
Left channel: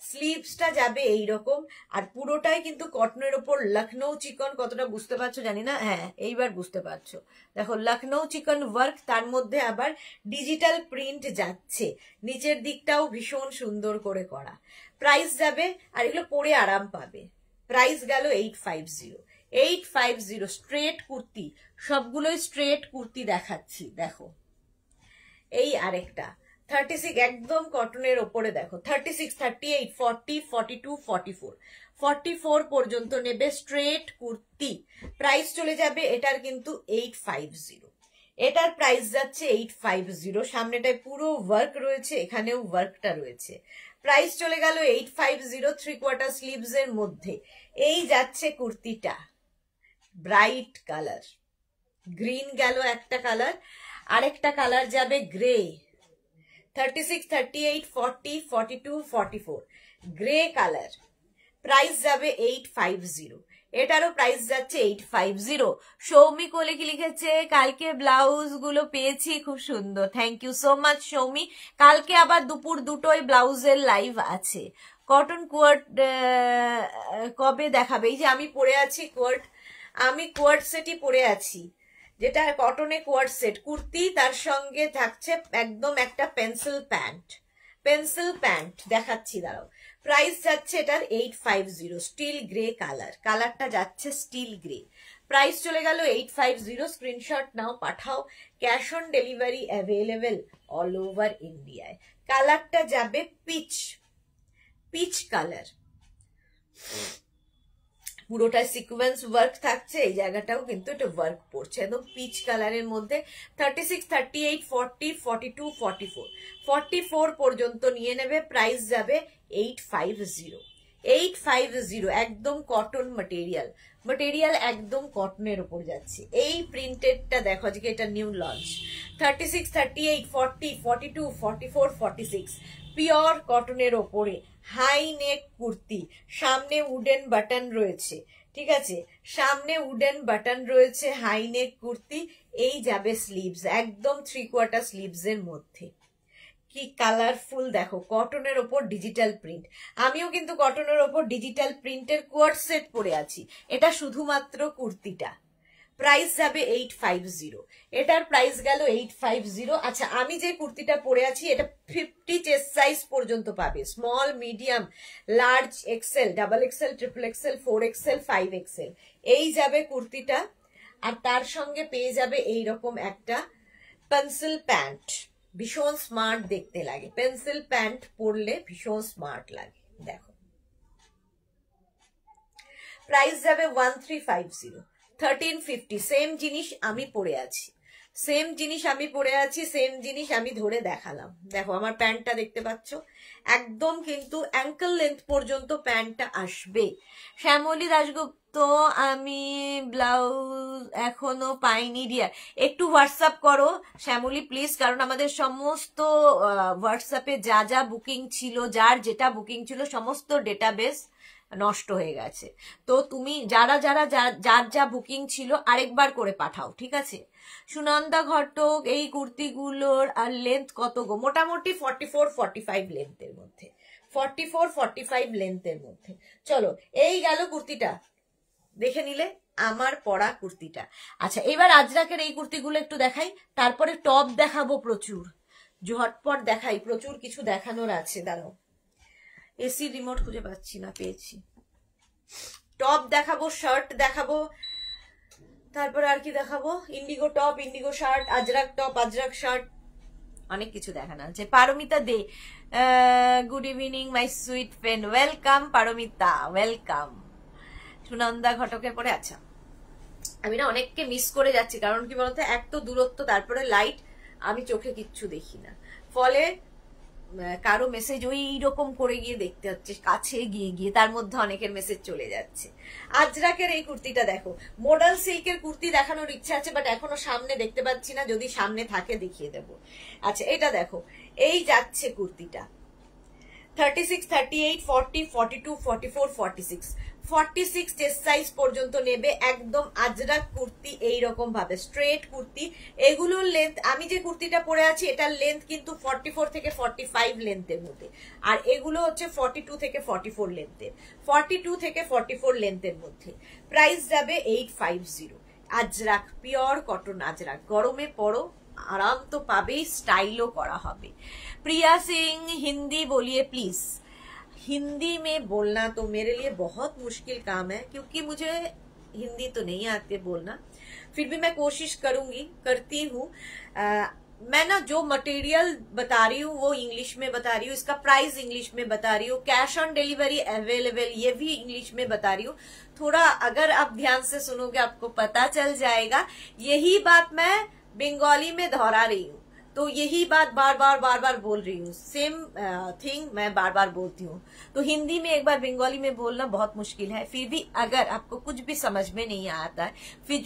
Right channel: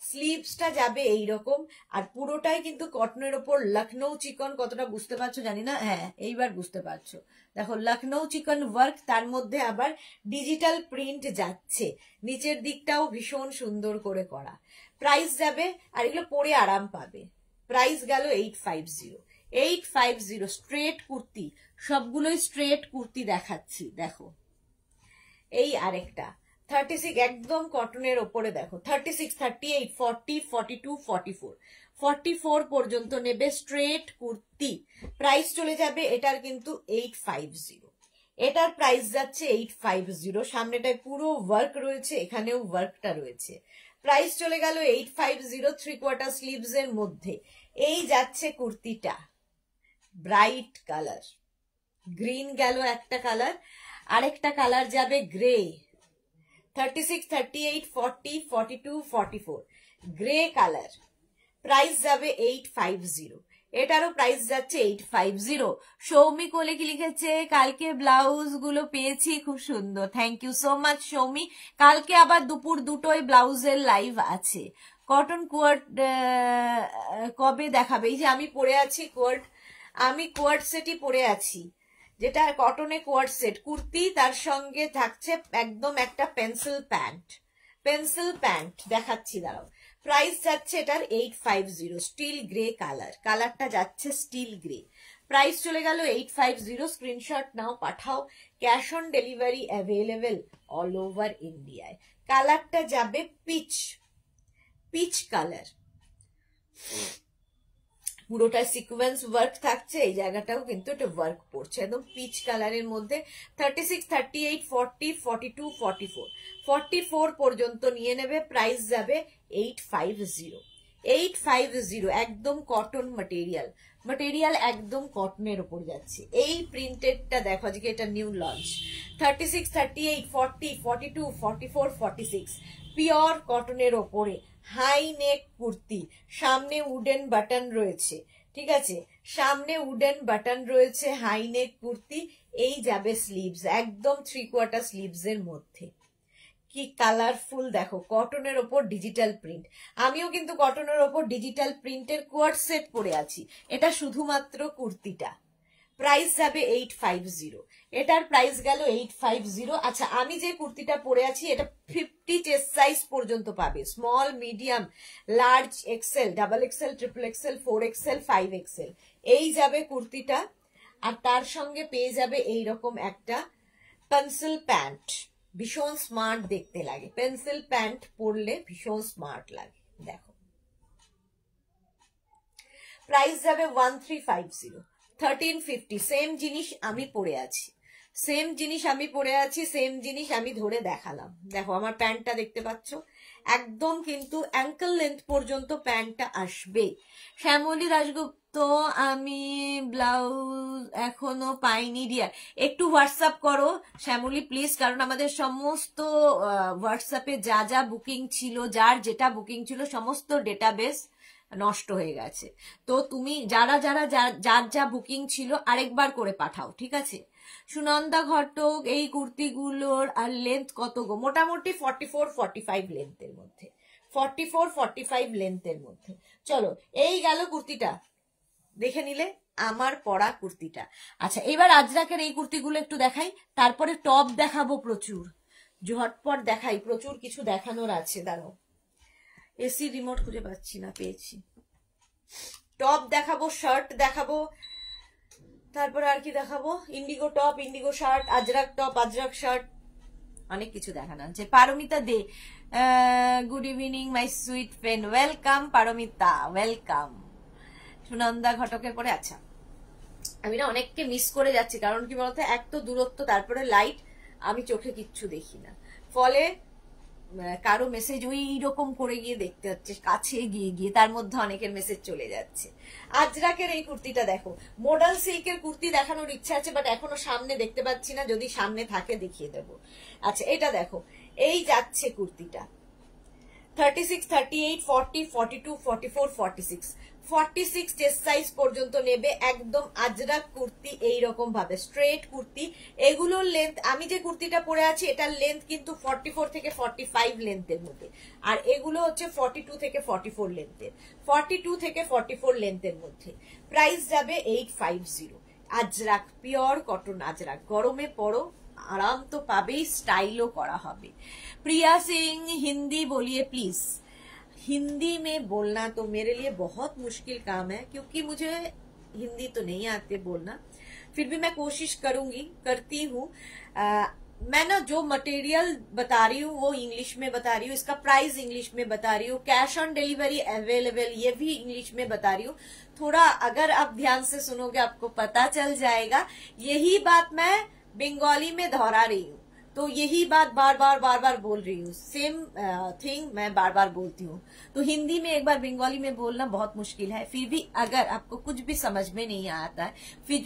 স্লিভসটা যাবে এইরকম, আর পুরোটাই কিন্তু কটনের ওপর লখনৌ চিকন, কতটা বুঝতে পারছো জানি না, হ্যাঁ এইবার বুঝতে পারছো। দেখো লখনৌ চিকন ওয়ার্ক, তার মধ্যে আবার ডিজিটাল প্রিন্ট যাচ্ছে, নিচের দিকটাও ভীষণ সুন্দর করে করা। প্রাইস যাবে, আর এগুলো পরে আরাম পাবে। প্রাইস গেল 850, 850। স্ট্রেট কুর্তি, সবগুলোই স্ট্রেট কুর্তি দেখাচ্ছি, দেখো এই আরেকটা 36 একদম কটনের ওপরে, দেখো 36, 38, 40, 42, 44, 44 পর্যন্ত নেবে স্ট্রেট কুর্তি। প্রাইস চলে যাবে এটার কিন্তু 850, এটার প্রাইস যাচ্ছে 850। সামনেটায় পুরো ওয়ার্ক রয়েছে, এখানেও ওয়ার্কটা রয়েছে। প্রাইস চলে গেল 850, 3/4 স্লিভস এর মধ্যে। এই যাচ্ছে কুর্তিটা, ব্রাইট কালার, গ্রিন গেল একটা কালার, আরেকটা কালার যাবে গ্রে, 36, 38, 40, 42, 44 গ্রে কালার, প্রাইস যাবে 850। এটারও প্রাইস যাচ্ছে 850। সৌমি কোলে কি লিখেছে, কালকে ব্লাউজ গুলো পেয়েছি খুব সুন্দর, thank you so much Soumi. কালকে আবার দুপুর 2টোয় ব্লাউজের লাইভ আছে। কটন কোয়ার্ট কবে দেখাবে? এই যে আমি পরে আছি কোয়ার্ট, আমি কোয়ার্ট সেটই পরে আছি, যেটা কটনে কোয়ার্ট সেট কুর্তি, তার সঙ্গে থাকছে একদম একটা পেন্সিল প্যান্ট দেখাচ্ছি, দাঁড়াও। প্রাইস যাচ্ছে এটার 850, স্টিল গ্রে কালার, কালারটা যাচ্ছে স্টিল গ্রে, প্রাইস চলে গেল 850। স্ক্রিনশট নাও, পাঠাও, cash on delivery available all over ইন্ডিয়ায়। কালারটা যাবে পিচ কালার, পুরোটা সিকোয়েন্স ওয়ার্ক থাকছে, এই জায়গাটাও কিন্তু একটা ওয়ার্ক পড়ছে, একদম পিচ কালারের মধ্যে। 36, 38, 40, 42, 44 44 পর্যন্ত নিয়ে নেবে, প্রাইস যাবে 850। একদম কটন মেটেরিয়াল একদম কটনের ওপর যাচ্ছে। এই প্রিন্টেডটা দেখো, আজকে এটা নিউ লঞ্চ, 36, 38, 40, 42, 44, 46 পিওর কটনের ওপরে হাই নেক কুর্তি, সামনে উডেন বাটন রয়েছে, ঠিক আছে, সামনে উডেন বাটন রয়েছে, হাই নেক কুর্তি। এই যাবে স্লিভস, একদম 3/4 স্লিভস এর মধ্যে, কি কালারফুল দেখো, কটনের ওপর ডিজিটাল প্রিন্ট। আমিও কিন্তু কটনের ওপর ডিজিটাল প্রিন্টের কোয়ার্ট সেট পরে আছি, এটা শুধুমাত্র কুর্তিটা, প্রাইস যাবে 850। এটার প্রাইস গেল 850। আচ্ছা, আমি যে কুর্তিটা পরে আছি এটা 50 চেস্ট সাইজ পর্যন্ত পাবে, small, medium, large, XL, double XL, triple XL, 4XL, 5XL এই যাবে কুর্তিটা। আর তার সঙ্গে পেয়ে যাবে এইরকম একটা পেন্সিল প্যান্ট, ভীষণ স্মার্ট দেখতে লাগে, পেন্সিল প্যান্ট পরলে ভীষণ স্মার্ট লাগে, দেখো প্রাইস যাবে 1350। 1350 সেম জিনিস আমি পরে আছি, সেম জিনিস আমি ধরে দেখালাম, দেখো আমার প্যান্টটা দেখতে পাচ্ছ, একদম কিন্তু অ্যাঙ্কেল লেন্থ পর্যন্ত প্যান্টটা আসবে। শ্যামলী দাশগুপ্ত, আমি ব্লাউজ এখনো পাইনি ডিয়ার, একটু হোয়াটসঅ্যাপ করো শ্যামলী প্লিজ, কারণ আমাদের সমস্ত হোয়াটসঅ্যাপে যা যা বুকিং ছিল, যার যেটা বুকিং ছিল, সমস্ত ডেটাবেস নষ্ট হয়ে গেছে। তো তুমি যার যা বুকিং ছিল আরেকবার করে পাঠাও, ঠিক আছে। সুনন্দা ঘটক, এই কুর্তিগুলোর আর লেন্থ কত গো? মোটামুটি 44-45 লেন্থের মধ্যে, 44-45 লেন্থের মধ্যে। চলো, এই গেল কুর্তিটা, দেখে নিলে আমার পরা কুর্তিটা। আচ্ছা, এবার আজরাকের এই কুর্তিগুলো একটু দেখাই, তারপরে টপ দেখাবো প্রচুর, ঝটপট দেখাই, প্রচুর কিছু দেখানোর আছে, দাঁড়াও, এসি রিমোট খুঁজে পাচ্ছি না, পেয়েছি। টপ দেখাবো, শার্ট দেখাবো, তারপর আর কি দেখাবো, indigo top, indigo shirt, Ajrak top, Ajrak shirt, অনেক কিছু দেখানো আছে। Paromita Dey, good evening my sweet friend, welcome Paromita, welcome. Sunanda ঘটকের পরে, আচ্ছা আমি না অনেককে মিস করে যাচ্ছি, কারণ কি বলতো, এক তো দূরত্ব, তারপরে লাইট, আমি চোখে কিচ্ছু দেখি না, ফলে কারো মেসেজ ওই রকম করে গিয়ে দেখতে হচ্ছে, কাছে গিয়ে তার মধ্যে অনেকের মেসেজ চলে যাচ্ছে। আজরাকের এই কুর্তিটা দেখো, মডার্ন সিল্কের কুর্তি দেখানোর ইচ্ছা আছে, বাট এখনো সামনে দেখতে পাচ্ছি না, যদি সামনে থাকে দেখিয়ে দেবো। আচ্ছা, এটা দেখো, এই যাচ্ছে কুর্তিটা 36, 38, 40, 42, 44, 46 46 চেস্ট সাইজ পর্যন্ত নেবে, একদম আজরাক কুর্তি, এইরকম ভাবে স্ট্রেট কুর্তি। এগুলোর লেন্থ, আমি যে কুর্তিটা পরে আছি এটার লেন্থ কিন্তু 44 থেকে 45 লেন্থের মধ্যে, আর এগুলো হচ্ছে 42 থেকে 44 লেন্থের, 42 থেকে 44 লেন্থের মধ্যে। প্রাইস যাবে 850। আজরাক, পিওর কটন আজরাক, গরমে পরো, आराम तो पाबे, स्टाइलो करा হবে। प्रिया सिंह, हिंदी बोलिए प्लीज। हिंदी में बोलना तो मेरे लिए बहुत मुश्किल काम है, क्योंकि मुझे हिंदी तो नहीं आती बोलना, फिर भी मैं कोशिश करती हूँ। मैं ना जो मटेरियल बता रही हूँ वो इंग्लिश में बता रही हूँ, इसका प्राइस इंग्लिश में बता रही हूँ, कैश ऑन डिलीवरी अवेलेबल ये भी इंग्लिश में बता रही हूँ। थोड़ा अगर आप ध्यान से सुनोगे आपको पता चल जाएगा। यही बात मैं बंगाली में दोहरा रही हूँ, तो यही बात बार बार बोल रही हूँ, सेम थिंग मैं बार बार बोलती हूँ, तो हिंदी में एक बार बंगाली में बोलना बहुत मुश्किल है। फिर भी अगर आपको कुछ भी समझ में नहीं आता है, फिर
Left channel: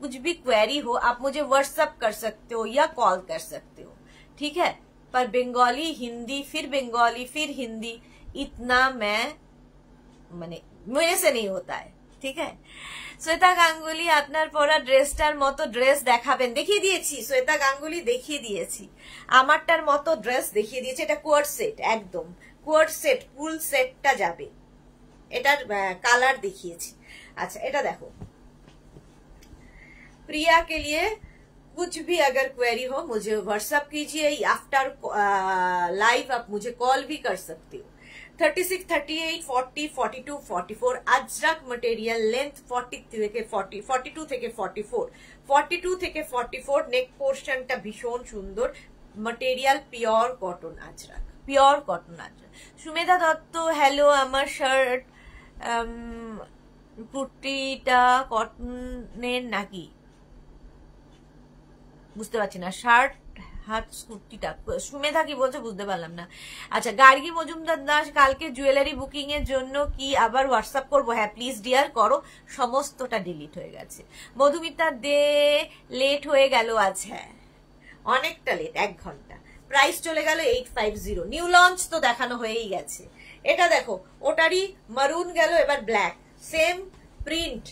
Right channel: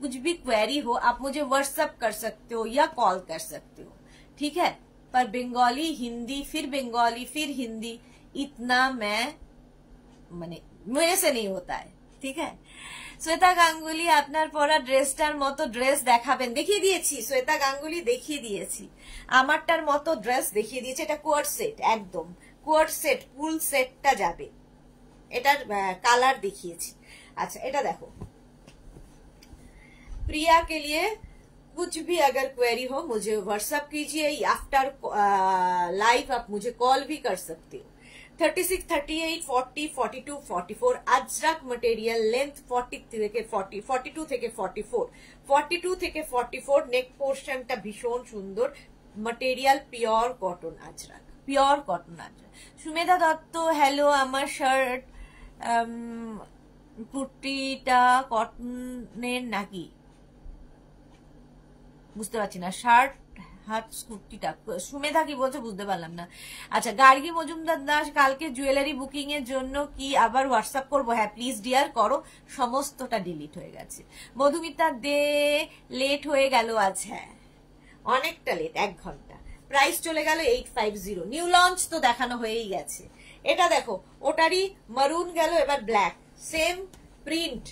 कुछ भी क्वेरी हो, आप मुझे व्हाट्सएप कर सकते हो या कॉल कर सकते हो, ठीक है। पर बंगाली, हिंदी, फिर बंगाली, फिर हिंदी, इतना মানে मेरे से नहीं होता है, ठीक है। শ্বেতা গাঙ্গুলি আপনার পরা ড্রেসটার মতো ড্রেস দেখাবেন। দেখিয়ে দিয়েছি, শ্বেতা গাঙ্গুলি দেখিয়ে দিয়েছি, আমারটার মতো ড্রেস দেখিয়ে দিয়েছি। এটা কোয়ার্ড সেট, একদম কোয়ার্ড সেট, ফুল সেটটা যাবে। এটার কালার দেখিয়েছি। আচ্ছা, এটা দেখো, प्रिया के लिए कुछ भी अगर क्वेरी हो मुझे व्हाट्सएप कीजिए, आफ्टर लाइव आप मुझे कॉल भी कर सकते हो। 36, 38, 40, 42, 44 अजरक मटेरियल, लेंथ 40 থেকে 40, 42 থেকে 44, 42 থেকে 44 নেক পোর্শনটা ভীষণ সুন্দর, material pure cotton Ajrak, pure cotton Ajrak. Sumedha Dutta, hello, আমার শার্ট কুর্তিটা কটনের নাকি বুঝতে পারছি না, শার্ট হাত কুর্তিটা, সুমেধা কি বলছে বুঝতে পারলাম না। আচ্ছা, গার্গী মজুমদার দাস, কালকে জুয়েলারি বুকিং এর জন্য কি আবার হোয়াটসঅ্যাপ করবো? হ্যাঁ প্লিজ ডিয়ার করো, সমস্তটা ডিলিট হয়ে গেছে। মধুমিতা দে, লেট হয়ে গেল আজ, হ্যাঁ অনেকটা লেট, 1 ঘন্টা। প্রাইস চলে গেল 850, নিউ লঞ্চ তো দেখানো হয়েই গেছে। এটা দেখো, ওটারই মারুন গেল, এবার ব্ল্যাক, সেম প্রিন্ট,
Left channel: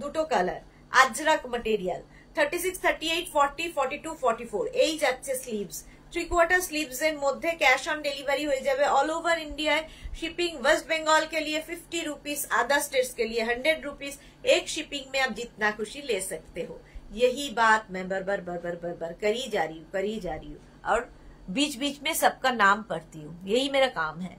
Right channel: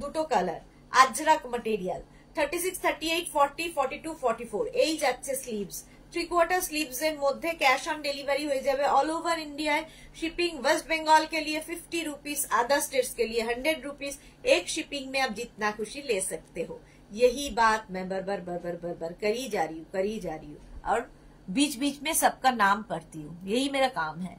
দুটো কালার, আজরাক মটেরিয়াল। 36, 38, 40, 42, 44 এই যাচ্ছে স্লিভস, 3/4 স্লিভস এর মধ্যে ক্যাশ অন डेलीवरी হয়ে যাবে all over India. Shipping West Bengal के लिए 50 रुपीज, अदर स्टेट्स के लिए 100 रुपीज। एक शिपिंग में आप जितना खुशी ले सकते हो। यही बात मैं बर करी जा रही हूँ और बीच बीच में सबका नाम पढ़ती हूँ, यही मेरा काम है।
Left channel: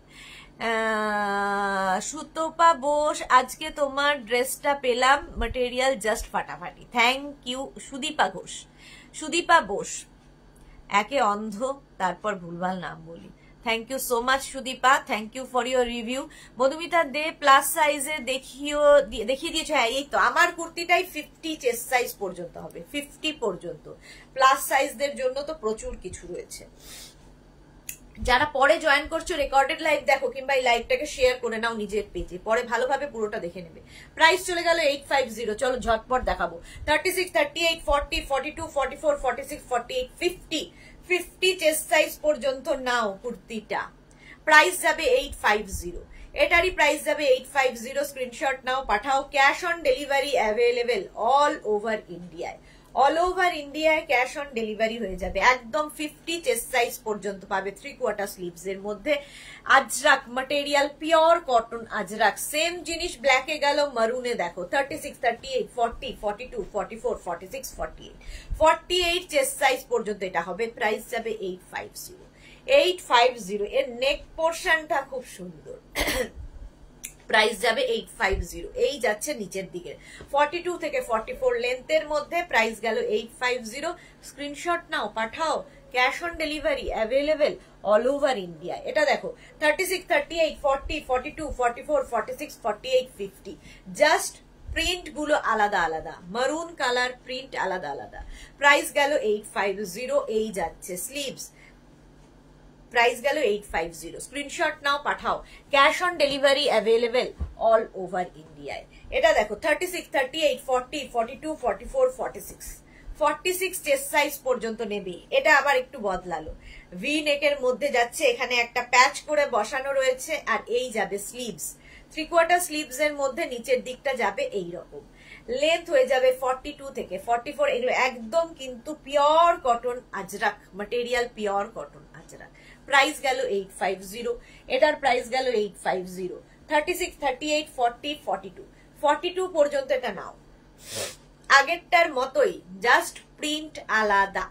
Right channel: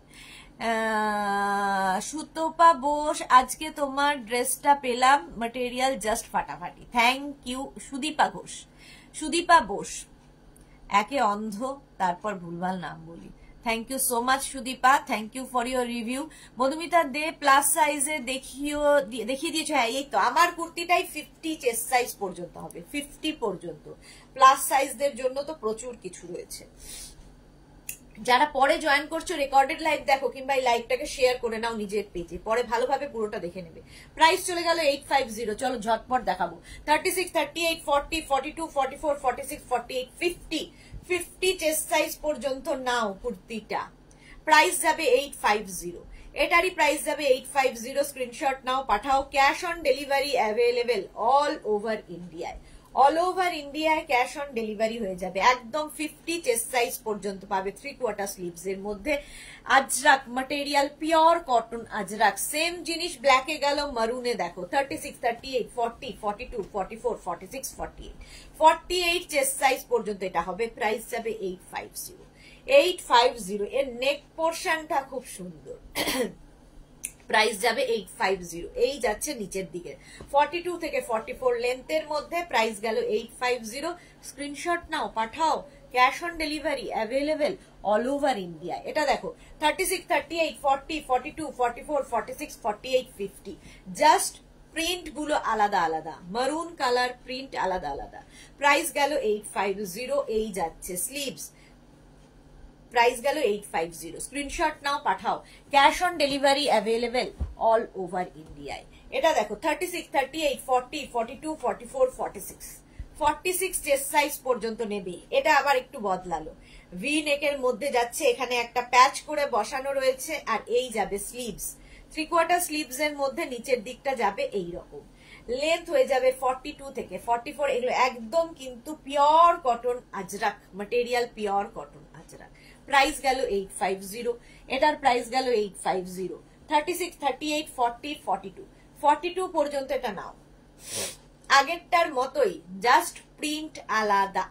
সুতপা বোস, আজকে তোমার ড্রেসটা পেলাম, ম্যাটেরিয়াল জাস্ট ফাটাফাটি, থ্যাংক ইউ। সুদীপা ঘোষ, সুদীপা বোস, একে অন্ধ তারপর ভুলভাল নাম বলি, thank you so much Sudipa, thank you for your review. Madhumita De, plus সাইজে দেখিয়ে দিয়েছো, হ্যাঁ এই তো আমার কুর্তিটাই 50 চেস্ট সাইজ পর্যন্ত হবে, 50 পর্যন্ত। প্লাস সাইজদের জন্য তো প্রচুর কিছু রয়েছে। যারা পরে জয়েন করছো রেকর্ডেড লাইভ দেখো, কিংবা এই লাইভটাকে শেয়ার করে নাও নিজের পেজে, পরে ভালোভাবে পুরোটা দেখে নেবে। প্রাইস চলে গেল 850, চলো ঝটপট দেখাবো। 36, 38, 40, 42, 44, 46, 48, 50 চেস্ট সাইজ পর্যন্ত নাও কুর্তিটা। প্রাইস যাবে 850, এটারই প্রাইস যাবে 850। স্ক্রিনশট নাও, পাঠাও। Cash on delivery available all over ইন্ডিয়ায়, অল ওভার ইন্ডিয়ায় ক্যাশ অন ডেলিভারি হয়ে যাবে। একদম 50 চেস্ট সাইজ পর্যন্ত পাবে 3/4 স্লিভস এর মধ্যে। Ajrak material, pure cotton Ajrak. Same জিনিস ব্ল্যাকে গেল, মারুনে দেখো 36, 38, 40, 42, 44, 46, 48, 48 চেস্ট সাইজ পর্যন্ত এটা হবে। প্রাইস যাবে 850, 850। এর নেক পোর্শনটা খুব সুন্দর, প্রাইস যাবে 850। এই যাচ্ছে নিচের দিকে 42 থেকে 44 লেন্থের মধ্যে, প্রাইস গেল 850। স্ক্রিনশট নাও, পাঠাও। Cash on delivery available all over India. এটা দেখো 36, 38, 40, 42, 44, 46, 48, 50। জাস্ট প্রিন্ট গুলো আলাদা আলাদা, মারুন কালার প্রিন্ট আলাদা আলাদা। প্রাইস গেল 850। এই যাচ্ছে স্লিভস, প্রাইস গেল 850। স্ক্রিনশট নাও, পাঠাও। Cash on delivery available all over ইন্ডিয়ায়। এটা দেখো 36, 38, 40, 42, 44, 46, 46 চেস্ট সাইজ পর্যন্ত নেবে। এটা আবার একটু বদলালো, ভি নেকের মধ্যে যাচ্ছে, এখানে একটা প্যাচ করে বসানো রয়েছে, আর এই যাবে স্লিভস, 3/4 স্লিভস এর মধ্যে নিচের দিকটা যাবে এইরকম। লেন্থ হয়ে যাবে 42 থেকে 44। এগুলো একদম কিন্তু pure cotton Ajrak material, pure cotton Ajrak. Price গেল 850, এটার প্রাইস গেল 850। 36, 38, 40, 42, 42 পর্যন্ত এটা নাও। আগেরটার মতোই, জাস্ট প্রিন্ট আলাদা।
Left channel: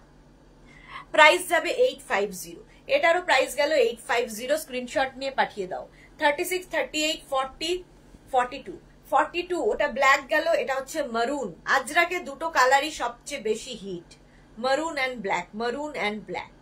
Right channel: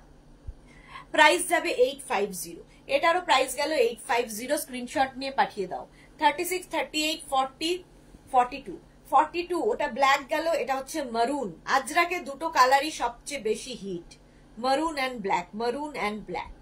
প্রাইস যাবে 850, এটারও প্রাইস গেল 850। স্ক্রিনশট নিয়ে পাঠিয়ে দাও। 36, 38, 40, 42, 42 ওটা ব্ল্যাক গেল, এটা হচ্ছে মারুন। আজরাকে দুটো কালারই সবচেয়ে বেশি হিট, মারুন অ্যান্ড ব্ল্যাক, মারুন অ্যান্ড ব্ল্যাক।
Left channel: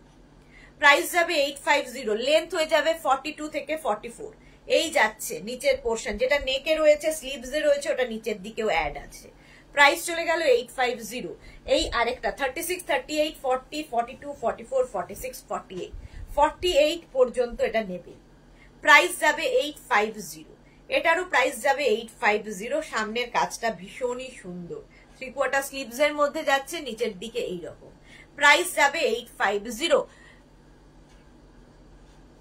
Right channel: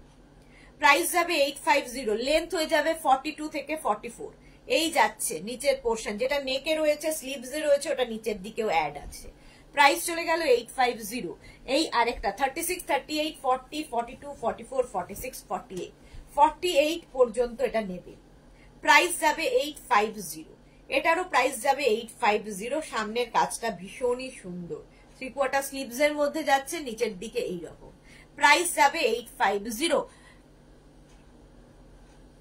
প্রাইস যাবে 850। লেন্থ হয়ে যাবে 42 থেকে 44। এই যাচ্ছে নিচের পোর্শন, যেটা নেকে রয়েছে, স্লিভস এ রয়েছে, ওটা নিচের দিকেও অ্যাড আছে। প্রাইস চলে গেল 850। এই আরেকটা 36, 38, 40, 42, 44, 46, 48, 48 পর্যন্ত এটা নেবে। প্রাইস যাবে 850। এটারও প্রাইস যাবে 850। সামনের কাজটা ভীষণই সুন্দর, 3/4 স্লিভস এর মধ্যে যাচ্ছে, নিচের দিকে এইরকম। প্রাইস যাবে 850।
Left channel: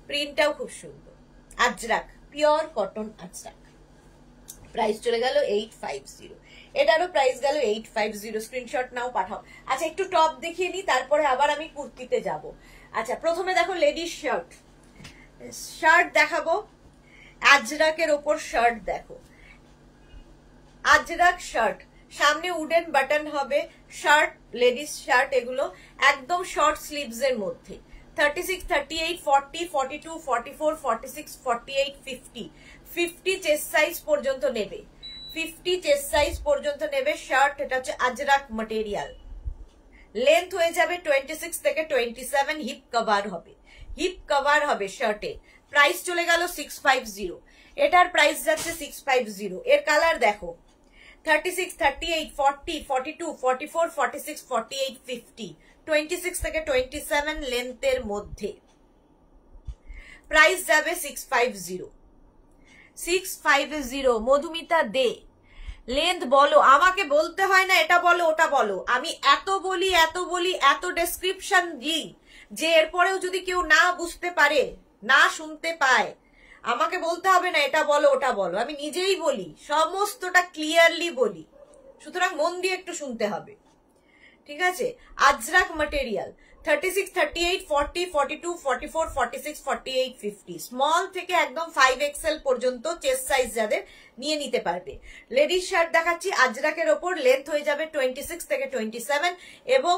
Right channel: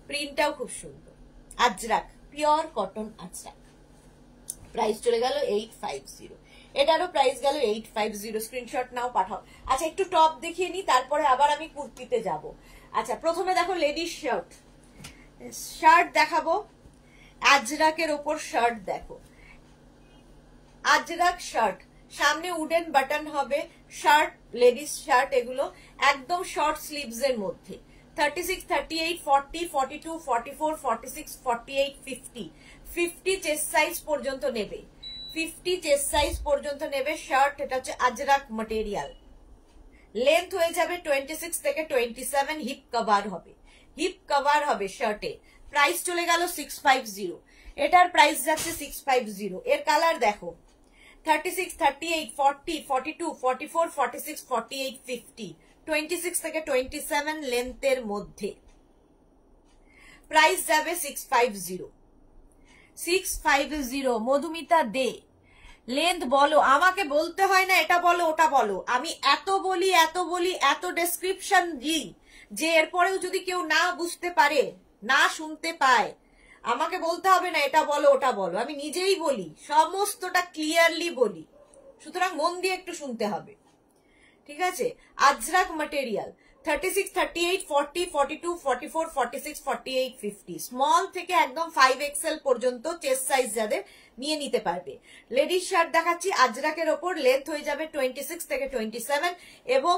প্রিন্টটাও খুব সুন্দর, Ajrak, pure cotton Ajrak. Price চলে গেল 850। এটারও প্রাইস গেল 850। স্ক্রিনশট নাও, পাঠাও। আচ্ছা, একটু টপ দেখিয়ে নি, তারপরে আবার আমি কুর্তিতে যাব। আচ্ছা, প্রথমে দেখো লেডিস শার্ট। শার্ট দেখাবো, আজরাকের ওপর শার্ট দেখো, আজরাক শার্ট, সামনে উডেন বাটন হবে। শার্ট, লেডিস শার্ট, এগুলো একদম শর্ট স্লিভস এর মধ্যে। 36, 38, 40, 42, 44, 46, 48, 50। 50 চেস্ট সাইজ পর্যন্ত নেবে, 50 চেস্ট সাইজ পর্যন্ত নেবে শার্ট। এটা হচ্ছে আজরাক ম্যাটেরিয়াল। লেন্থ হয়ে যাবে 26 থেকে 27। হিপ কভার হবে, হিপ কভার হবে শার্টে। প্রাইস চলে গেল 650। এটার প্রাইস যাচ্ছে 650। এর কালার দেখো, 36, 38, 40, 42, 44, 46, 48, 50। 26 থেকে 27 লেন্থের মধ্যে। প্রাইস যাবে 650। 650। মধুমিতা দে, লেন্থ বলো, আমাকে বলতে হয় না এটা বলো ওটা বলো। আমি এত বলি এত ডেসক্রিপশন দিই যে এরপরেও যদি কেউ না বুঝতে পারে, না শুনতে পায়, আমাকে বলতে হবে না এটা বলো ওটা বলো। আমি নিজেই বলি, সমস্তটা ক্লিয়ারলি বলি, সুতরাং মন দিয়ে একটু শুনতে হবে, ঠিক আছে? আজরাক ম্যাটেরিয়াল। 36, 38, 40, 42, 44, 46, 48, 50। স্মল থেকে একদম 5XL পর্যন্ত চেস্ট সাইজ যাদের নিয়ে নিতে পারবে। লেডিস শার্ট দেখাচ্ছি আজরাকের ওপর। লেন্থ হয়ে যাবে 26 থেকে 27 এবং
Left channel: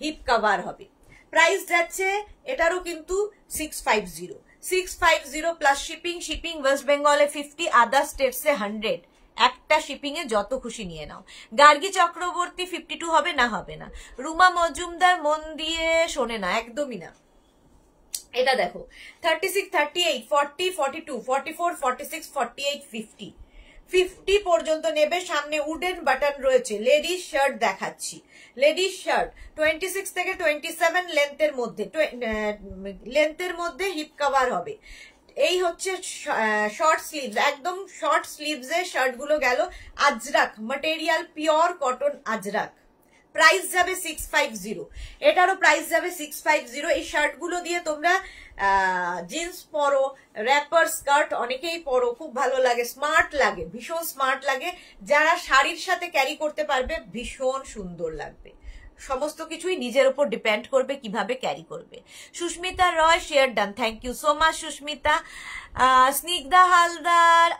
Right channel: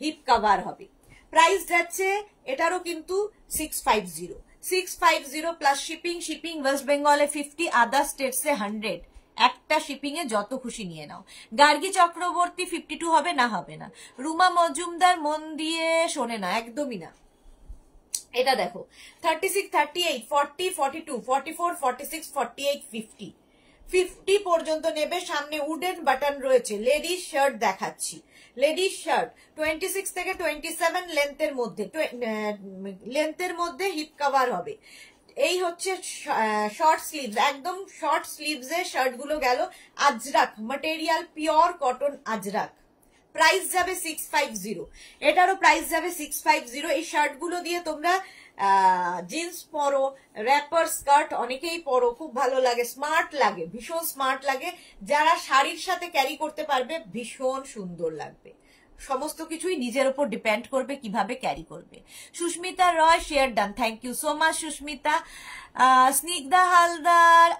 হিপ কভার হবে। প্রাইস যাচ্ছে এটারও কিন্তু 650। 650 প্লাস শিপিং। শিপিং ওয়েস্ট বেঙ্গলে 50, আদার স্টেটসে 100। একটা শিপিং এ যত খুশি নিয়ে নাও। গার্গী চক্রবর্তী 52 হবে না? হবে না। রুমা মজুমদার মন দিয়ে শোনে না, একদমই না। এটা দেখো, 36, 38, 40, 42, 44, 46, 48, 50। 50 পর্যন্ত নেবে। সামনে উডেন বাটন রয়েছে। লেডিস শার্ট দেখাচ্ছি, লেডিস শার্ট 26 থেকে 27 লেন্থের মধ্যে, লেন্থের মধ্যে হিপ কভার হবে। এই হচ্ছে শর্ট স্লিভস, একদম শর্ট স্লিভস এর শার্ট গুলো গেল। Ajrak material, pure cotton Ajrak. Price যাবে 650। এটারও প্রাইস যাবে 650। এই শার্ট গুলো দিয়ে তোমরা জিন্স পরো, র্যাপার স্কার্ট অনেকেই পরো, খুব ভালো লাগে, স্মার্ট লাগে, ভীষণ স্মার্ট লাগে। যারা শাড়ির সাথে ক্যারি করতে পারবে ভীষণ সুন্দর লাগবে। সমস্ত কিছুই নিজের উপর ডিপেন্ড করবে কিভাবে ক্যারি করবে। Susmita Roy, share done, thank you so much Susmita. Snigdha Haldar,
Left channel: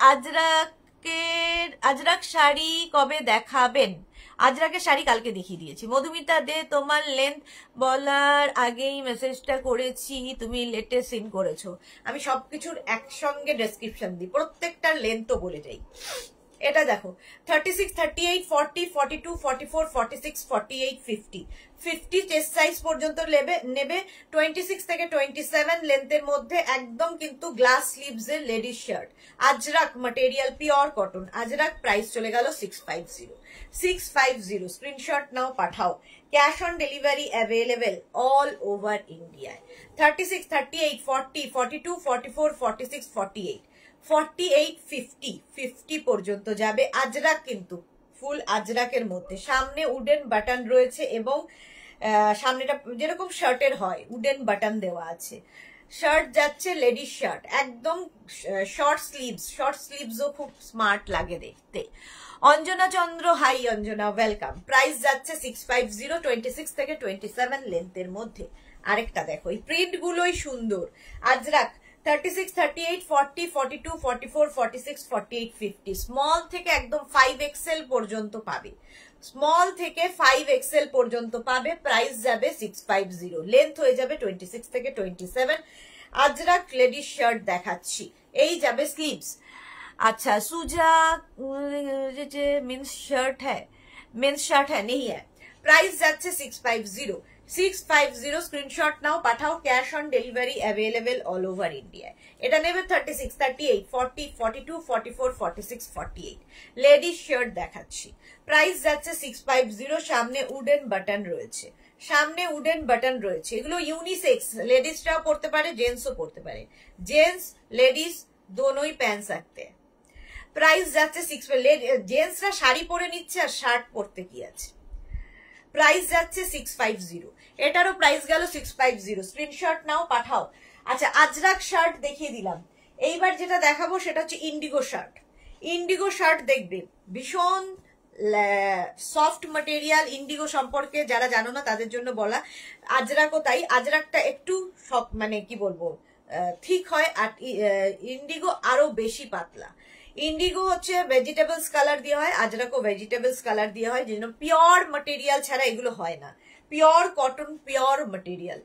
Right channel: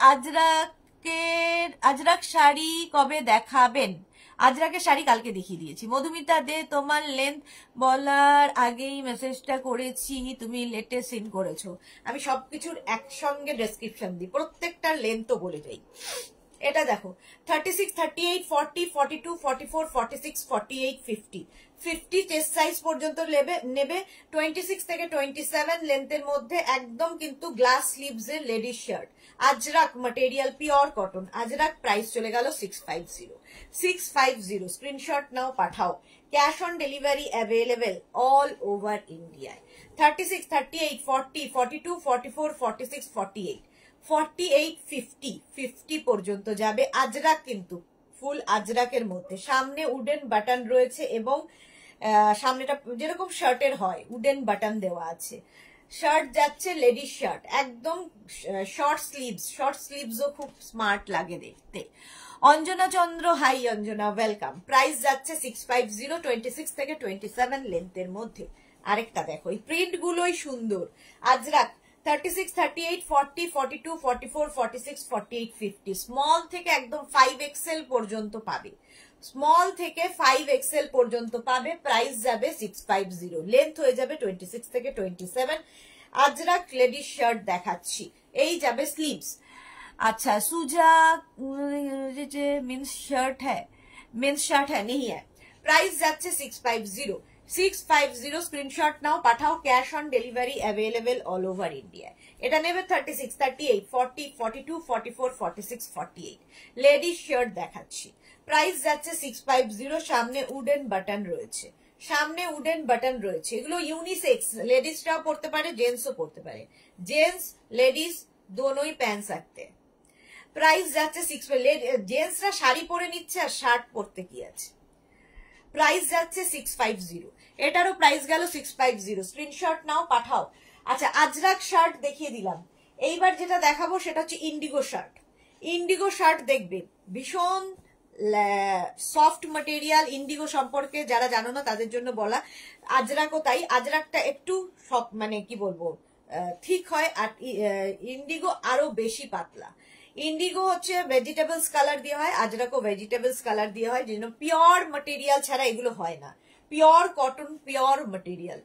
Ajrak sari কবে দেখাবেন? আজরাকের শাড়ি কালকে দেখিয়ে দিয়েছি। মধুমিতা দে, তোমার লেন্থ বলার আগেই মেসেজটা করেছি, তুমি লেটে সিন করেছো। আমি সবকিছুর একসঙ্গে ডেসক্রিপশন দিই, প্রত্যেকটার লেন্থও বলে যাই। এটা দেখো, 36, 38, 40, 42, 44, 46, 48, 50। 50 চেস্ট সাইজ পর্যন্ত নেবে। 26 থেকে 27 লেন্থের মধ্যে একদম কিন্তু গ্লাস স্লিভস এর ladies shirt. Ajrak material, pure cotton Ajrak. Price চলে গেল 650। 650। স্ক্রিনশট নাও, পাঠাও। Cash on delivery available all over ইন্ডিয়ায়। 36, 38, 40, 42, 44, 46, 48, 48, 50। 50 পর্যন্ত যাবে। আজরাক কিন্তু ফুল আজরাকের মধ্যে। সামনে উডেন বাটন রয়েছে এবং সামনেটা যেরকম শার্টের হয় উডেন বাটন দেওয়া আছে। শার্ট যাচ্ছে লেডিস শার্ট, একদম শর্ট স্লিভস। শর্ট স্লিভসও খুব স্মার্ট লাগে দেখতে। অঞ্জনা চন্দ্র, হাই অঞ্জনা, ওয়েলকাম। প্রাইস যাচ্ছে 650, 26 থেকে 27 লেন্থের মধ্যে। আরেকটা দেখো, এই প্রিন্ট গুলোই সুন্দর। আজরাক 36, 38, 40, 42, 44, 46, 48, 50। স্মল থেকে একদম 5XL পর্যন্ত পাবে। স্মল থেকে 5XL পর্যন্ত পাবে। প্রাইস যাবে 650। লেন্থ হয়ে যাবে 26 থেকে 27। আজরাক লেডিস শার্ট দেখাচ্ছি, এই যাবে স্লিভস। अच्छा सूजा मेंस शर्ट है, मेंस शर्ट है नहीं है। प्राइस যাচ্ছে 650। 650 স্ক্রিনশট নাও, পাঠাও। Cash on delivery available all over India. এটা নেবে 36, 38, 40, 42, 44, 46, 48। লেডিস শার্ট দেখাচ্ছি। প্রাইস যাচ্ছে 650। সামনে উডেন বাটন রয়েছে। সামনে উডেন বাটন রয়েছে, এগুলো ইউনিসেক্স, লেডিসরাও পড়তে পারে, জেন্টসও পড়তে পারে, জেন্টস লেডিস দোনোই প্যান্ট सकते हैं। প্রাইস যাচ্ছে 6, জেন্টসরা শাড়ি পরে নিচ্ছে আর শার্ট পরতে কি আছে। প্রাইস যাচ্ছে 650, এটারও প্রাইস গেল 650। স্ক্রিনশট নাও, পাঠাও। আচ্ছা, আজরাক শার্ট দেখিয়ে দিলাম, এইবার যেটা দেখাবো সেটা হচ্ছে ইন্ডিগো শার্ট। ইন্ডিগো শার্ট দেখবে, ভীষণ সফট ম্যাটেরিয়াল। ইন্ডিগো সম্পর্কে যারা জানো না তাদের জন্য বলা, আজরাকও তাই। আজরাকটা একটু মানে কি বলবো ঠিক হয়, আর ইন্ডিগো আরো বেশি পাতলা। ইন্ডিগো হচ্ছে ভেজিটেবলস কালার দিয়ে হয়, আজরাকও ভেজিটেবলস কালার দিয়ে হয়, যেন পিওর ম্যাটেরিয়াল ছাড়া এগুলো হয় না, pure cotton, pure material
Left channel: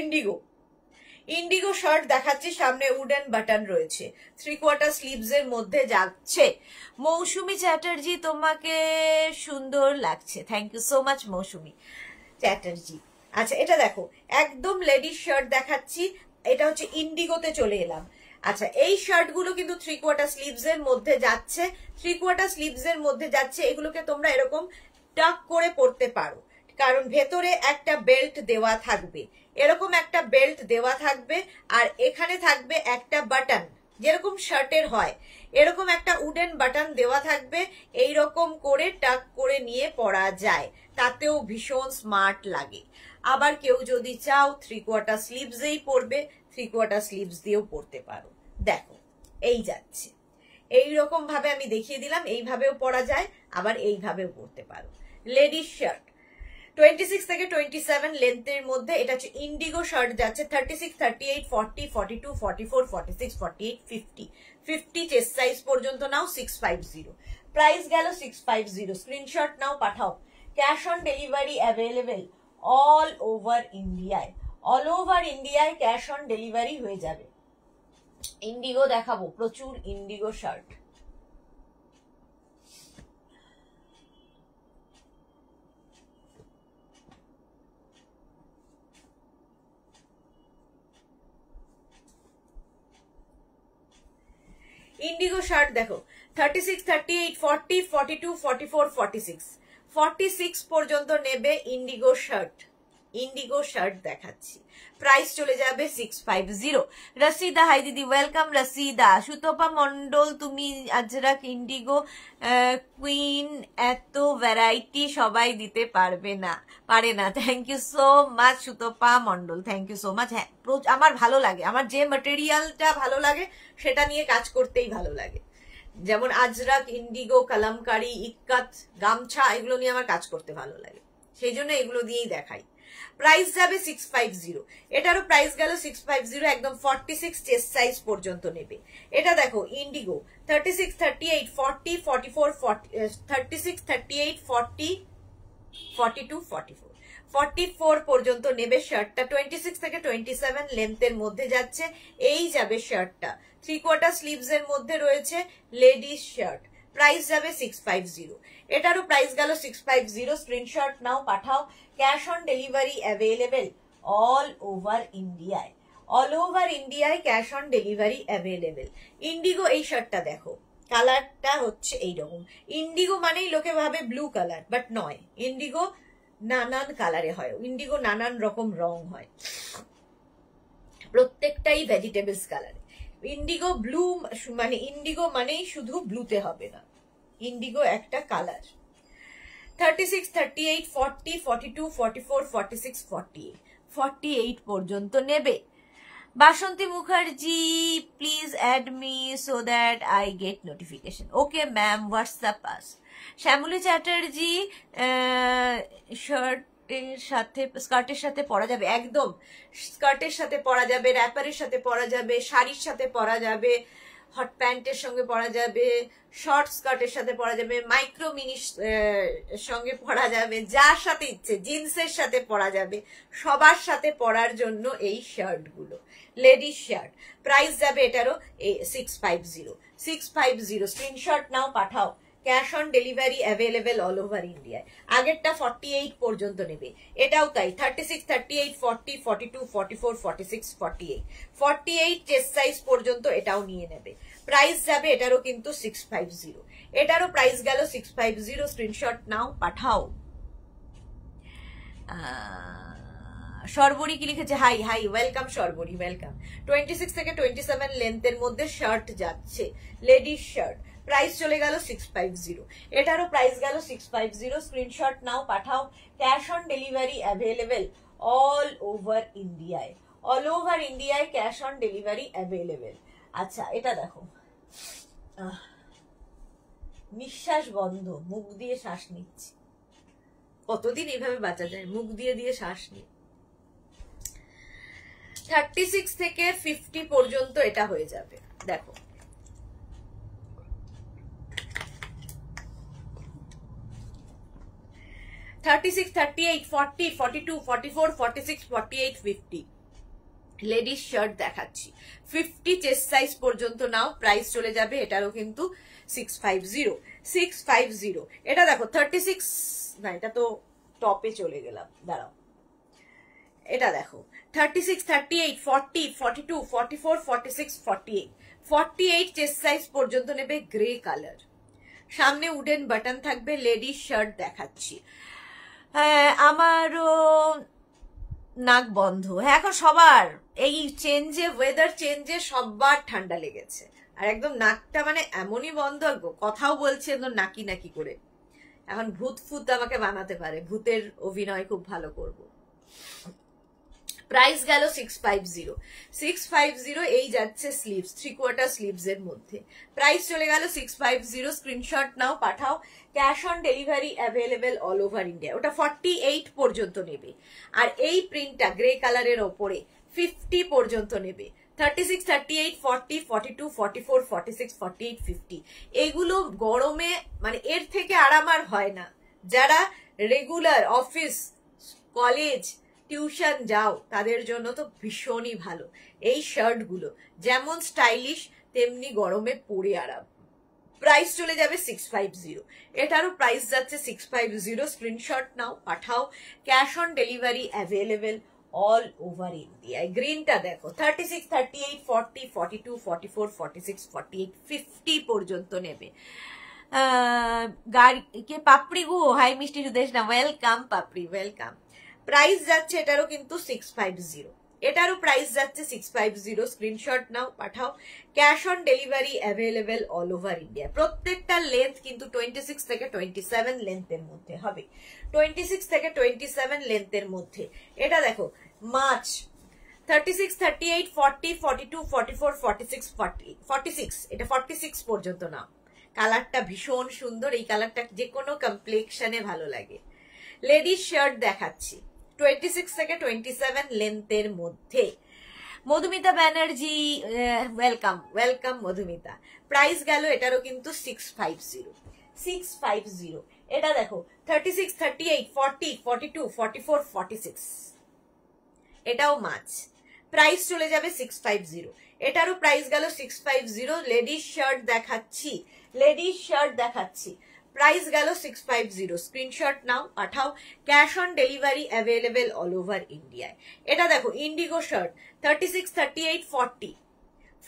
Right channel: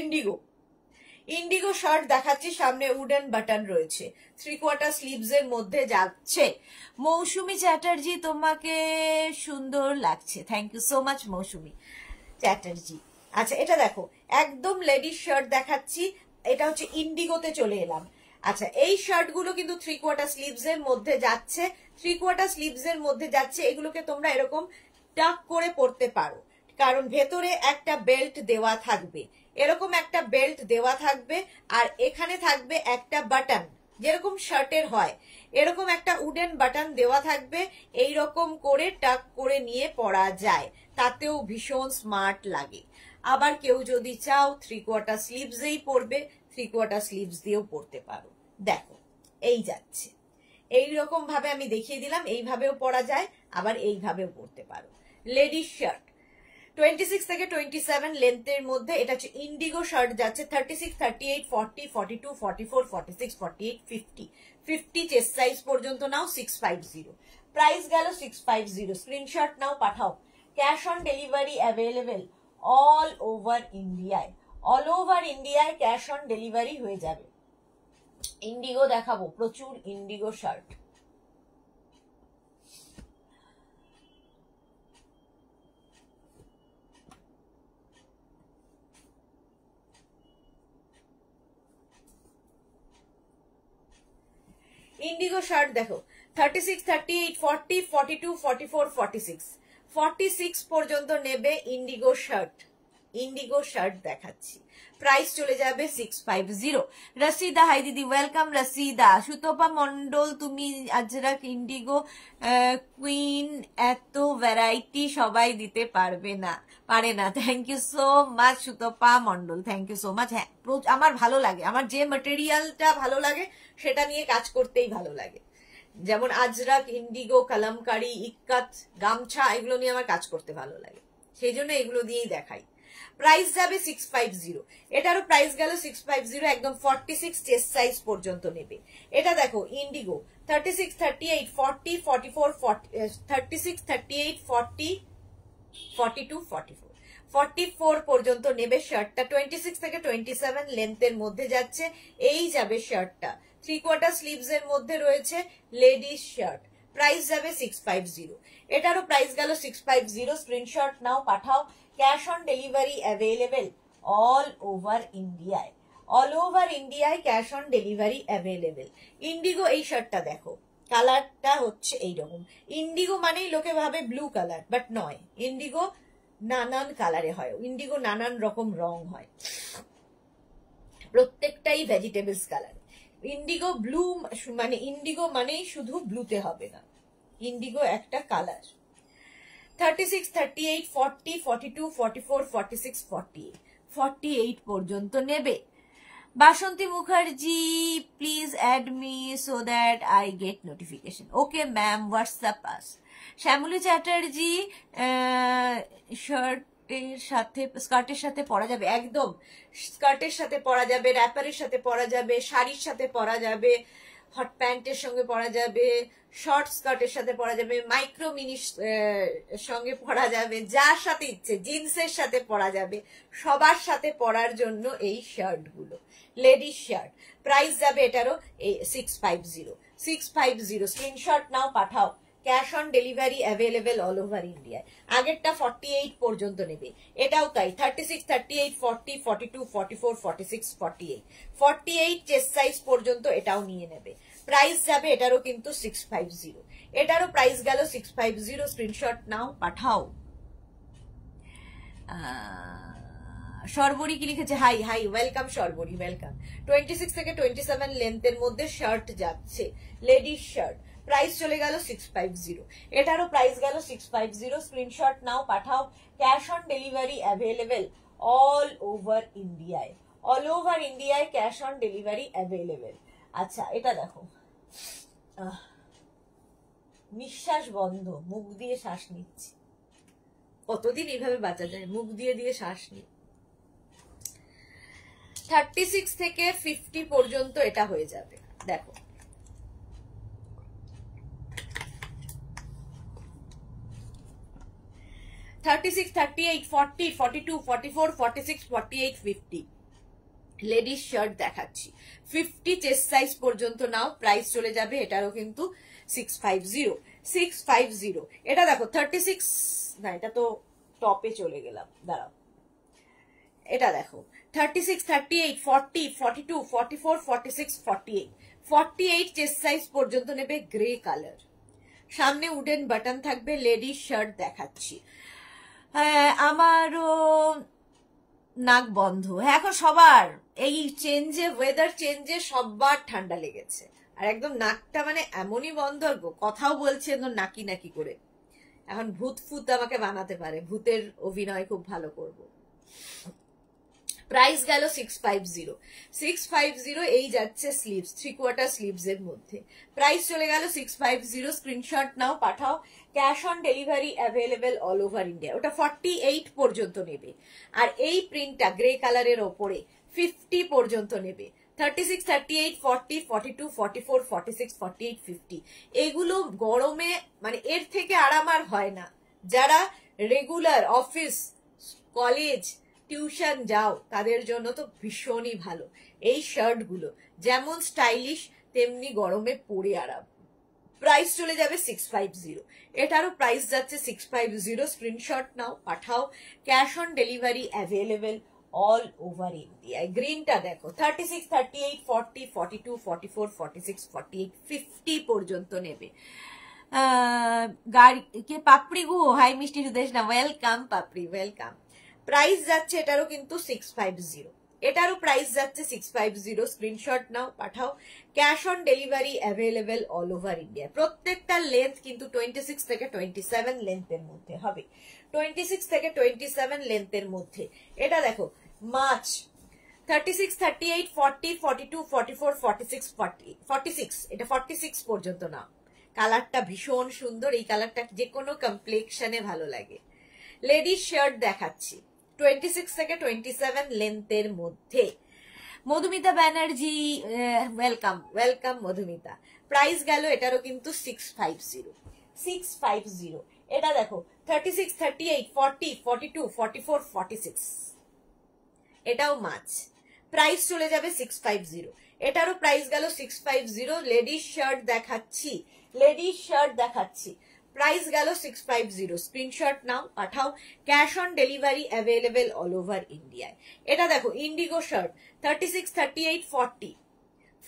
Indigo. Indigo shirt দেখাচ্ছি, সামনে উডেন বাটন রয়েছে, 3/4 স্লিভস এর মধ্যে যাচ্ছে। মৌসুমী চ্যাটার্জি, তোমাকে সুন্দর লাগছে, থ্যাংক ইউ সো মাচ মৌসুমী চ্যাটার্জি। আচ্ছা, এটা দেখো, একদম লেডিস শার্ট দেখাচ্ছি, এটা হচ্ছে ইন্ডিগোতে চলে এলাম। আচ্ছা, এই শার্ট গুলো কিন্তু 3/4 স্লিভস এর মধ্যে যাচ্ছে, 3/4 স্লিভস এর মধ্যে যাচ্ছে। এগুলোকে তোমরা এরকম টাক করে পরতে পারো, কারণ ভেতরে একটা বেল্ট দেওয়া থাকবে, এরকম একটা বেল্ট দেওয়া থাকবে, আর এখানে থাকবে একটা বাটন, যেরকম শার্টের হয় এরকম একটা উডেন বাটন দেওয়া থাকবে। এইরকম করে টাক করে নিয়ে পরা যায়, তাতেও ভীষণ স্মার্ট লাগে। আবার কেউ যদি চাও 3/4 স্লিভসেই পরবে, 3/4 স্লিভস দিয়েও পরতে পারো। দেখো, এই যাচ্ছে, এইরকম ভাবে আমি দেখিয়ে দিলাম, এইভাবেও পরা যায়, আবার এইভাবেও পরতে পারো। লেডিস শার্ট 26 থেকে 27 লেন্থের মধ্যে, এটা হচ্ছে ইন্ডিগো শার্ট যাচ্ছে 36, 38, 40, 42, 44, 46, 48, 50, 50 চেস্ট সাইজ পর্যন্ত নাও, 650। প্রাইস গেল 650। স্ক্রিনশট নাও, পাঠাও। Cash on delivery available all over ইন্ডিয়ায়, অল ওভার ইন্ডিয়ায় ক্যাশ অন ডেলিভারি হয়ে যাবে। ইন্ডিগো দেখাবো, প্রচুর ইন্ডিগো শার্ট। ইন্ডিগো শার্ট দেখো, 36, 38, 40, 42, 44, 46, 46 পর্যন্ত নেবে ইন্ডিগো শার্ট। ইন্ডিগো শার্ট দেখাচ্ছি, প্রাইস চলে যাবে 650। রসিদা, হাই দিদি, ওয়েলকাম রসিদা। সুতপা মন্ডল, তুমি আজরাক ইন্ডিগো কুইন, এত ভ্যারাইটি সবাই দিতে পারে না। Thank you so much Sutapa Mondal, thank you so much. হ্যাঁ, আমার ভালো লাগে, আমার যে ম্যাটেরিয়ালটা ভালো লাগে সেটা নিয়ে কাজ করতেই ভালো লাগে। যেমন আজরাক, ইন্ডিগো, কালামকারি, ইক্কাত, গামছা, এগুলো নিয়ে আমার কাজ করতে ভালো লাগে, সেই জন্য এগুলো দিয়েই দেখাই। প্রাইস যাবে 650, এটারও প্রাইস গেল 650। একদম 46 চেস্ট সাইজ পর্যন্ত নেবে। এটা দেখো, ইন্ডিগো 36, 38, 40, 44, 36, 38, 40, 42, 44, 44 পর্যন্ত নেবে শার্টটা। 26 থেকে 27 লেন্থের মধ্যে যাচ্ছে, এই যাবে শার্টটা। 3/4 স্লিভস এর মধ্যে রয়েছে, লেডিস শার্ট। প্রাইস যাবে 650, এটারও প্রাইস গেল 650। স্ক্রিনশট নাও, পাঠাও। Cash on delivery available all over ইন্ডিয়ায়, অল ওভার ইন্ডিয়ায় cash on delivery available. Indigo এই শার্টটা দেখো, কালারটা হচ্ছে এইরকম। ইন্ডিগো মানেই লোকে ভাবে ব্লু কালার, বাট নয়, ইন্ডিগো নানান কালারে হয়, ইন্ডিগো নানান রকম রং হয়, প্রত্যেকটাই ভেজিটেবলস কালারে। ইন্ডিগো ব্লু মানে ইন্ডিগো মানেই শুধু ব্লুতে হবে না, ইন্ডিগো একটা কালার। 36, 38, 40, 42, 44, 46, 48, 48 পর্যন্ত নেবে। Basanti Mukherjee, please add me so that I get notification. Okay ma'am, WhatsApp us. Shyamali Chatterjee, স্কার্টের সাথে পরা যাবে, একদম স্কার্টের সাথে পরা যাবে, র্যাপারের সাথে পরা যাবে, শাড়ির সাথে পরা যাবে, হট প্যান্টের সঙ্গে পরা যাবে, শর্ট স্কার্টের সাথে পরা যাবে, মাইক্রো মিনি সঙ্গে পরা যাবে, যার সাথে ইচ্ছে, জিন্সের সাথে পরা যাবে, সবার সাথে পরার জন্য এই শার্ট গুলো, লেডিস শার্ট। প্রাইস যাবে এটারও 650, 650। স্ক্রিনশট নাও, পাঠাও। Cash on delivery available all over ইন্ডিয়ায়। আগেরটা 48 পর্যন্ত নেবে, এটাও তাই। 36, 38, 40, 42, 44, 46, 48, 48 চেস্ট সাইজ পর্যন্ত এটাও নিয়ে নেবে। প্রাইস যাবে এটারও কিন্তু 650, এটারও প্রাইস গেল 650। স্ক্রিনশট নাও, পাঠাও। সর্বরী কি লিখেছে, হাই হাই, ওয়েলকাম সর্বরী, ওয়েলকাম। 26 থেকে 27 লেন্থের মধ্যে শার্ট যাচ্ছে, লেডিস শার্ট, প্রাইস চলে গেল 650। এটারও প্রাইস গেল 650। স্ক্রিনশট নাও, পাঠাও। Cash on delivery available all over ইন্ডিয়ায়, অল ওভার ইন্ডিয়ায় ক্যাশ অন ডেলিভারি অ্যাভেলেবেল। আচ্ছা, এটা দেখো, নিঃশ্বাস বন্ধ, মুখ দিয়ে শ্বাস নিচ্ছি। কতদিন এইভাবে বাঁচা যায়, মুখ দিয়ে দিয়ে শ্বাস নিই। 36 থেকে 50 পর্যন্ত এটা হয়ে যাবে। দেখো, $36, $38, $40, $42, $44, $46, $48, $50 লেডিস শার্ট দেখাচ্ছি। 50 চেস্ট সাইজ পর্যন্ত নাও, প্রাইস চলে যাবে এটারও কিন্তু 650, 650। এটা দেখো 36, না এটা তো টপে চলে গেলাম, দাঁড়াও। এটা দেখো 36, 38, 40, 42, 44, 46, 48, 48 চেস্ট সাইজ পর্যন্ত নেবে, গ্রে কালার, সামনে উডেন বাটন থাকবে, লেডিস শার্ট দেখাচ্ছি। আমারও নাক বন্ধ। হ্যাঁ, এখন সবার এই চেঞ্জে, ওয়েদার চেঞ্জে সবার ঠান্ডা লেগেছে, আর একদম নাকটা মানে এমনই বন্ধ, কথাও বলছে একদম নাকি নাকি করে। এখন ভূত ফুত আমাকে বানাতে পারে, ভূতের অভিনয় খুব ভালো করব। প্রাইস গেল 650, 650। এই যাচ্ছে স্লিভস, 3/4 স্লিভস এর মধ্যে, প্রাইস চলে গেল 650। স্ক্রিনশট নাও, পাঠাও। Cash on delivery available all over India. ওটা 48 পর্যন্ত নেবে, আর এই প্রিন্টটা গ্রে কালারের ওপরে 50 পর্যন্ত নেবে। 36, 38, 40, 42, 44, 46, 48, 50 এগুলো গরমে মানে এর থেকে আরাম আর হয় না। যারা রেগুলার অফিস, কলেজ, টিউশন যাও তাদের জন্য তো ভীষণই ভালো এই শার্ট গুলো, যেমন স্টাইলিশ তেমনি গরমে পরে আরাম। প্রাইস চলে যাবে 650। এটারও প্রাইস যাচ্ছে 650। স্ক্রিনশট নাও, পাঠাও। Cash on delivery available all over ইন্ডিয়ায়। গ্রিনটা দেখো 36, 38, 40, 42, 44, 46, 48, 50 পর্যন্ত নেবে। কে পাপড়ি গু, হাই মিষ্টি সুদেশ না, ওয়েলকাম পাপড়ি, ওয়েলকাম। প্রাইস যাচ্ছে এটারও কিন্তু 650। এটারও প্রাইস যাচ্ছে 650। স্ক্রিনশট নাও, পাঠাও। Cash on delivery available all over India. প্রত্যেকটা লেন্থ কিন্তু 26 থেকে 27 লেন্থের মধ্যে হবে, 26 থেকে 27 লেন্থের মধ্যে। এটা দেখো মাছ, 36, 38, 40, 42, 44, 46, 46, এটা 46 পর্যন্ত না। কালারটা ভীষণ সুন্দর, এই কালারটা যে কোনো কমপ্লেক্সনে ভালো লাগে। লেডিস শার্ট দেখাচ্ছি 26 থেকে 27 লেন্থের মধ্যে। Madhumita Banerjee, welcome, welcome Madhumita. Price গেল এটারও কিন্তু 650, 650। এটা দেখো 36, 38, 40, 42, 44, 46, এটাও মাছ, প্রাইস চলে যাবে 650। এটারও প্রাইস গেল 650। লেডিস শার্ট দেখাচ্ছি, লেডিস শার্ট দেখাচ্ছি, প্রাইস গেল 650। স্ক্রিনশট নাও, পাঠাও। Cash on delivery available all over ইন্ডিয়ায়। এটা দেখো ইন্ডিগো শার্ট, 36, 38, 40,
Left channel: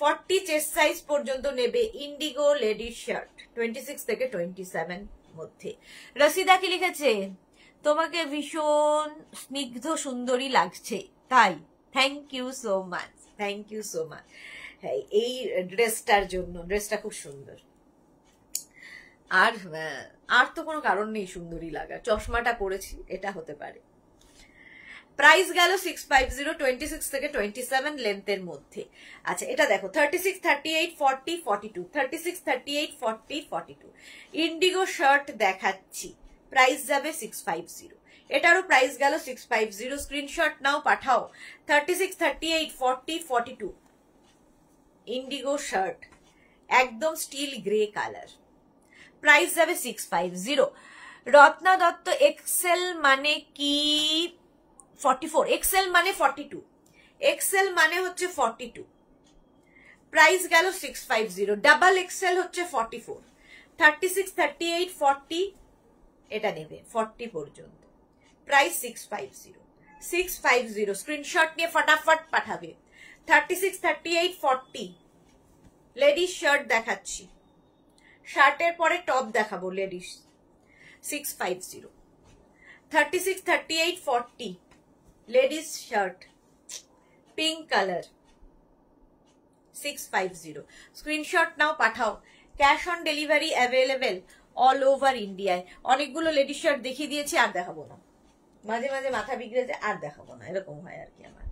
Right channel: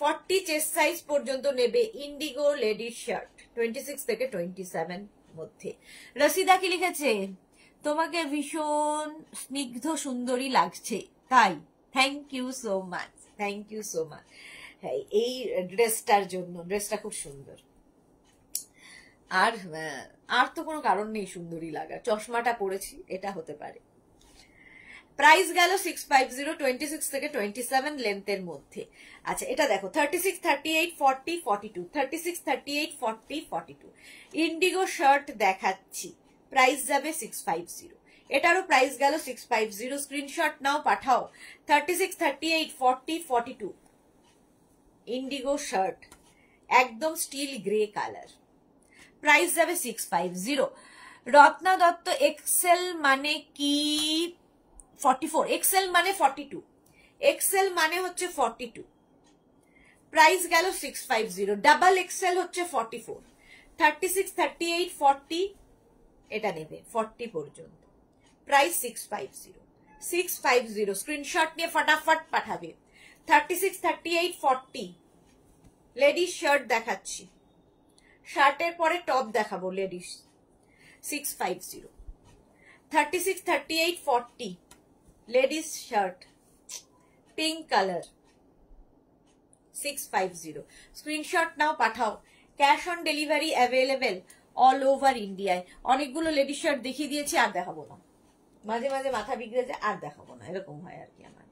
40 চেস্ট সাইজ পর্যন্ত নেবে ইন্ডিগো লেডিস শার্ট, 26 থেকে 27 মধ্যে। রসিদা কি লিখেছে, তোমাকে ভীষণ স্নিগ্ধ সুন্দরী লাগছে, তাই thank you so much, thank you so much. হ্যাঁ, এই ড্রেসটার জন্য, ড্রেসটা খুব সুন্দর। আর তো কোনো কারণ নেই সুন্দরী লাগার, চশমাটা পরেছি এটা হতে পারে। প্রাইস গেল 650, 26 থেকে 27 লেন্থের মধ্যে। আচ্ছা, এটা দেখো 36, 38, 40, 42, 36, 38, 40, 42 ইন্ডিগো শার্ট দেখাচ্ছি, প্রাইস যাবে 650। এটারও প্রাইস গেল 650। স্ক্রিনশট নাও, পাঠাও। 36, 38, 40, 42 ইন্ডিগো শার্ট, একদম স্টিল গ্রে কালার, প্রাইস যাবে 650। রত্না দত্ত, এক্সেল মানে কি 44, এক্সেল মানে 42, এক্সেল মানে হচ্ছে 42, প্রাইস গেল 650। ডাবল এক্সেল হচ্ছে 44, 36, 38, 40 এটা নেবে 40 পর্যন্ত, প্রাইস 650, 650। স্ক্রিনশট নিয়ে ফটাফট পাঠাবে। 36, 38, 40 লেডিস শার্ট দেখাচ্ছি, শার্টের পরে টপ দেখাবো ladies, 650। 36, 38, 40 ladies shirt, pink color, 650 screenshot নাও পাঠাও। Cash on delivery available all over ইন্ডিয়ায়। অনেকগুলো লেডিস শার্ট দেখিয়ে দিয়েছি, আর দেখাবো না, মাঝে মাঝে মাথা বিগড়ে যায়, আর দেখাবো না, এরকম হয় আর কি আমার।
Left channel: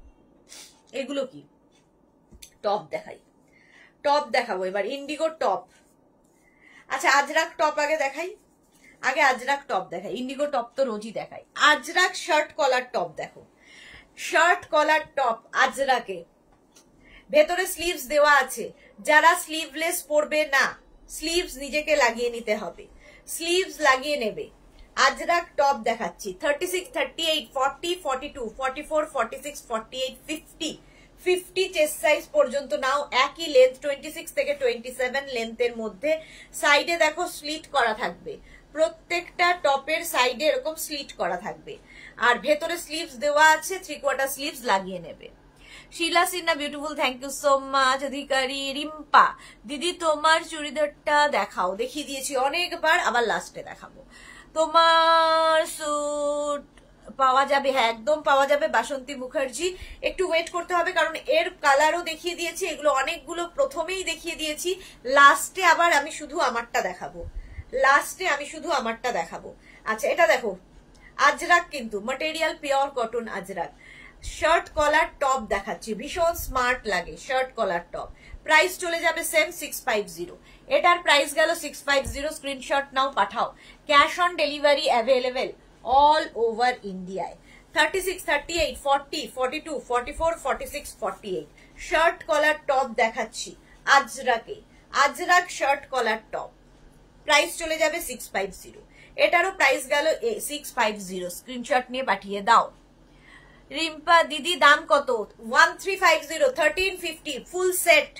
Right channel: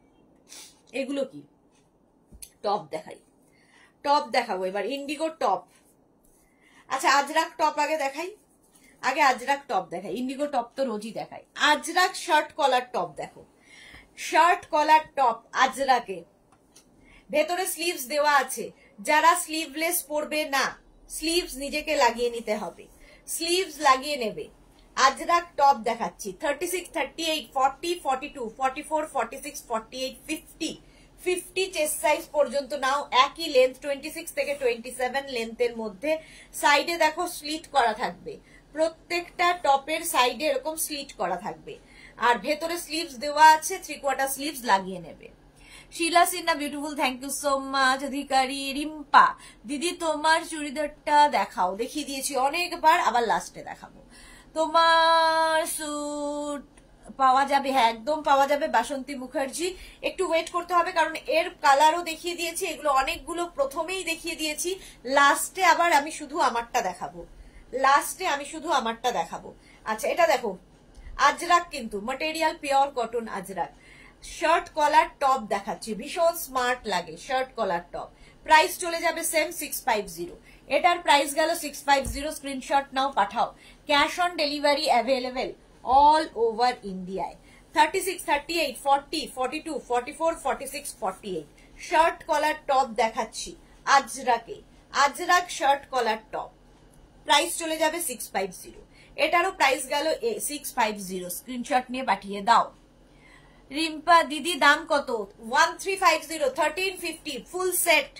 এগুলো কি টপ দেখাই, টপ দেখাবো এবার, ইন্ডিগো টপ। আচ্ছা আজরাক টপ আগে দেখাই, আগে আজরাক টপ দেখাই, ইন্ডিগো টপ তো রোজই দেখাই। আজরাক শার্ট কলার টপ দেখো, শার্ট কলার টপ আজরাকে, ভেতরে স্লিভস দেওয়া আছে। যারা স্লিভলেস পরবে না, স্লিভস নিজেকে লাগিয়ে নিতে হবে, স্লিভস লাগিয়ে নেবে। আজরাক টপ দেখাচ্ছি 36, 38, 40, 42, 44, 46, 48, 50 50 চেস্ট সাইজ পর্যন্ত নাও। একই লেন্থ 26 থেকে 27 লেন্থের মধ্যে। সাইডে দেখো স্লিট করা থাকবে, প্রত্যেকটা টপের সাইডে এরকম স্লিট করা থাকবে, আর ভেতরে স্লিভস দেওয়া আছে, 3/4 স্লিভস লাগিয়ে নেবে। Sheela Sinha beautiful, thank you so much. Adhikari Rimpa দিদি তোমার চুড়িদারটা দেখাও, দেখিয়ে দিয়েছি অনেকবার, আবার লাস্টে দেখাবো। তোমার স্যুট পাওয়া যাবে, হ্যাঁ একদম পাওয়া যাবে। বাসন্তী মুখার্জি, একটু ওয়েট করতে হবে কারণ এর কালারও দেখিয়ে দিয়েছি, এগুলো অনেকগুলো প্রথমেই দেখিয়ে দিয়েছি, লাস্টে আবার আমি শুধু আমারটা দেখাবো, লাস্টে আমি শুধু আমারটা দেখাবো। আচ্ছা এটা দেখো আজরাক, কিন্তু material pure cotton Ajrakh. Shirt collar top দেখাচ্ছি, ভীষণ স্মার্ট লাগে শার্ট কলার টপ। প্রাইস চলে যাবে সেম 650, এটার প্রাইস গেল 650। স্ক্রিনশট নাও পাঠাও। Cash on delivery available all over ইন্ডিয়ায়। 36, 38, 40, 42, 44, 46, 48 শার্ট কলার টপ দেখাচ্ছি আজরাকে, Ajrak shirt collar top. Price চলে যাবে 650, এটারও প্রাইস গেল 650। স্ক্রিনশট নিয়ে পাঠিয়ে দাও। রিম্পা দিদি দাম কত? 1350, 1350 ফুল সেট,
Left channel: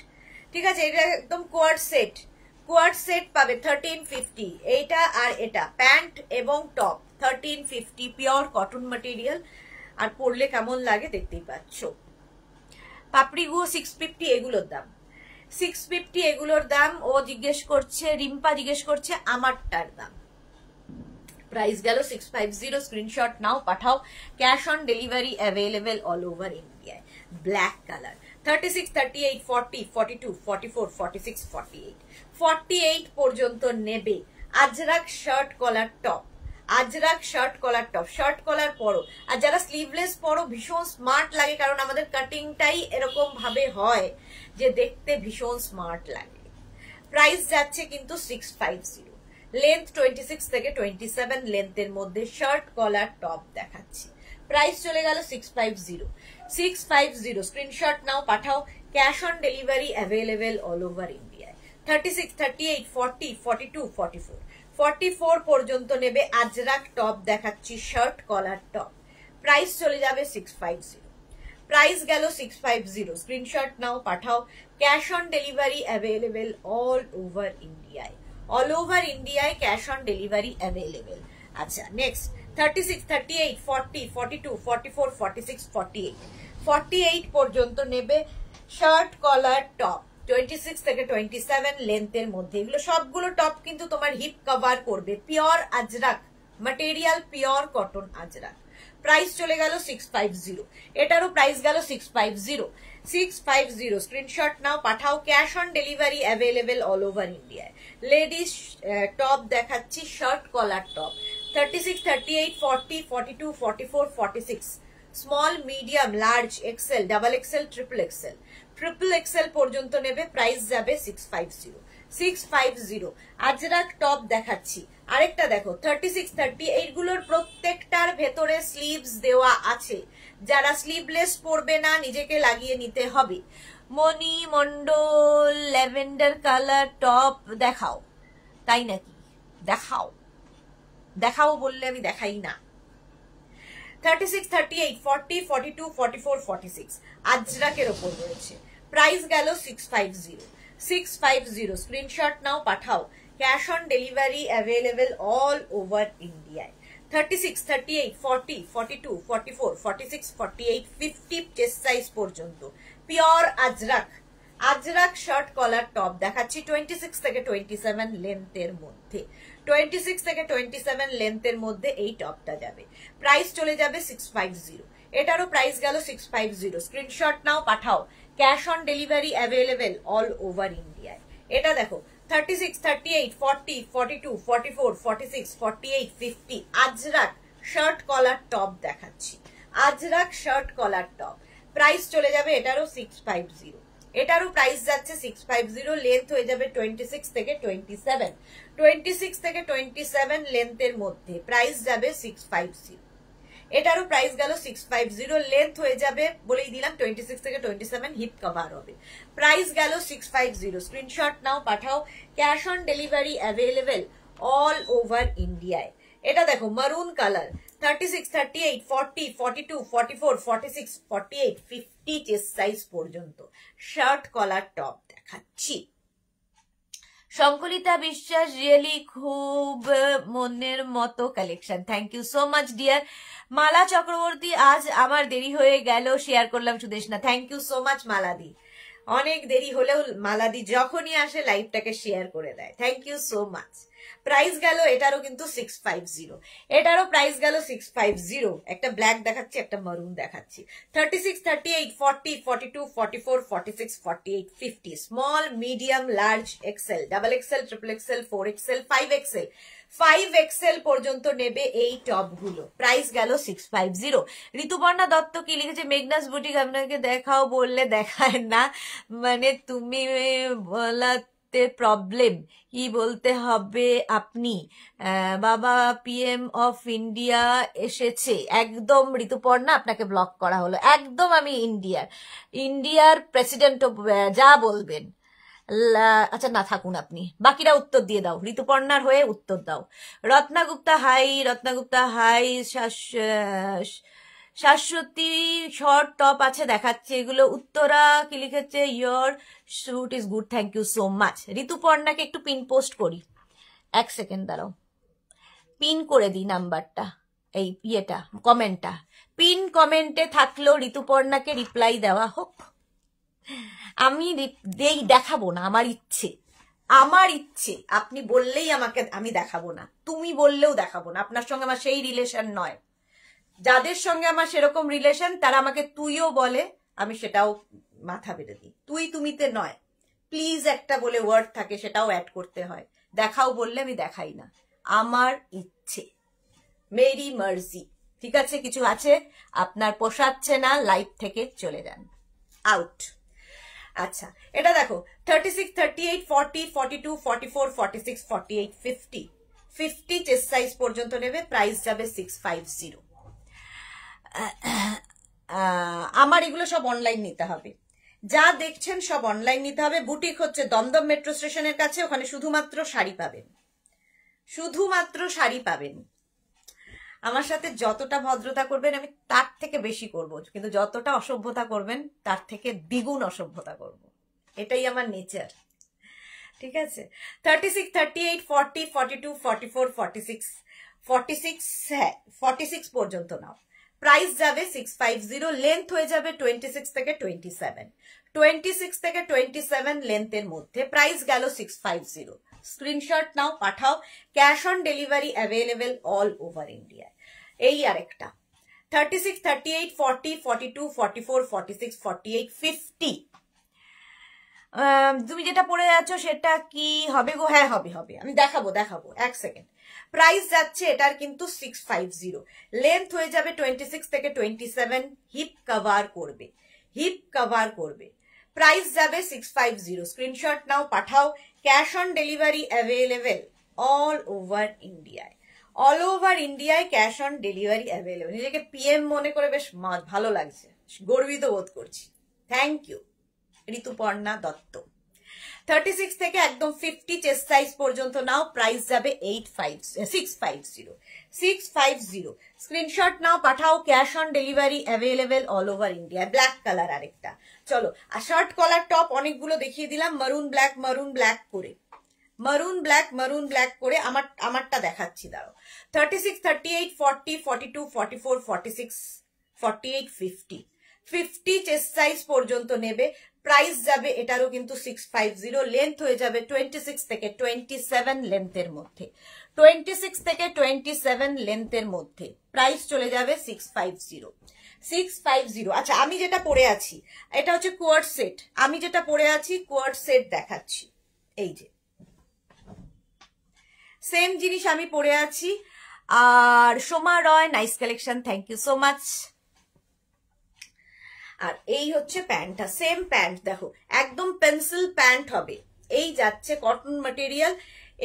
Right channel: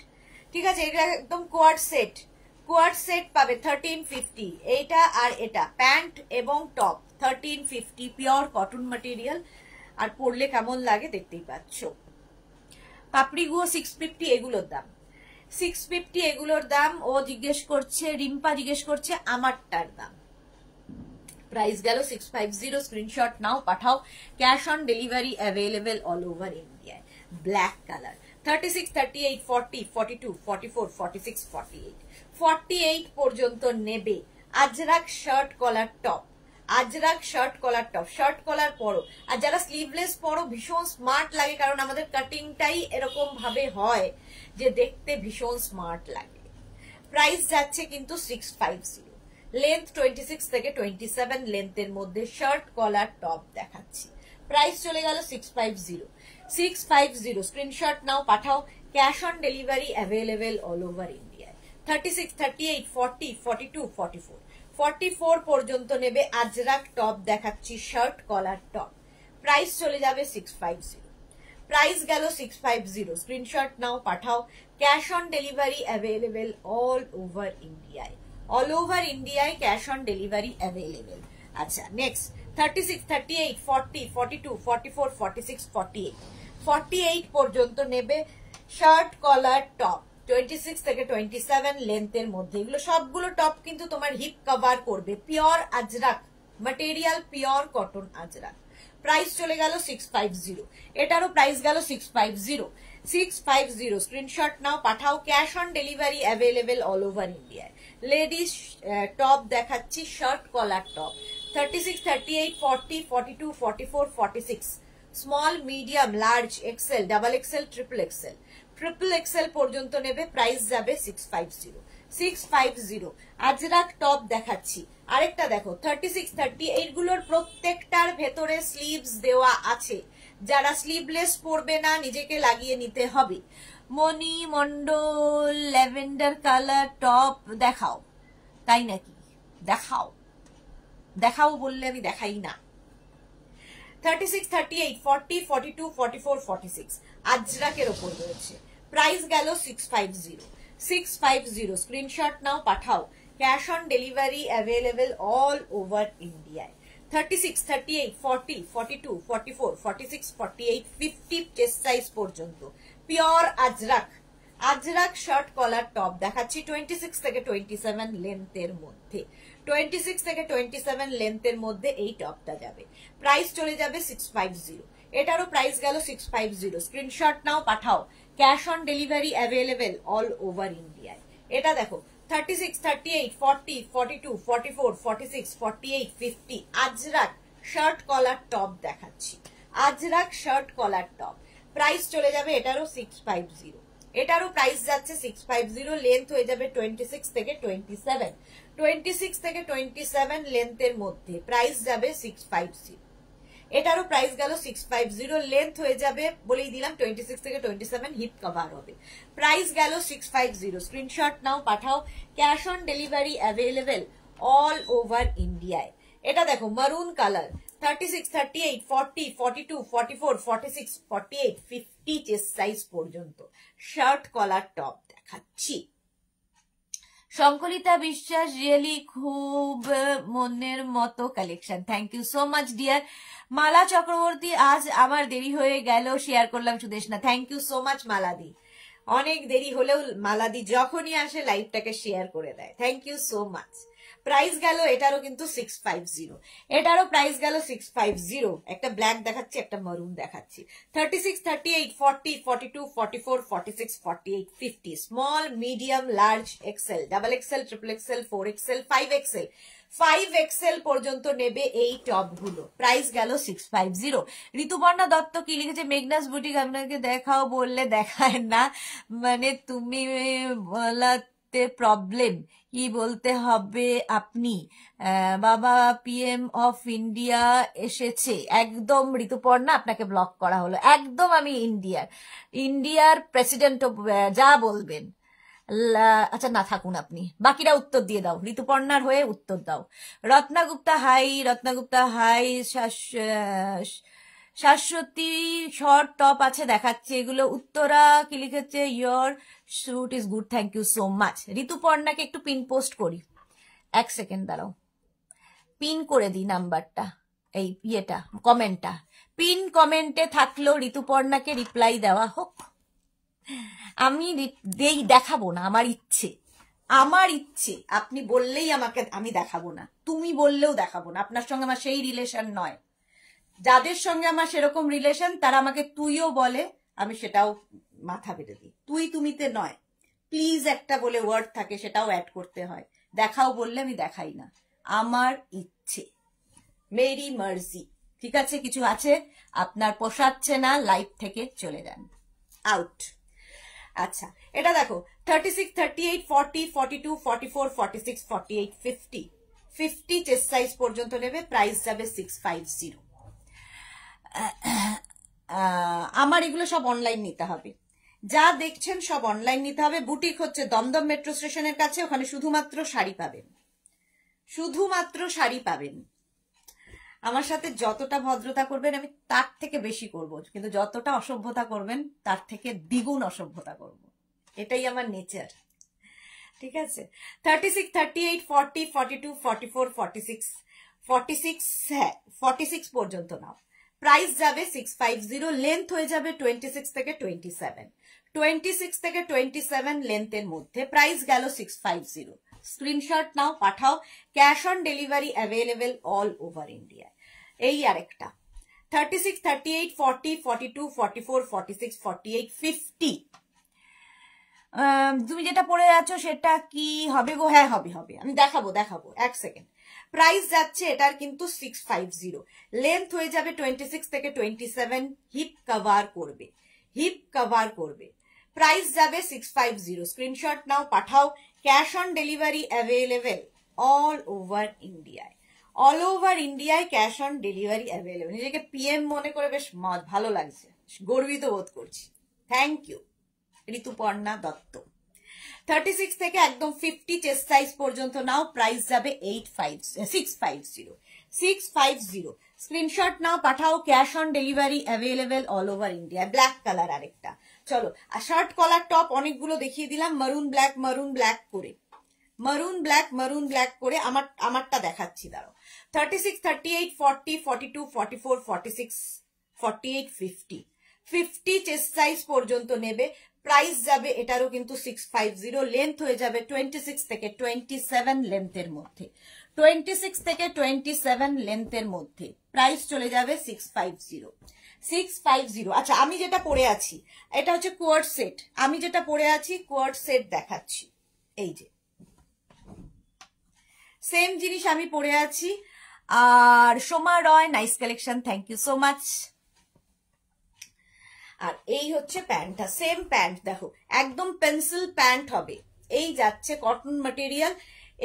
ঠিক আছে, এটা একদম কোয়ার্ড সেট, কোয়ার্ড সেট পাবে 1350। এইটা আর এটা প্যান্ট এবং টপ 1350, পিওর কটন ম্যাটেরিয়াল। আর পরলে কেমন লাগে দেখতেই পাচ্ছ। পাপড়ি গুলো 650, এগুলোর দাম 650, এগুলোর দাম। ও জিজ্ঞেস করছে, রিম্পা জিজ্ঞেস করছে আমারটার দাম। প্রাইস গেল 650। স্ক্রিনশট নাও পাঠাও। Cash on delivery available all over ইন্ডিয়ায়। ব্ল্যাক কালার 36, 38, 40, 42, 44, 46, 48 48 পর্যন্ত নেবে। Ajrakh shirt collar top, Ajrak shirt collar top. Shirt collar পরো, আর যারা স্লিভলেস পরো ভীষণ স্মার্ট লাগে, কারণ আমাদের কাটিংটাই এরকম ভাবে হয় যে দেখতে ভীষণ স্মার্ট লাগে। প্রাইস যাচ্ছে কিন্তু 650, লেন্থ 26 থেকে 27 লেন্থের মধ্যে শার্ট কলার টপ দেখাচ্ছি। প্রাইস চলে গেল 650, 650। স্ক্রিনশট নাও পাঠাও। Cash on delivery available all over ইন্ডিয়ায়। 36, 38, 40, 42, 44 44 পর্যন্ত নেবে। আজরাক টপ দেখাচ্ছি, শার্ট কলার টপ। প্রাইস চলে যাবে 650, প্রাইস গেল 650। স্ক্রিনশট নাও পাঠাও। Cash on delivery available all over ইন্ডিয়ায়, অল ওভার ইন্ডিয়ায় ক্যাশ অন ডেলিভারি অ্যাভেলেবেল। আচ্ছা নেক্সট 36, 38, 40, 42, 44, 46, 48 48 পর্যন্ত নেবে। শার্ট কলার টপ 26 থেকে 27 লেন্থের মধ্যে। এগুলো সবগুলো টপ কিন্তু তোমার হিপ কভার করবে। Pure Ajrakh material, pure cotton Ajrak. Price চলে গেল 650, এটারও প্রাইস গেল 650, 650। স্ক্রিনশট নাও পাঠাও। Cash on delivery available all over ইন্ডিয়ায়। লেডিস টপ দেখাচ্ছি, shirt collar top 36, 38, 40, 42, 44, 46 small, medium, large, XL, double XL, triple XL. Triple XL পর্যন্ত নেবে। প্রাইস যাবে 650, 650। আজরাক টপ দেখাচ্ছি। আরেকটা দেখো 36, 30, এইগুলোর প্রত্যেকটার ভেতরে স্লিভস দেওয়া আছে। যারা স্লিভলেস পরবে না, নিজেকে লাগিয়ে নিতে হবে। মণি মন্ডল ল্যাভেন্ডার কালার টপ দেখাও। তাই নাকি? দেখাও, দেখাও বললে আমি দেখাই না। 36, 38, 40, 42, 44, 46 আজরাকের ওপর রয়েছে। প্রাইস গেল 650, 650। স্ক্রিনশট নাও পাঠাও। Cash on delivery available all over ইন্ডিয়ায়। 36, 38, 40, 42, 44, 46, 48, 50 চেস্ট সাইজ পর্যন্ত pure Ajrakh, Ajrakh shirt collar top দেখাচ্ছি 26 থেকে 27 লেন্থের মধ্যে। 26 থেকে 27 লেন্থের মধ্যে এই টপটা যাবে, প্রাইস চলে যাবে 650। এটারও প্রাইস গেল 650। স্ক্রিনশট নাও, পাঠাও। Cash on delivery available all over ইন্ডিয়ায়। এটা দেখো 36, 38, 40, 42, 44, 46, 48, 50 আজরাক শার্ট কলার টপ দেখাচ্ছি। Ajrakh shirt collar top, price চলে যাবে এটারও 650। এটারও প্রাইস যাচ্ছে 650। লেন্থ হয়ে যাবে 26 থেকে 27। 26 থেকে 27 লেন্থের মধ্যে প্রাইস যাবে 650। এটারও প্রাইস গেল 650। লেন্থ হয়ে যাবে বলেই দিলাম 26 থেকে 27, হিপ কভার হবে। প্রাইস গেল 650। স্ক্রিনশট নাও, পাঠাও। Cash on delivery available all over ইন্ডিয়ায়। এটা দেখো মারুন কালার, 36, 38, 40, 42, 44, 46, 48, 50 চেস্ট সাইজ পর্যন্ত শার্ট কলার টপ দেখাচ্ছি। সংকলিতা বিশ্বাস, রিয়েলি খুব মনের মতো collection. Thank you so much dear. Mala Chakraborty, আজ আমার দেরি হয়ে গেল, শেয়ার করলাম Sudeshna. Thank you so much মালাদি। অনেক দেরি হলেও মালাদি যখনই আসে লাইভটাকে শেয়ার করে দেয়। Thank you so much. Price গেল এটারও কিন্তু 650। এটারও প্রাইস গেল 650। একটা ব্ল্যাক দেখাচ্ছি, একটা মারুন দেখাচ্ছি। 36, 38, 40, 42, 44, 46, 48, 50 small, medium, large, XL, double XL, triple XL, 4XL, 5XL, 5XL পর্যন্ত নেবে এই টপ গুলো। প্রাইস গেল 650। ঋতুপর্ণা দত্ত কি লিখেছে, মেঘনাস বুটিক আপনাকে দেখাও বললে দেখায় না, মানে তুমি বলাতে প্রবলেম, কি বলতে হবে আপনি? বাবা পিএম অফ ইন্ডিয়া এসেছে। একদম ঋতুপর্ণা, আপনাকে ব্লক করা হলো। একদম আমি ইন্ডিয়ার প্রেসিডেন্ট, যা বলবেন। আচ্ছা না, থাকুন আপনি, বাকিরা উত্তর দিয়ে দাও, ঋতুপর্ণার হয়ে উত্তর দাও। রত্নাগুপ্তা high, রত্নাগুপ্তা high. Shashwati short top আছে দেখাচ্ছে এগুলো। উত্তরা কি লিখেছে, your shoot is good, thank you so much. ঋতুপর্ণাকে একটু পিন পোস্ট করি, 1 সেকেন্ড দাঁড়াও, পিন করে দিই নাম্বারটা, এই ইয়েটা, কমেন্টটা। পিন কমেন্টে থাকলো, ঋতুপর্ণাকে রিপ্লাই দেওয়া হোক। আমি দেখাবো না, আমার ইচ্ছে। আপনি বললেই আমাকে আমি দেখাবো না, তুমি বললেও দেখাবো না। আপনার সঙ্গে আমার সেই রিলেশন নয়। যাদের সঙ্গে আমার সেরকম রিলেশন তারা আমাকে তুইও বলে, আমি সেটাও মাথা বেঁধে দিই। তুই তুমিতে নয়, প্লিজ একটা বলে ওয়ার্ড থাকে, সেটাও অ্যাড করতে হয়। দেখাও বললে আমি দেখাই না, আমার ইচ্ছে, মেরি মার্জি। ঠিক আছে, কিছু আছে আপনার পোষাচ্ছে না, লাইফ থেকে চলে যান, আউট। আচ্ছা, এটা দেখো 36, 38, 40, 42, 44, 46, 48, 50 চেস্ট সাইজ পর্যন্ত নেবে। প্রাইস যাবে 650। আমার এগুলো সব অনলাইন নিতে হবে, যা দেখছেন সব অনলাইন নিতে হবে। বুটিক হচ্ছে দমদম মেট্রো স্টেশনের কাছে, ওখানে শুধুমাত্র শাড়ি পাবেন, শুধুমাত্র শাড়ি পাবেন। আমার সাথে যতটা ভদ্রতা করবেন আমি তার থেকে বেশি করব, কিন্তু যতটা অসভ্যতা করবেন তার থেকে দ্বিগুণ অসভ্যতা করব, এটাই আমার নেচার। ঠিক আছে, 36, 38, 40, 42, 44, 46, হ্যাঁ 46 পর্যন্ত নাও। প্রাইস যাবে 650। লেন্থ হয়ে যাবে 26 থেকে 27। 26 থেকে 27 লেন্থের মধ্যে প্রাইস গেল 650। স্ক্রিনশট নাও, পাঠাও। Cash on delivery available all over India. এই আরেকটা 36, 38, 40, 42, 44, 46, 48, 50। তুমি যেটা পড়ে যাচ্ছ সেটা কি হবে গো? হ্যাঁ হবে, আমি দেখাবো 1 সেকেন্ড। প্রাইস যাচ্ছে এটার কিন্তু 650। লেন্থ হয়ে যাবে 26 থেকে 27। হিপ কভার করবে। প্রাইস যাবে 650। স্ক্রিনশট নাও, পাঠাও। Cash on delivery available all over ইন্ডিয়ায় ক্যাশ অন ডেলিভারি অ্যাভেলেবেল। নিজেকে পিএম মনে করে বেশ ভালো লাগছে, গর্বিত বোধ করছি। Thank you Rituparna Dutta. 36 থেকে একদম 50 চেস্ট সাইজ পর্যন্ত নাও। প্রাইস যাবে 650। স্ক্রিনশট নাও, পাঠাও। Cash on delivery available all over India. Black colour আরেকটা। চলো, আর শার্ট কলার টপ অনেকগুলো দেখিয়ে দিলাম, মারুন ব্ল্যাক করে আমারটা দেখাচ্ছি, দাঁড়াও। 36, 38, 40, 42, 44, 46, 48, 50 চেস্ট সাইজ পর্যন্ত নেবে। প্রাইস যাবে এটারও কিন্তু 650। লেন্থ হয়ে যাবে 26 থেকে 27 লেন্থের মধ্যে। 26 থেকে 27 লেন্থের মধ্যে, প্রাইস চলে যাবে 650। 650। আচ্ছা, আমি যেটা পরে আছি এটা হচ্ছে কোয়ার্ড সেট, আমি যেটা পরে আছি কোয়ার্ড সেট দেখাচ্ছি। এই যে সেম জিনিস আমি পরে আছি। আর Soma Roy, nice collection, thank you so much. আর এই হচ্ছে প্যান্টটা, সেম প্যান্ট দেখো, একদম পেন্সিল প্যান্ট হবে। এই যাচ্ছে কটন ম্যাটেরিয়াল,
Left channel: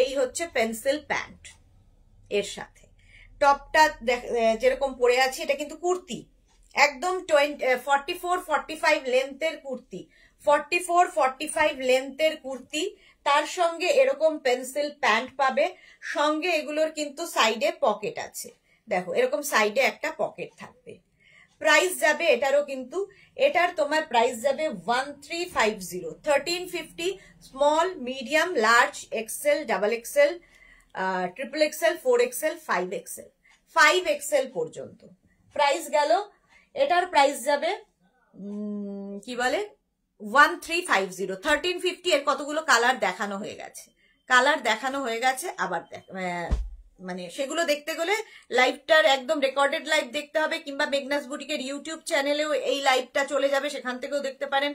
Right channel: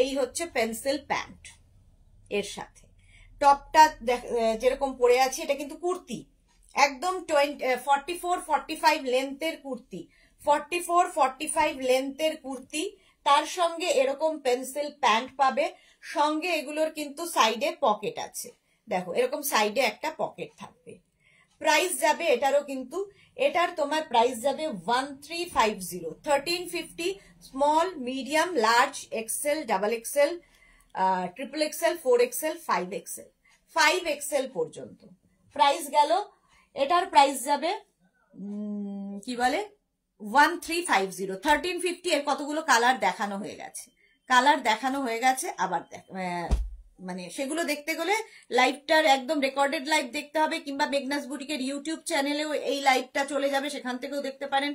এই হচ্ছে পেন্সিল প্যান্ট। এর সাথে টপটা যেরকম পরে আছি, এটা কিন্তু কুর্তি, একদম 44-45 লেন্থের কুর্তি, 44-45 লেন্থের কুর্তি। তার সঙ্গে এরকম পেন্সিল প্যান্ট পাবে, সঙ্গে এগুলোর কিন্তু সাইডে পকেট আছে, দেখো এরকম সাইডে একটা পকেট থাকবে। প্রাইস যাবে এটারও কিন্তু, এটার তোমার প্রাইস যাবে 1350। 1350 small, medium, large, XL, double XL, triple XL, 4XL, 5XL, 5XL পর্যন্ত প্রাইস গেল। এটার প্রাইস যাবে কি বলে 1350। 1350 এর কতগুলো কালার দেখানো হয়ে গেছে, কালার দেখানো হয়ে গেছে। আবার মানে সেগুলো দেখতে গেলে লাইভটার একদম রেকর্ডেড লাইভ দেখতে হবে, কিংবা মেঘনাস বুটিকের ইউটিউব চ্যানেলেও এই লাইভটা চলে যাবে, সেখান থেকেও দেখতে পারেন,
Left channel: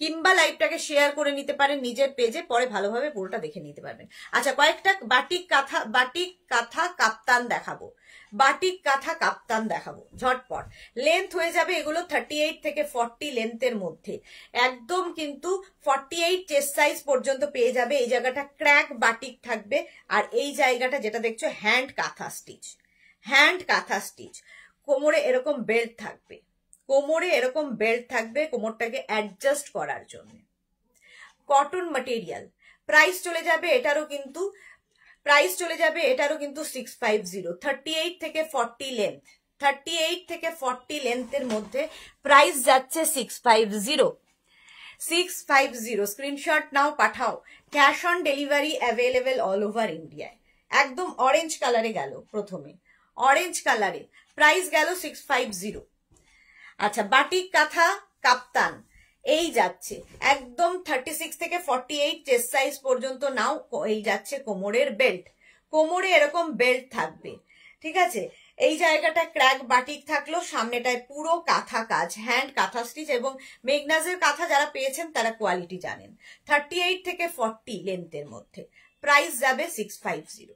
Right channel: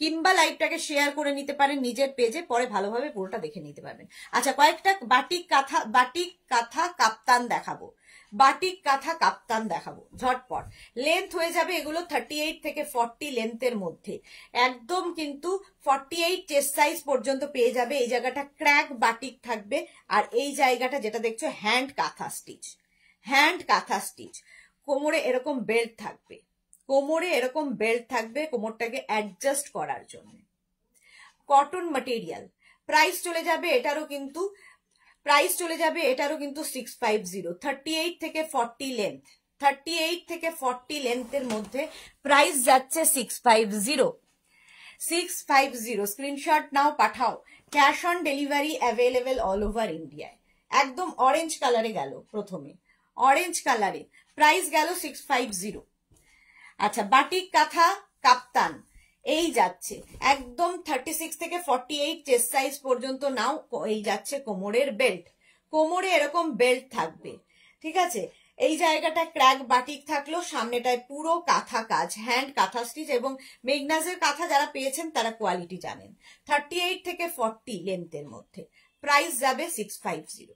কিংবা লাইভটাকে শেয়ার করে নিতে পারেন নিজের পেজে, পরে ভালোভাবে পুরোটা দেখে নিতে পারবেন। আচ্ছা, কয়েকটা বাটিক কাঁথা কাপ্তান দেখাবো, বাটিক কাঁথা কাপ্তান দেখাবো ঝটপট। লেন্থ হয়ে যাবে এগুলো 38 থেকে 40 লেন্থের মধ্যে, একদম কিন্তু 48 চেস্ট সাইজ পর্যন্ত পেয়ে যাবে। এই জায়গাটা ক্র্যাক বাটিক থাকবে, আর এই জায়গাটা যেটা দেখছো হ্যান্ড কাঁথা স্টিচ, হ্যান্ড কাঁথা স্টিচ। কোমরে এরকম বেল্ট থাকবে, কোমরে এরকম বেল্ট থাকবে কোমরটাকে অ্যাডজাস্ট করার জন্য। Cotton material. প্রাইস চলে যাবে এটারও কিন্তু, প্রাইস চলে যাবে এটারও কিন্তু 650। 38 থেকে 40 লেন্থ, 38 থেকে 40 লেন্থের মধ্যে প্রাইস যাচ্ছে 650। 650 স্ক্রিনশট নাও, পাঠাও। Cash on delivery available all over ইন্ডিয়ায়। একদম অরেঞ্জ কালারে গেল, প্রথমে অরেঞ্জ কালারে, প্রাইস গেল 650। আচ্ছা, বাটিক কাঁথা কাপ্তান এই যাচ্ছে একদম 36 থেকে 48 চেস্ট সাইজ পর্যন্ত নাও। এই যাচ্ছে কোমরের বেল্ট, কোমরে এরকম বেল্ট থাকবে, ঠিক আছে। এই জায়গাটা ক্র্যাক বাটিক থাকলো, সামনেটায় পুরো কাঁথা কাজ, হ্যান্ড কাঁথা স্টিচ। এবং মেঘনাজের কাঁথা যারা পেয়েছেন তারা কোয়ালিটি জানেন। 38 থেকে 40 লেন্থের মধ্যে প্রাইস যাবে 650।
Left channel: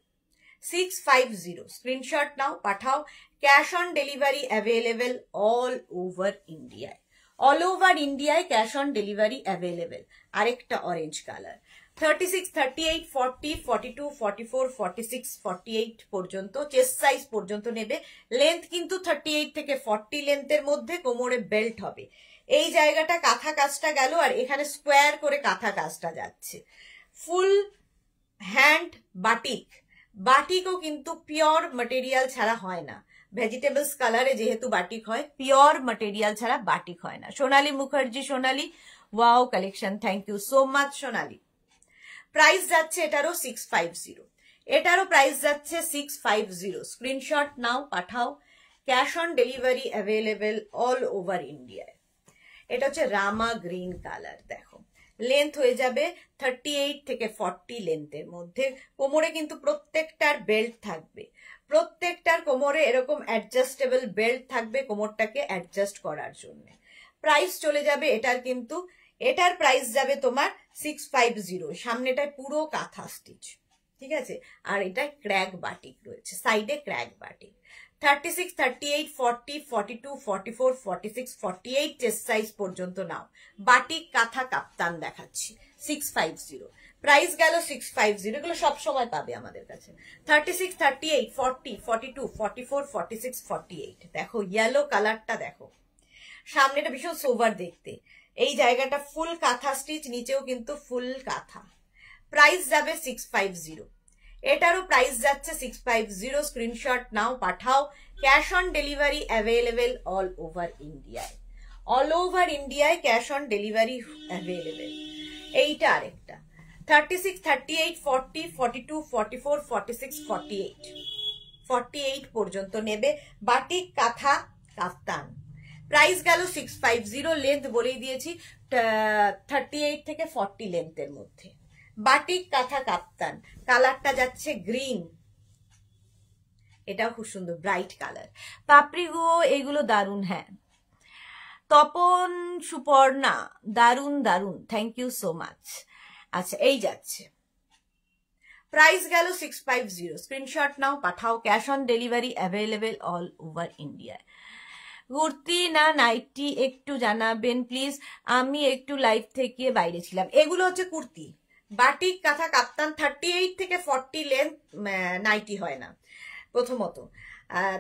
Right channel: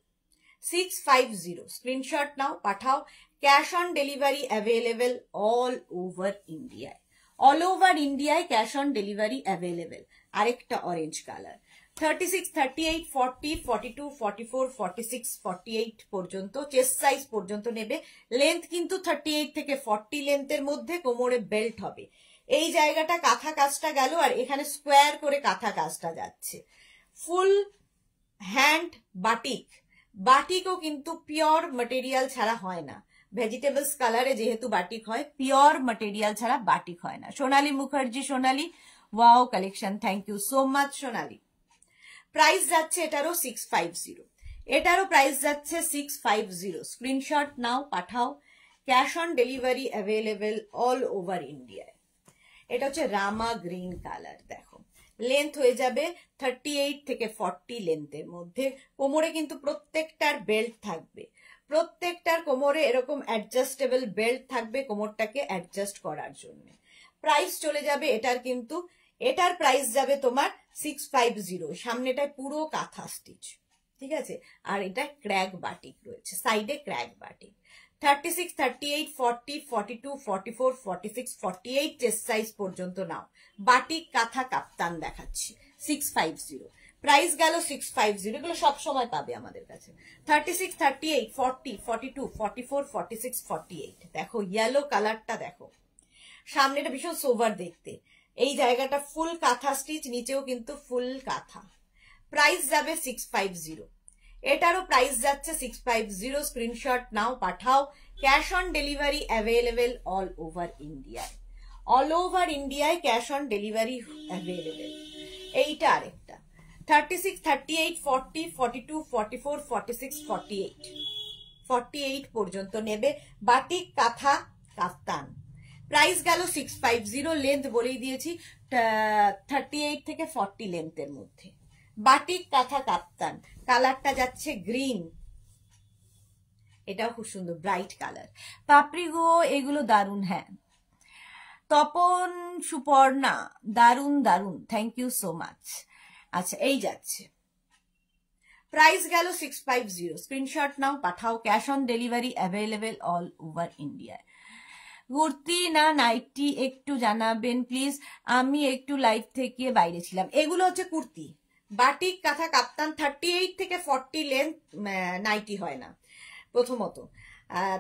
650 স্ক্রিনশট নাও, পাঠাও। Cash on delivery available all over ইন্ডিয়ায়, অল ওভার ইন্ডিয়ায় ক্যাশ অন ডেলিভারি অ্যাভেলেবেল। আরেকটা অরেঞ্জ কালার, 36, 38, 40, 42, 44, 46, 48 পর্যন্ত চেস্ট সাইজ পর্যন্ত নেবে। লেন্থ কিন্তু 38 থেকে 40 লেন্থের মধ্যে, কোমরে বেল্ট হবে। এই জায়গাটা কাঁথা কাজটা গেল, আর এখানে স্কোয়ার করে কাঁথা কাজটা যাচ্ছে। ফুল হ্যান্ড বাটিক, বাটিকও কিন্তু পিওর ম্যাটেরিয়াল ছাড়া হয় না। ভেজিটেবলস কালারে যেহেতু বাটিক হয়, পিওর ম্যাটেরিয়াল ছাড়া বাটিক হয় না। Sonali Mukherjee, Sonali wow collection, thank you so much Sonali. Price যাচ্ছে এটারও 650, এটারও প্রাইস যাচ্ছে 650। স্ক্রিনশট নাও, পাঠাও। Cash on delivery available all over ইন্ডিয়ায়। এটা হচ্ছে রামা গ্রিন কালার, দেখো লেন্থ হয়ে যাবে 38 থেকে 40 লেন্থের মধ্যে। কোমরে কিন্তু প্রত্যেকটার বেল্ট থাকবে, প্রত্যেকটার কোমরে এরকম অ্যাডজাস্টেবল বেল্ট থাকবে কোমরটাকে অ্যাডজাস্ট করার জন্য। প্রাইস চলে যাবে এটার কিন্তু, এটার প্রাইস যাবে তোমার 650। সামনেটায় পুরো কাঁথা স্টিচ, ঠিক আছে। আর এটা ক্র্যাক বাটিক রয়েছে, সাইডে ক্র্যাক বাটিক। 36, 38, 40, 42, 44, 46, 48 চেস্ট সাইজ পর্যন্ত নাও। বাটিক কাঁথা কাপ্তান দেখাচ্ছি 650। প্রাইস গেল 650। এগুলো সবসময় পাবে আমাদের কাছে। 36, 38, 40, 42, 44, 46, 48। দেখো ইয়েলো কালারটা, দেখো সামনেটা ভীষণ সোভার দেখতে। এই জায়গাটা ফুল কাঁথা স্টিচ, নিচেও কিন্তু ফুল কাঁথা। প্রাইস যাবে 650। এটারও প্রাইস যাচ্ছে 650। স্ক্রিনশট নাও, পাঠাও। Cash on delivery available all over ইন্ডিয়ায়, অল ওভার ইন্ডিয়ায় ক্যাশ অন ডেলিভারি অ্যাভেলেবেল। এইটা আরেকটা 36, 38, 40, 42, 44, 46, 48, 48 পর্যন্ত নেবে। বাটিক কাঁথা কাফতান, প্রাইস গেল 650। লেন্থ বলেই দিয়েছি 38 থেকে 40 লেন্থের মধ্যে। বাটিক কাঁথা কাপ্তান, কালারটা যাচ্ছে গ্রিন, এটাও খুব সুন্দর ব্রাইট কালার। পাপড়ি গো এগুলো দারুন। হ্যাঁ তপন সুপর্ণা দারুন দারুন, থ্যাংক ইউ সো মাচ। আচ্ছা এই যাচ্ছে, প্রাইস গেল 650, স্ক্রিনশট নাও পাঠাও, cash on delivery available all over India. Kurti না নাইটি একটু জানাবেন প্লিজ, আমি একটু লাইভ থেকে বাইরে ছিলাম। এগুলো হচ্ছে কুর্তি, বাটিক কাঁথা কাপ্তান, 38 থেকে 40 লেন্থ নাইটি হয় না। প্রথমত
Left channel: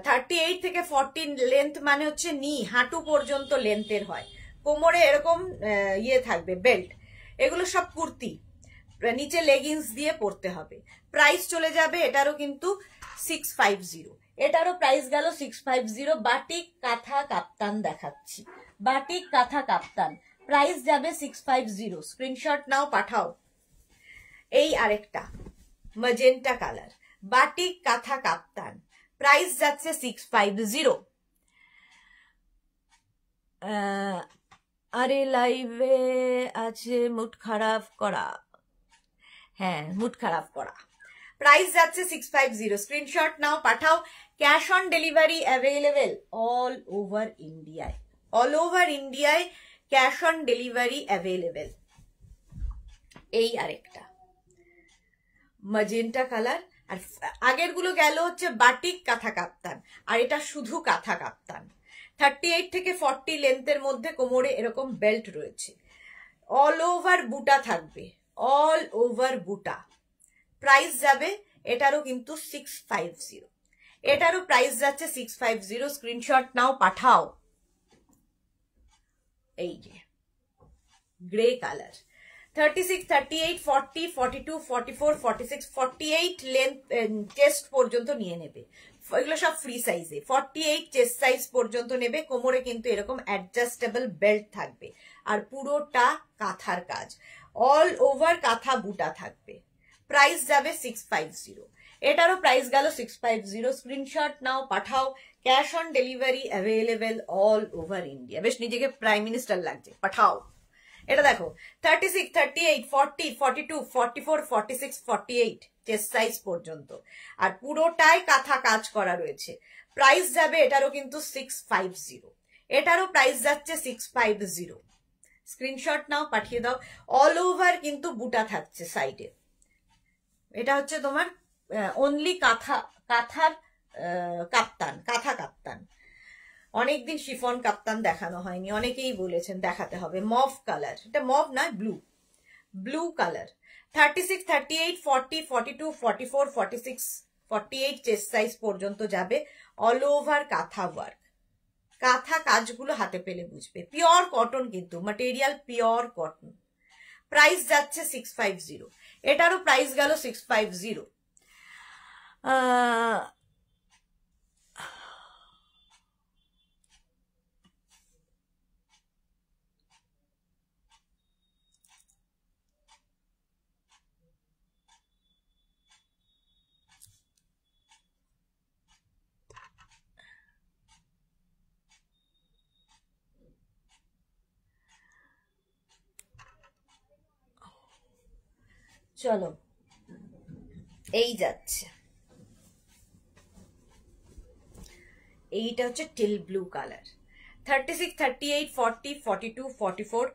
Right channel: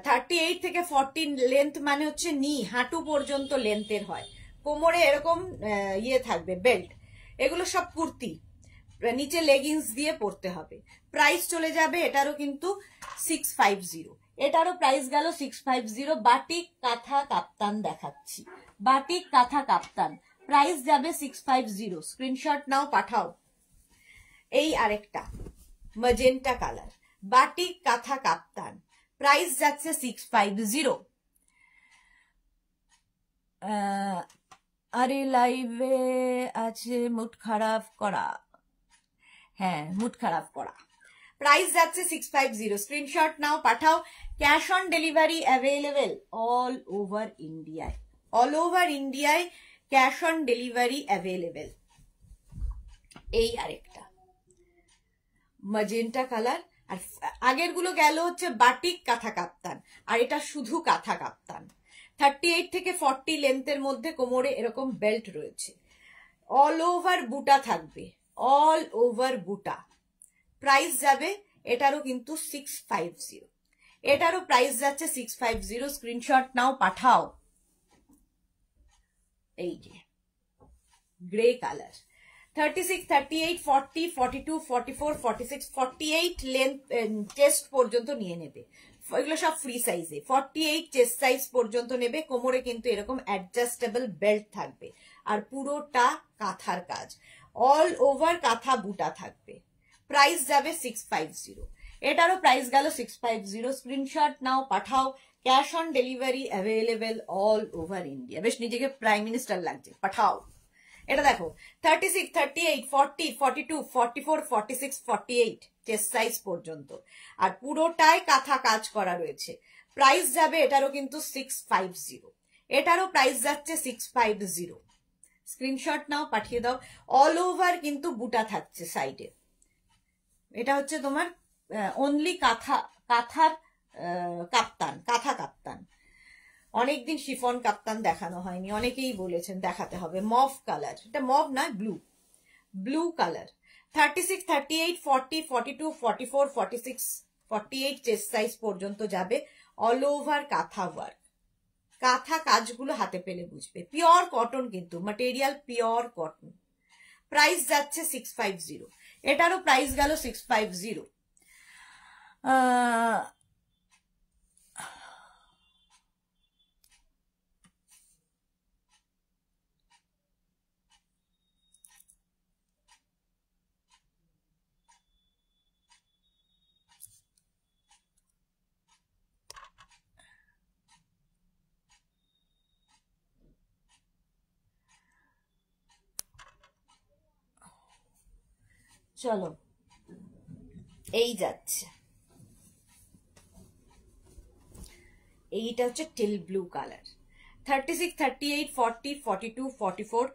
38 থেকে 40 লেন্থ মানে হচ্ছে নি হাঁটু পর্যন্ত লেন্থের হয়, কোমরে এরকম ইয়ে থাকবে বেল্ট, এগুলো সব কুর্তি, নিচে লেগিংস দিয়ে পরতে হবে। প্রাইস চলে যাবে এটারও কিন্তু 650, এটারও প্রাইস গেল 650। বাটিক কাঁথা কাপ্তান দেখাচ্ছি, বাটিক কাঁথা কাপ্তান, প্রাইস যাবে 650, স্ক্রিনশট নাও পাঠাও। এই আরেকটা ম্যাজেন্টা কালার, বাটিক কাঁথা কাপ্তান, প্রাইস যাচ্ছে 650। আরে লাইভে আছে মুড খারাপ করা, হ্যাঁ মুড খারাপ করা, প্রাইস যাচ্ছে 650, স্ক্রিনশট নাও পাঠাও। Cash on delivery available all over ইন্ডিয়ায়, অল ওভার ইন্ডিয়ায় ক্যাশ অন ডেলিভারি অ্যাভেলেবেল। এই আরেকটা ম্যাজেন্টা কালার, আর আগের গুলো গেল হচ্ছে বাটিক কাঁথা কাপ্তান, আর এটা শুধু কাঁথা কাপ্তান। 38 থেকে 40 লেন্থের মধ্যে কোমরে এরকম বেল্ট রয়েছে, অল ওভার বুটা থাকবে, অল ওভার বুটা। প্রাইস যাবে এটারও কিন্তু 650, এটারও প্রাইস যাচ্ছে 650, স্ক্রিনশট নাও পাঠাও। এই যে গ্রে কালার, 36, 38, 40, 42, 44, 46, 48 লেন্থ চেস্ট পর্যন্ত নিয়ে নেবে, এগুলো সব ফ্রি সাইজে। 48 চেস্ট সাইজ পর্যন্ত নেবে, কোমরে কিন্তু এরকম অ্যাডজাস্টেবল বেল্ট থাকবে, আর পুরোটা কাঁথার কাজ, অল ওভার কাঁথা বুটা থাকবে। প্রাইস যাবে 650, এটারও প্রাইস গেল 650, স্ক্রিনশট নাও পাঠাও। Cash on delivery available all over India. বেশ নিজেকে প্রাইম মিনিস্টার লাগছে, পাঠাও। এটা দেখো 36, 38, 40, 42, 44, 46, 48 চেস্ট সাইজ পর্যন্ত, আর পুরোটাই কাঁথা কাজ করা রয়েছে। প্রাইস যাবে এটারও কিন্তু 650, এটারও প্রাইস যাচ্ছে 650, স্ক্রিনশট নাও পাঠিয়ে দাও। অল ওভার কিন্তু বুটা থাকছে সাইডে, এটা হচ্ছে তোমার অনলি কাঁথার কাপ্তান, কাঁথা কাপ্তান। অনেকদিন শিফন কাপ্তান দেখানো হয়নি, অনেকেই বলেছেন দেখাতে হবে। মভ কালার, এটা মভ না blue, blue colour. 36, 38, 40, 42, 44, 46, 48 chest size পর্যন্ত যাবে, অল ওভার কাঁথা ওয়ার্ক, কাঁথা কাজগুলো হাতে পেলে বুঝবে। পিওর কটন কিন্তু, ম্যাটেরিয়াল পিওর কটন। প্রাইস যাচ্ছে 650, এটারও প্রাইস গেল 650। চলো এই যাচ্ছে, এইটা হচ্ছে টিল ব্লু কালার। 36, 38, 40, 42, 44,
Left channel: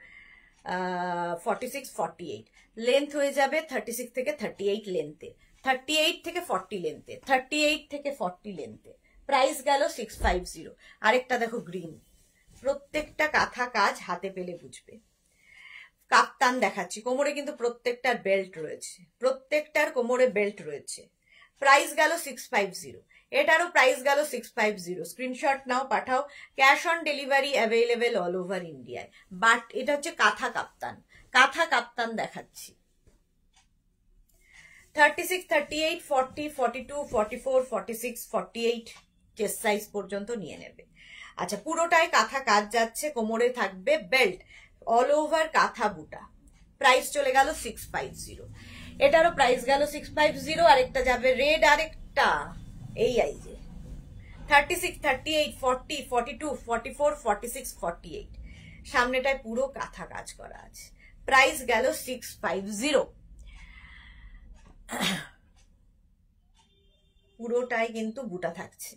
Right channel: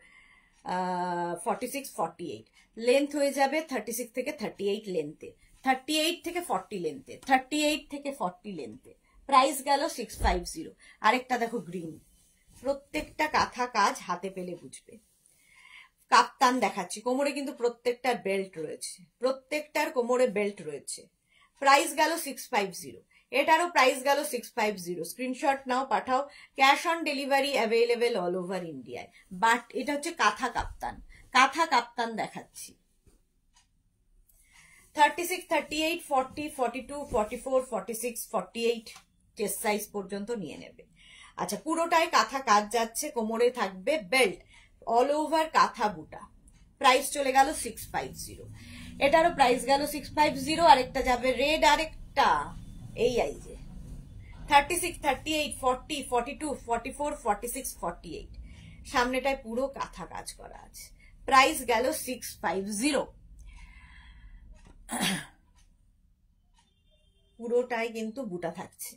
46, 48 লেন্থ হয়ে যাবে 36 থেকে 38 লেন্থে, 38 থেকে 40 লেন্থে, 38 থেকে 40 লেন্থে। প্রাইস গেল 650। আরেকটা দেখো গ্রিন, প্রত্যেকটা কাঁথা কাজ হাতে পেলে বুঝবে। কাপ্তান দেখাচ্ছি, কোমরে কিন্তু প্রত্যেকটার বেল্ট রয়েছে, প্রত্যেকটার কোমরে বেল্ট রয়েছে। প্রাইস গেল 650, এটারও প্রাইস গেল 650, স্ক্রিনশট নাও পাঠাও। Cash on delivery available all over ইন্ডিয়ায়। বাট এটা হচ্ছে কাঁথা কাপ্তান, কাঁথা কাপ্তান দেখাচ্ছি। 36, 38, 40, 42, 44, 46, 48 চেস্ট সাইজ পর্যন্ত নিয়ে নেবে। আচ্ছা পুরোটাই কাঁথা কাজ যাচ্ছে, কোমরে থাকবে বেল্ট, অল ওভার কাঁথা বুটা। প্রাইস চলে গেল 650, এটারও প্রাইস গেল 650। আরেকটা যাবে রেড, আরেকটা এই যে 36, 38, 40, 42, 44, 46, 48 সামনেটায় পুরো কাঁথা কাজ করা আছে। প্রাইস গেল 650। পুরোটাই কিন্তু বুটা থাকছে।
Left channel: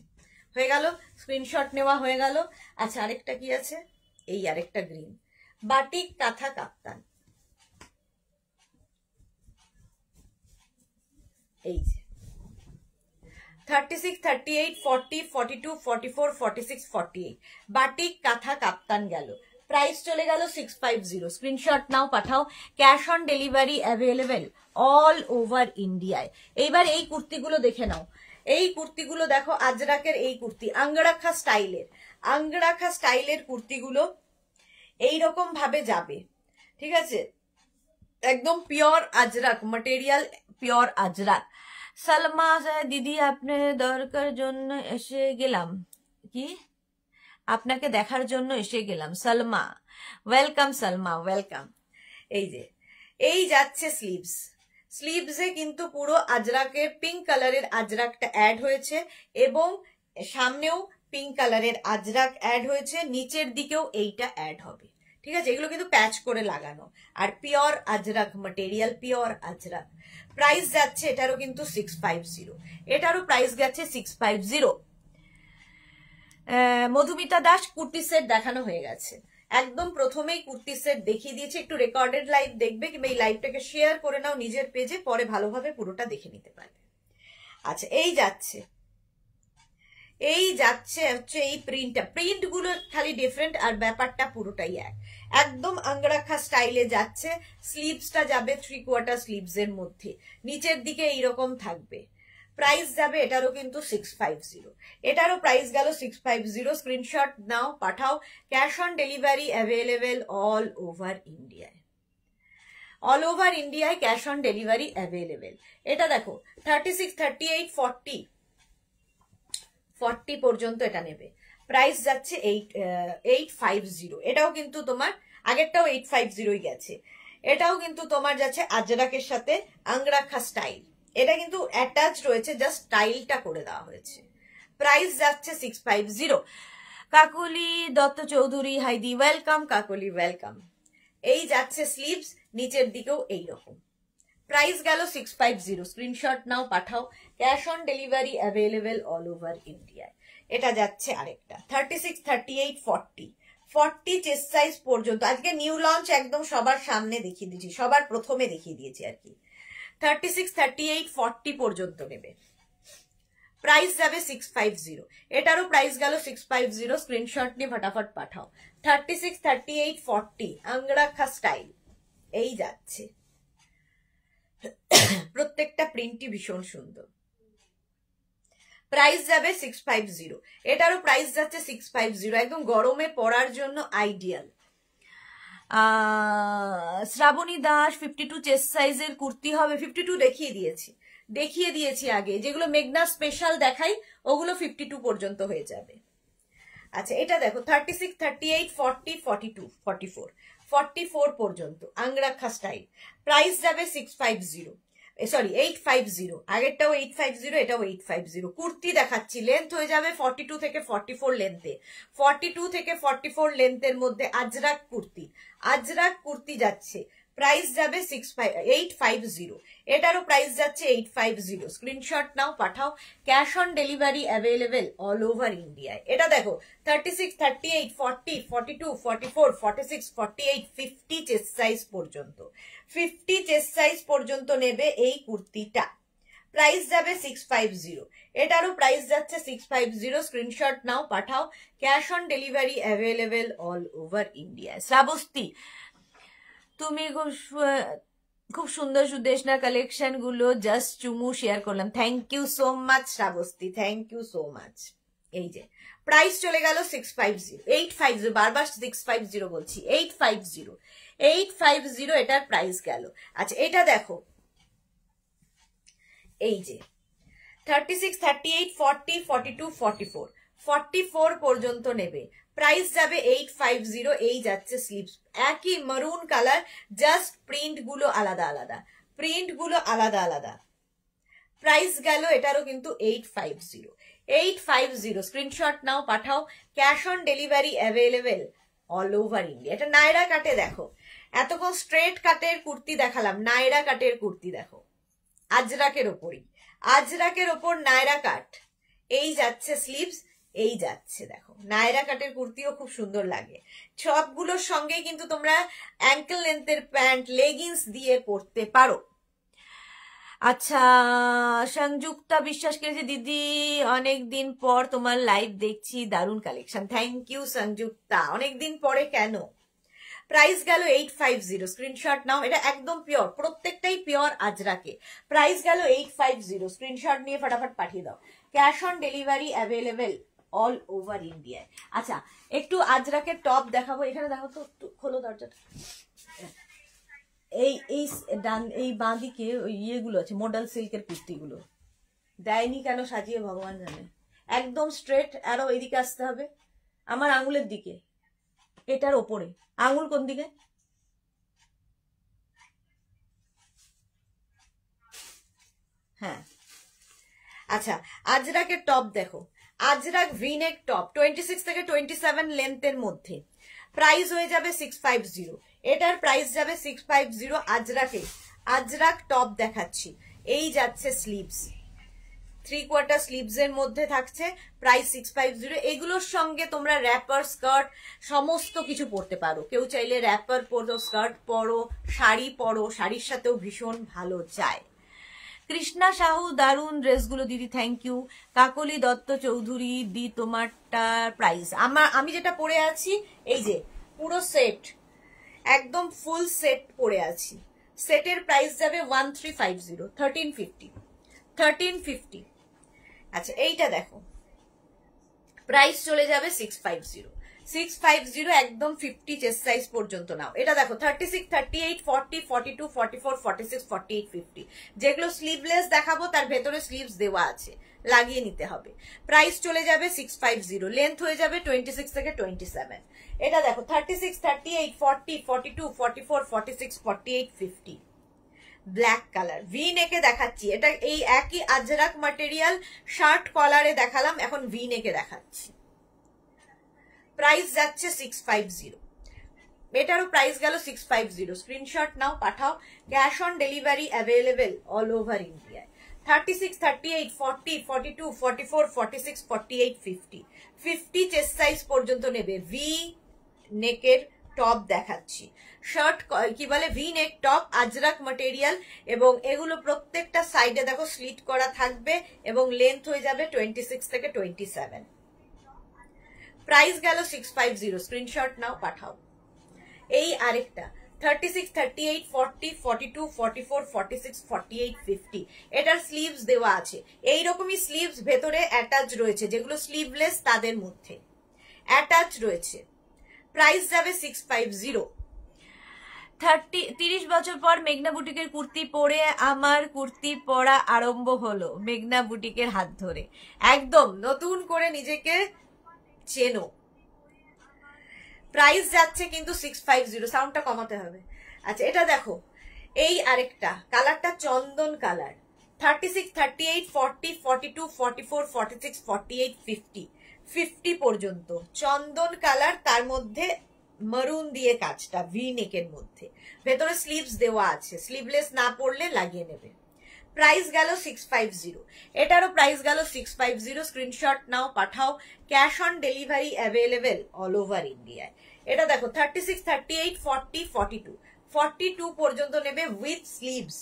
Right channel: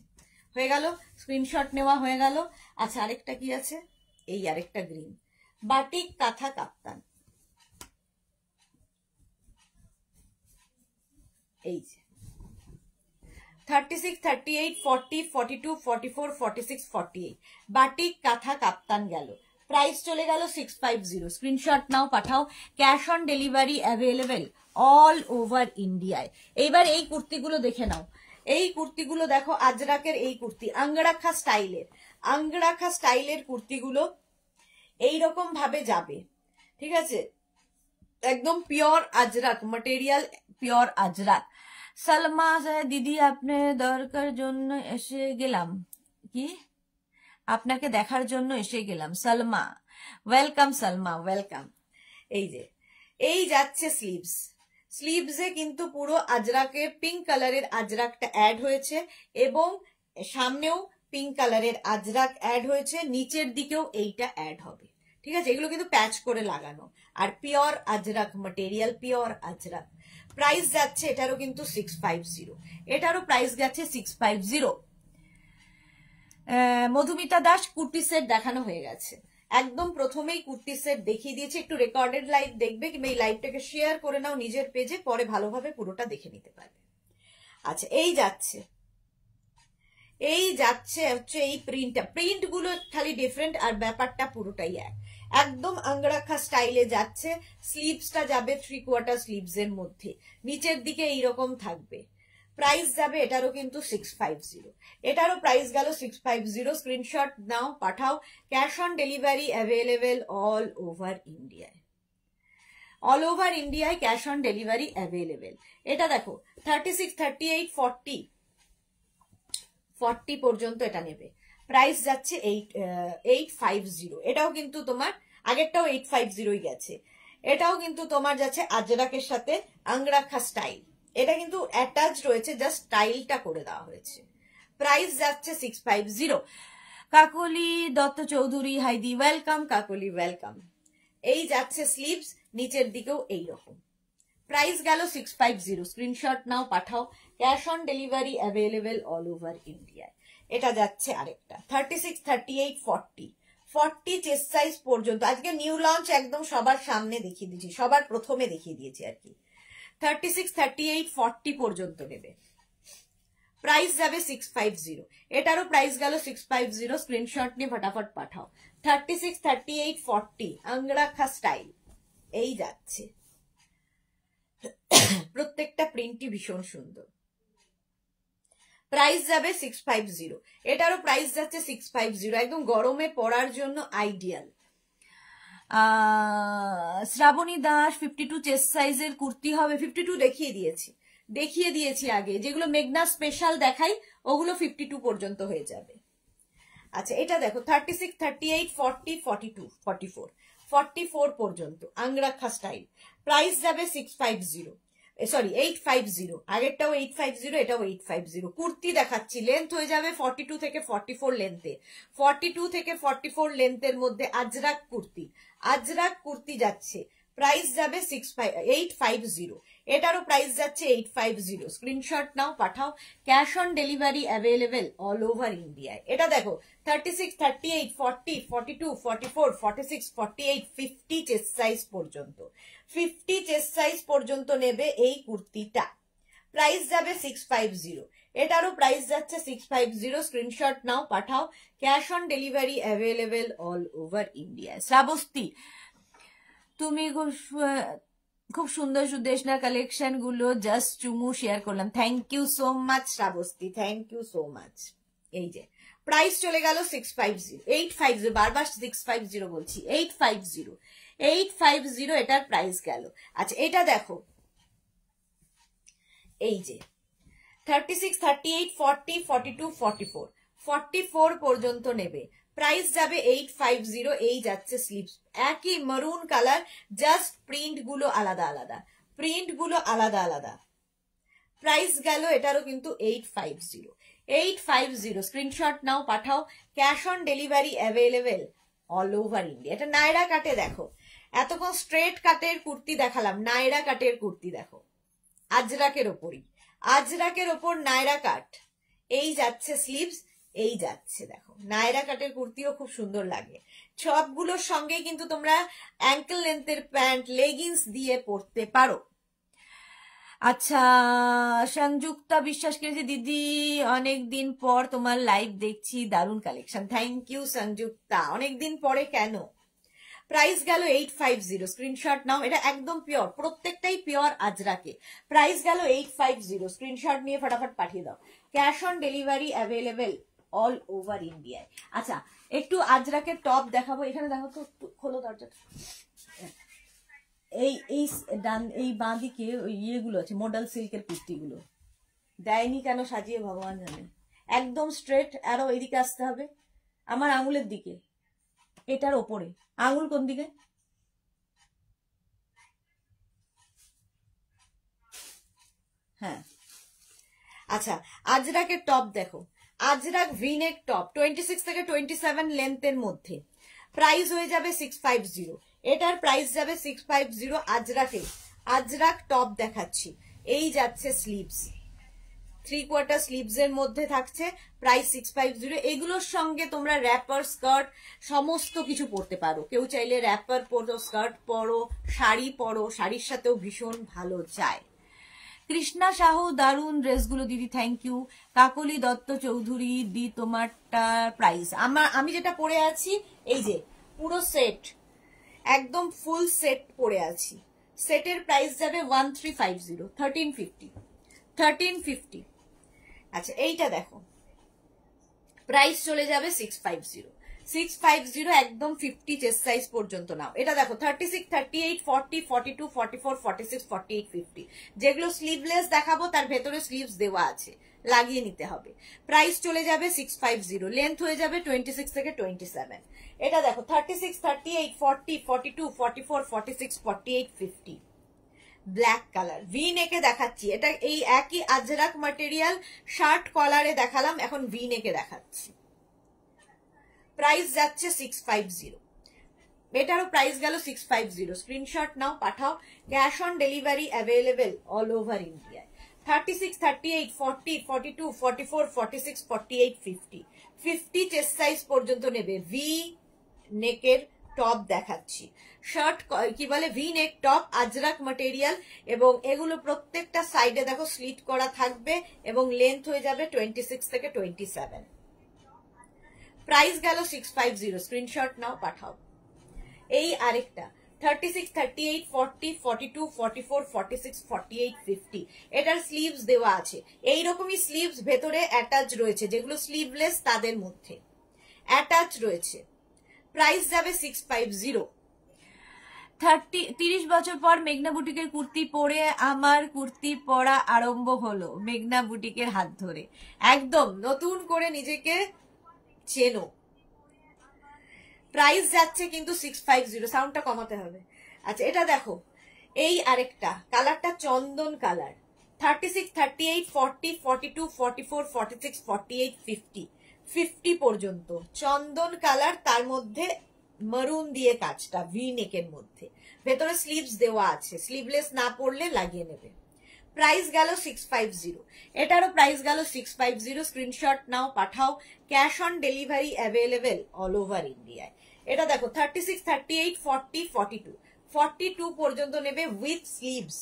হয়ে গেল, স্ক্রিনশট নেওয়া হয়ে গেল। আচ্ছা, আরেকটা কি আছে, এই আরেকটা গ্রিন বাটিক কাঁথা কাপ্তান, এই যে 36, 38, 40, 42, 44, 46, 48 বাটিক কাঁথা কাপ্তান গেল। প্রাইস চলে গেল 650। স্ক্রিনশট নাও, পাঠাও। Cash on delivery available all over ইন্ডিয়ায়। এইবার এই কুর্তিগুলো দেখে নাও। এই কুর্তিগুলো দেখো, আজরাকের এই কুর্তি, আঙ্গরাখা স্টাইলের, আঙ্গরাখা স্টাইলের কুর্তিগুলো এইরকম ভাবে যাবে, ঠিক আছে? একদম pure Ajrak material, pure Ajrak. Salma দিদি, আপনি দরকার জন্য এসে গেলাম, কি আপনাকে দেখার জন্য এসে গেলাম। Salma, welcome Salma, welcome. এই যে এই যাচ্ছে স্লিভস, স্লিভসে কিন্তু পুরো আজরাকের পিঙ্ক কালারের আজরাকটা অ্যাড হয়েছে এবং সামনেও পিঙ্ক কালারের আজরাক অ্যাড হয়েছে, নিচের দিকেও এইটা অ্যাড হবে, ঠিক আছে? এগুলো কিন্তু প্যাচ করে লাগানো, আর pure Ajrak material, pure Ajrak. Price যাচ্ছে এটারও কিন্তু 650, এটারও প্রাইস গেছে 650। মধুমিতা দাস, কুর্তি সেট দেখানো হয়ে গেছে, একদম প্রথমেই কুর্তি সেট দেখিয়ে দিয়েছে। একটু রেকর্ডেড লাইভ দেখবে কিংবা এই লাইভটাকে শেয়ার করে নাও নিজের পেজে, পরে ভালোভাবে পুরোটা দেখে নিতে পারবে। আচ্ছা, এই যাচ্ছে, এই যাচ্ছে হচ্ছে এই প্রিন্টটা, প্রিন্ট গুলো খালি ডিফারেন্ট আর ব্যাপারটা পুরোটাই এক, একদম আঙ্গরাখা স্টাইলে যাচ্ছে। স্লিভসটা যাবে 3/4 স্লিভস এর মধ্যে, নিচের দিকে এইরকম থাকবে। প্রাইস যাবে এটারও কিন্তু 650, এটারও প্রাইস গেল 650। স্ক্রিনশট নাও, পাঠাও। Cash on delivery available all over ইন্ডিয়ায়, অল ওভার ইন্ডিয়ায় ক্যাশ অন ডেলিভারি অ্যাভেলেবেল। এটা দেখো 36, 38, 40 পর্যন্ত এটা নেবে। প্রাইস যাচ্ছে 850। এটাও কিন্তু তোমার, আগেরটাও 850 গেছে, এটাও কিন্তু তোমার যাচ্ছে আজরাকের সাথে আঙ্গরাখা স্টাইল। এটা কিন্তু অ্যাটাচ রয়েছে, জাস্ট স্টাইলটা করে দেওয়া হয়েছে। প্রাইস যাচ্ছে 650। কাকলি দত্ত চৌধুরী, হাইদি, ওয়েলকাম কাকলি, ওয়েলকাম। এই যাচ্ছে স্লিভস, নিচের দিকেও এইরকম। প্রাইস গেল 650। স্ক্রিনশট নাও, পাঠাও। Cash on delivery available all over ইন্ডিয়ায়। এটা যাচ্ছে আরেকটা 36, 38, 40 চেস্ট সাইজ পর্যন্ত। আজকে নিউ লঞ্চ একদম সবার সামনে দেখিয়ে দিয়েছি, সবার প্রথমে দেখিয়ে দিয়েছি আর কি। 36, 38, 40 পর্যন্ত নেবে। প্রাইস যাবে 650। এটারও প্রাইস গেল 650। স্ক্রিনশট নিয়ে ফটাফট পাঠাও। 36, 38, 40 আঙ্গরাখা স্টাইল, এই যাচ্ছে। প্রত্যেকটা প্রিন্টই ভীষণ সুন্দর। প্রাইস যাবে 650। এটারও প্রাইস যাচ্ছে 650, একদম গরমে পরার জন্য আইডিয়াল। শ্রাবণী দাস, 52 চেস্ট সাইজের কুর্তি হবে। 52 দেখিয়ে দিয়েছি আগে, যেগুলো মেঘনা স্পেশাল দেখাই ওগুলো 52 পর্যন্ত হয়ে যাবে। আচ্ছা, এটা দেখো 36, 38, 40, 42, 44, 44 পর্যন্ত আঙ্গরাখা স্টাইল। প্রাইস যাবে 650, সরি 850। আগেরটাও 850, এটাও 850। কুর্তি দেখাচ্ছি, লেন্থ হয়ে যাবে 42 থেকে 44 লেন্থে। 42 থেকে 44 লেন্থের মধ্যে আজরাক কুর্তি যাচ্ছে। প্রাইস যাবে 850। এটারও প্রাইস যাচ্ছে 850। স্ক্রিনশট নাও, পাঠাও। Cash on delivery available all over ইন্ডিয়ায়। এটা দেখো 36, 38, 40, 42, 44, 46, 48, 50 চেস্ট সাইজ পর্যন্ত। 50 চেস্ট সাইজ পর্যন্ত নেবে এই কুর্তিটা। প্রাইস যাবে 650। এটারও প্রাইস যাচ্ছে 650। স্ক্রিনশট নাও, পাঠাও। Cash on delivery available all over India. Shrabasti, তুমি খুব সুন্দর সুদেশনা কালেকশন গুলো জাস্ট চুমু শেয়ার করলাম। Thank you so much Shrabasti, thank you so much. এই যে প্রাইস চলে গেল 650, 850, বারবার 650 বলছি, 850 এটার প্রাইস গেল। আচ্ছা, এটা দেখো, এই যে 36, 38, 40, 42, 44, 44 পর্যন্ত নেবে। প্রাইস যাবে 850। এই যাচ্ছে স্লিভস, একই মারুন কালার, জাস্ট প্রিন্ট গুলো আলাদা আলাদা। প্রাইস গেল এটারও কিন্তু 850। স্ক্রিনশট নাও, পাঠাও। Cash on delivery available all over India. এটা নায়রা কাটে দেখো, এতক্ষণ স্ট্রেট কাটের কুর্তি দেখালাম, নায়রা কাটের কুর্তি দেখো, আজরাকের ওপরই। আজরাকের ওপর নায়রা কাট, এই যাচ্ছে স্লিভস, এই যাচ্ছে দেখো নায়রা কাটের কুর্তিও খুব সুন্দর লাগে। সবগুলোর সঙ্গে কিন্তু তোমরা অ্যাঙ্কেল লেন্থের প্যান্ট লেগিংস দিয়ে পরতে পারো। আচ্ছা, সংযুক্তা বিশ্বাস করেছে দিদি অনেকদিন পর তোমার লাইভ দেখছি, দারুণ কালেকশন। থ্যাংক ইউ সংযুক্তা, অনেকদিন পরে কেন। প্রাইস গেল 850, স্ক্রিনশট নাও, এটা একদম পিওর, প্রত্যেকটাই পিওর আজরাকে। প্রাইস গেল 850, স্ক্রিনশট নিয়ে ফটাফট পাঠিয়ে দাও। Cash on delivery available all over ইন্ডিয়ায়। আচ্ছা, একটু আজরাকের টপ দেখাবো, এখানে দেখো তো, খোলো দরজাটা। এই বাঁ দিকে ওই ইয়েগুলো আছে, মডেল সিল্কের কুর্তিগুলো দেয়নি কেন সাজিয়ে ভগবান জানে। একদম স্ট্রেট, আরো এইদিকে আসতে হবে, আমার আঙুলের দিকে, এটার ওপরে। আঙুল কোন দিকে? হ্যাঁ, আচ্ছা, আজরাকের টপ দেখো, আজরাক ভিনেক টপ 26 থেকে 27 লেন্থের মধ্যে। প্রাইস হয়ে যাবে 650, এটার প্রাইস যাবে 650। আজরাকে আজরাক টপ দেখাচ্ছি, এই যাচ্ছে স্লিভস, 3/4 স্লিভস এর মধ্যে থাকছে, প্রাইস 650। এগুলোর সঙ্গে তোমরা র্যাপার, স্কার্ট সমস্ত কিছু পরতে পারো। কেউ চাইলে র্যাপার পরো, স্কার্ট পরো, শাড়ি পরো, শাড়ির সাথেও ভীষণ ভালো যায়। কৃষ্ণা সাহু, দারুণ ড্রেসগুলো দিদি, থ্যাংক ইউ। কাকলি দত্ত চৌধুরী দি, তোমারটা প্রাইস। আমি যেটা পরে আছি, এই যে পুরো সেট, একদম ফুল সেট পরে আছি, সেটের প্রাইস যাবে 1350, 1350। আচ্ছা, এইটা দেখো, প্রাইস চলে যাবে 650, একদম 50 চেস্ট সাইজ পর্যন্ত নাও। এটা দেখো 36, 38, 40, 42, 44, 46, 48, 50, যেগুলো স্লিভলেস দেখাবো তার ভেতরে স্লিভস দেওয়া আছে, লাগিয়ে নিতে হবে। প্রাইস চলে যাবে 650, লেন্থ হয়ে যাবে 26 থেকে 27। এটা দেখো 36, 38, 40, 42, 44, 46, 48, 50, ব্ল্যাক কালার, ভি নেকে দেখাচ্ছি। এটা এই একই আজরাক ম্যাটেরিয়াল, শার্ট কলারে দেখালাম, এখন ভি নেকে দেখাচ্ছি। প্রাইস যাচ্ছে 650, এটারও প্রাইস গেল 650। স্ক্রিনশট নাও, পাঠাও। Cash on delivery available all over ইন্ডিয়ায়। 36, 38, 40, 42, 44, 46, 48, 50, 50 চেস্ট সাইজ পর্যন্ত নেবে। ভি নেকের টপ দেখাচ্ছি, শার্ট কি বলে, ভি নেক টপ, আজরাক ম্যাটেরিয়াল, এবং এগুলো প্রত্যেকটা সাইডে দেখো স্লিট করা থাকবে, এবং লেন্থ হয়ে যাবে 26 থেকে 27। প্রাইস গেল 650, স্ক্রিনশট নাও, পাঠাও। এই আরেকটা 36, 38, 40, 42, 44, 46, 48, 50, এটার স্লিভস দেওয়া আছে। এইরকমই স্লিভস ভেতরে অ্যাটাচ রয়েছে, যেগুলো স্লিভলেস তাদের মধ্যে অ্যাটাচ রয়েছে। প্রাইস যাবে 650। 30 বছর পর মেঘনা বুটিকের কুর্তি পরে আমার কুর্তি পরা আরম্ভ হলো, মেঘনা বুটিকের হাত ধরে। একদম নতুন করে নিজেকে চেনো। প্রাইস যাচ্ছে কিন্তু 650, সাউন্ডটা কমাতে হবে। আচ্ছা, এটা দেখো, এই আরেকটা কালারটা চন্দন কালার, 36, 38, 40, 42, 44, 46, 48, 50, 50 পর্যন্ত চন্দন কালার, তার মধ্যে মারুন দিয়ে কাজটা, ভি নেকের মধ্যে, ভেতরে স্লিভস দেওয়া আছে, স্লিভলেস না পড়লে লাগিয়ে নেবে। প্রাইস গেল 650, এটারও প্রাইস গেল 650। স্ক্রিনশট নাও, পাঠাও। Cash on delivery available all over ইন্ডিয়ায়। এটা দেখো 36, 38, 40, 42, 42 পর্যন্ত নেবে উইথ স্লিভস,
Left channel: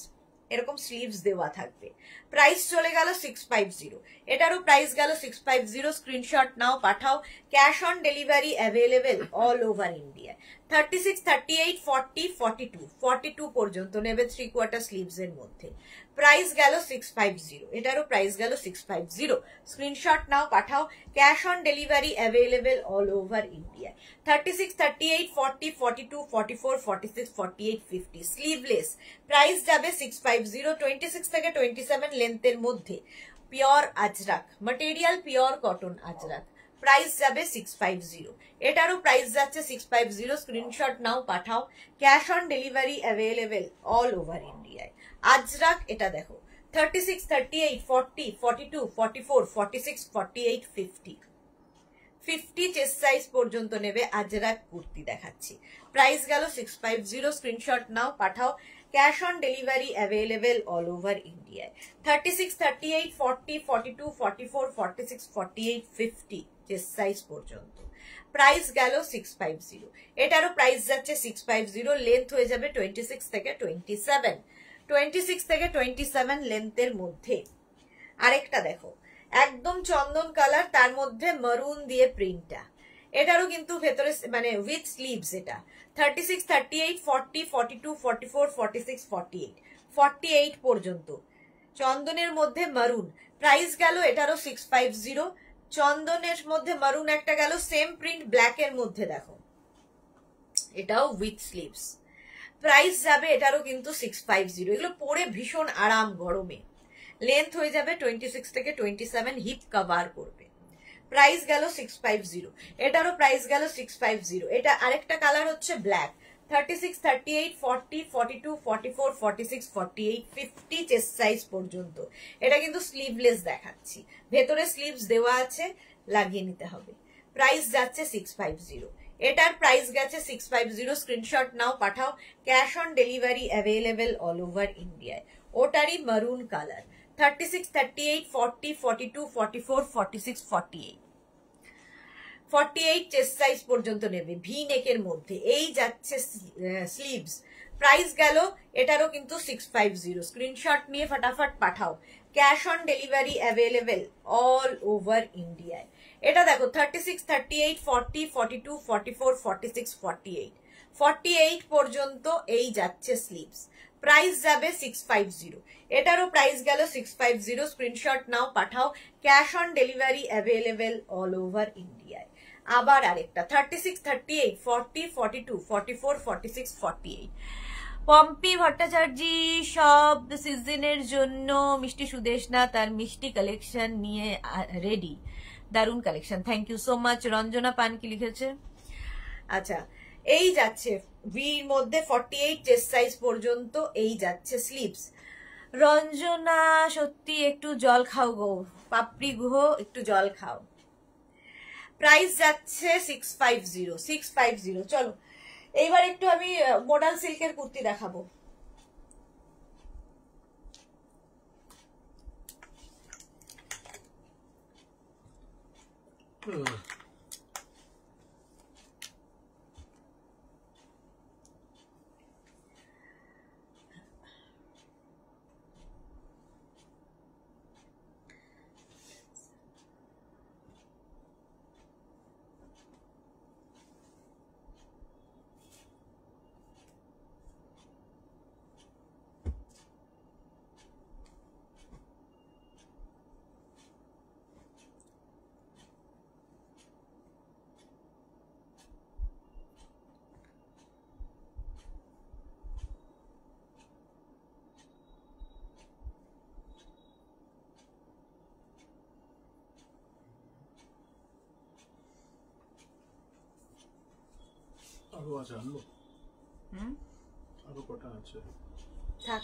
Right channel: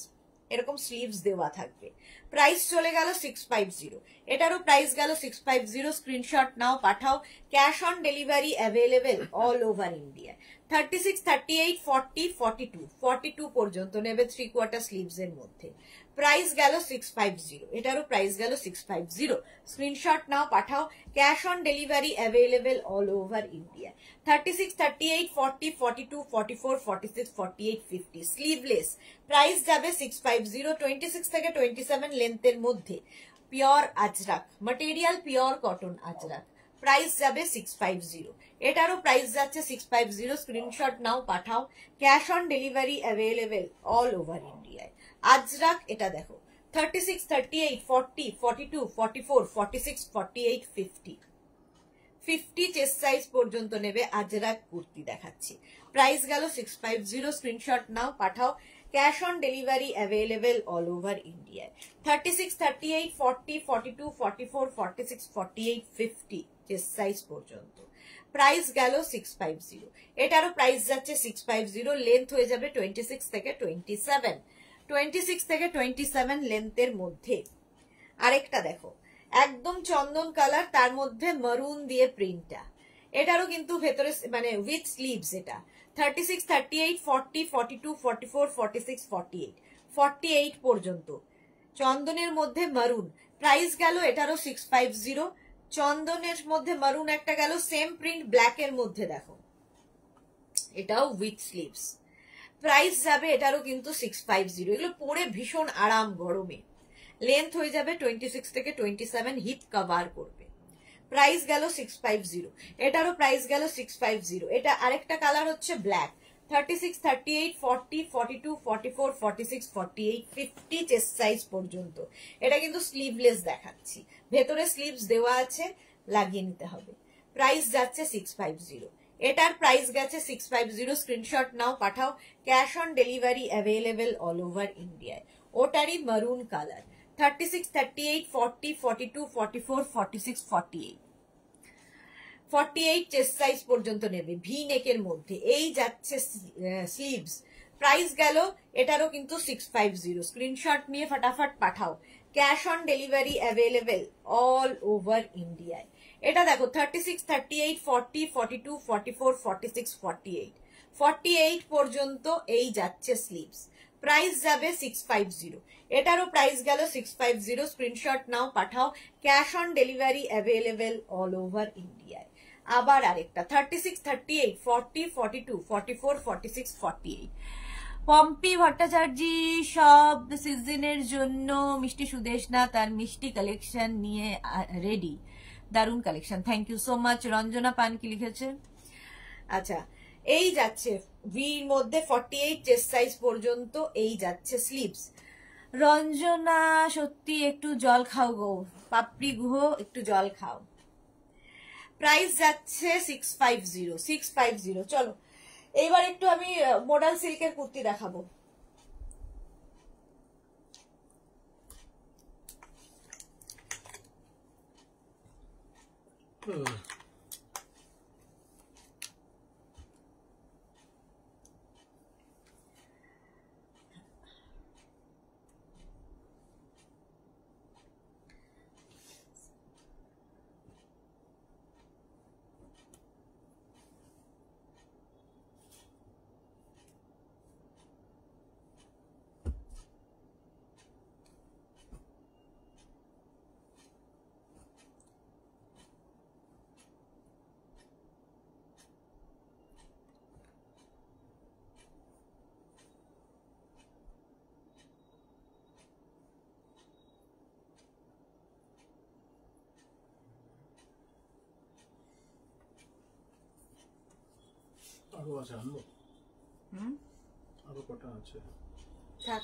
এরকম স্লিভস দেওয়া থাকবে। প্রাইস চলে গেল 650, এটারও প্রাইস গেল 650। স্ক্রিনশট নাও, পাঠাও। Cash on delivery available all over ইন্ডিয়ায়। 36, 38, 40, 42, 42 পর্যন্ত নেবে 3/4 স্লিভস এর মধ্যে। প্রাইস গেল 650, এটারও প্রাইস গেল 650। স্ক্রিনশট নাও, পাঠাও। Cash on delivery available all over India. 36, 38, 40, 42, 44, 46, 48, 50, sleeveless. Price যাবে 650, 26 থেকে 27 লেন্থের মধ্যে। Pure Ajrakh material, pure cotton Ajrak. Price যাবে 650, এটারও প্রাইস যাচ্ছে 650। স্ক্রিনশট নাও, পাঠাও। Cash on delivery available all over ইন্ডিয়ায়। আজরাক, এটা দেখো 36, 38, 40, 42, 44, 46, 48, 50, 50 চেস্ট সাইজ পর্যন্ত নেবে আজরাক কুর্তি দেখাচ্ছি। প্রাইস গেল 650। স্ক্রিনশট নাও, পাঠাও। Cash on delivery available all over ইন্ডিয়ায়। 36, 38, 40, 42, 44, 46, 48, 50 চেস্ট সাইজ পর্যন্ত। প্রাইস গেল 650। এটারও প্রাইস যাচ্ছে 650, লেন্থ হয়ে যাবে 26 থেকে 27, 26 থেকে 27 লেন্থের মধ্যে। আরেকটা দেখো, একদম চন্দন কালার, তার মধ্যে মারুন দিয়ে প্রিন্টটা। এটারও কিন্তু ভেতরে মানে উইথ স্লিভস। এটা 36, 38, 40, 42, 44, 46, 48, 48 পর্যন্ত চন্দনের মধ্যে মারুন। প্রাইস গেল এটারও 650। চন্দনের মধ্যে মারুন একটা গেল, সেম প্রিন্ট ব্ল্যাক এর মধ্যে দেখো, এটাও উইথ স্লিভস। প্রাইস যাবে এটারও কিন্তু 650। এগুলো পরে ভীষণ আরাম গরমে। লেন্থ হয়ে যাবে 26 থেকে 27, হিপ কভার করবে। প্রাইস গেল 650। এটারও প্রাইস গেল 650। এটা আরেকটা কালার হচ্ছে ব্ল্যাক। 36, 38, 40, 42, 44, 46, 48, 50 চেস্ট সাইজ পর্যন্ত। এটা কিন্তু স্লিভলেস দেখাচ্ছি, ভেতরে স্লিভস দেওয়া আছে, লাগিয়ে নিতে হবে। প্রাইস যাচ্ছে 650। এটার প্রাইস গেছে 650। স্ক্রিনশট নাও, পাঠাও। Cash on delivery available all over ইন্ডিয়ায়। ওটারই মারুন কালার। 36, 38, 40, 42, 44, 46, 48, 48 চেস্ট সাইজ পর্যন্ত নেবে, ভি নেকের মধ্যে। এই যাচ্ছে স্লিভস। প্রাইস গেল এটারও কিন্তু 650। স্ক্রিনশট নিয়ে ফটাফট পাঠাও। Cash on delivery available all over ইন্ডিয়ায়। এটা দেখো 36, 38, 40, 42, 44, 46, 48, 48 পর্যন্ত এই যাচ্ছে স্লিভস। প্রাইস যাবে 650। এটারও প্রাইস গেল 650। স্ক্রিনশট নাও, পাঠাও। Cash on delivery available all over ইন্ডিয়ায়। আবার আরেকটা 36, 38, 40, 42, 44, 46, 48। পম্পি ভট্টাচার্য সব সিজনের জন্য মিষ্টি সুদেশনা তার মিষ্টি কালেকশন নিয়ে রেডি। দারুণ collection, thank you so much. Ranjana Pan কি লিখেছে? আচ্ছা, এই যাচ্ছে ভির মধ্যে 48 চেস্ট সাইজ পর্যন্ত এই যাচ্ছে স্লিভস। রঞ্জনা সত্যি একটু জল খাও গো, পাপড়ি গুহ, একটু জল খাও। প্রাইস যাচ্ছে 650, 650। চলো এইবার একটু আমি মডাল সিল্কের কুর্তি দেখাবো। আরো আছে, আনবো? আরো কটা আছে? থাক।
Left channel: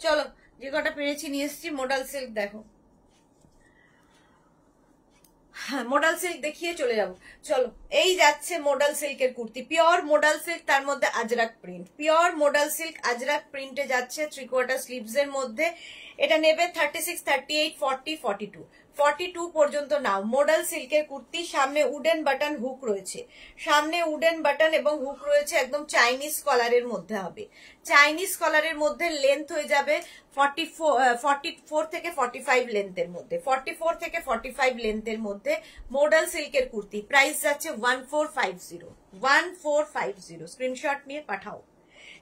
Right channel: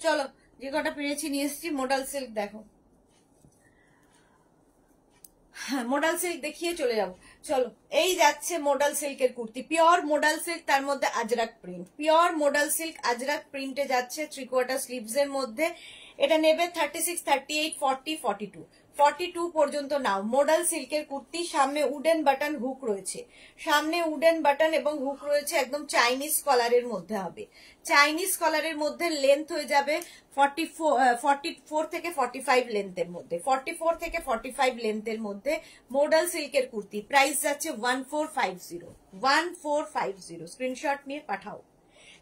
চলো যে কটা পেরেছি নিয়ে এসেছি। মডাল সিল্ক দেখো, মডাল সিল্ক দেখিয়ে চলে যাবো। চলো এই যাচ্ছে মডাল সিল্কের কুর্তি, পিওর মডাল সিল্ক, তার মধ্যে Ajrak print. Pure modal silk Ajrak প্রিন্টে যাচ্ছে 3/4 স্লিভস এর মধ্যে। এটা নেবে 36, 38, 40, 42, 42 পর্যন্ত নাও। মডাল সিল্কের কুর্তি, সামনে উডেন বাটন হুক রয়েছে, সামনে উডেন বাটন এবং হুক রয়েছে, একদম চাইনিজ কলারের মধ্যে হবে। চাইনিজ কলারের মধ্যে লেন্থ হয়ে যাবে 44 থেকে 45 লেন্থের মধ্যে, 44 থেকে 45 লেন্থের মধ্যে মডাল সিল্কের কুর্তি। প্রাইস যাচ্ছে 1450, 1450। স্ক্রিনশট নিয়ে পাঠাও।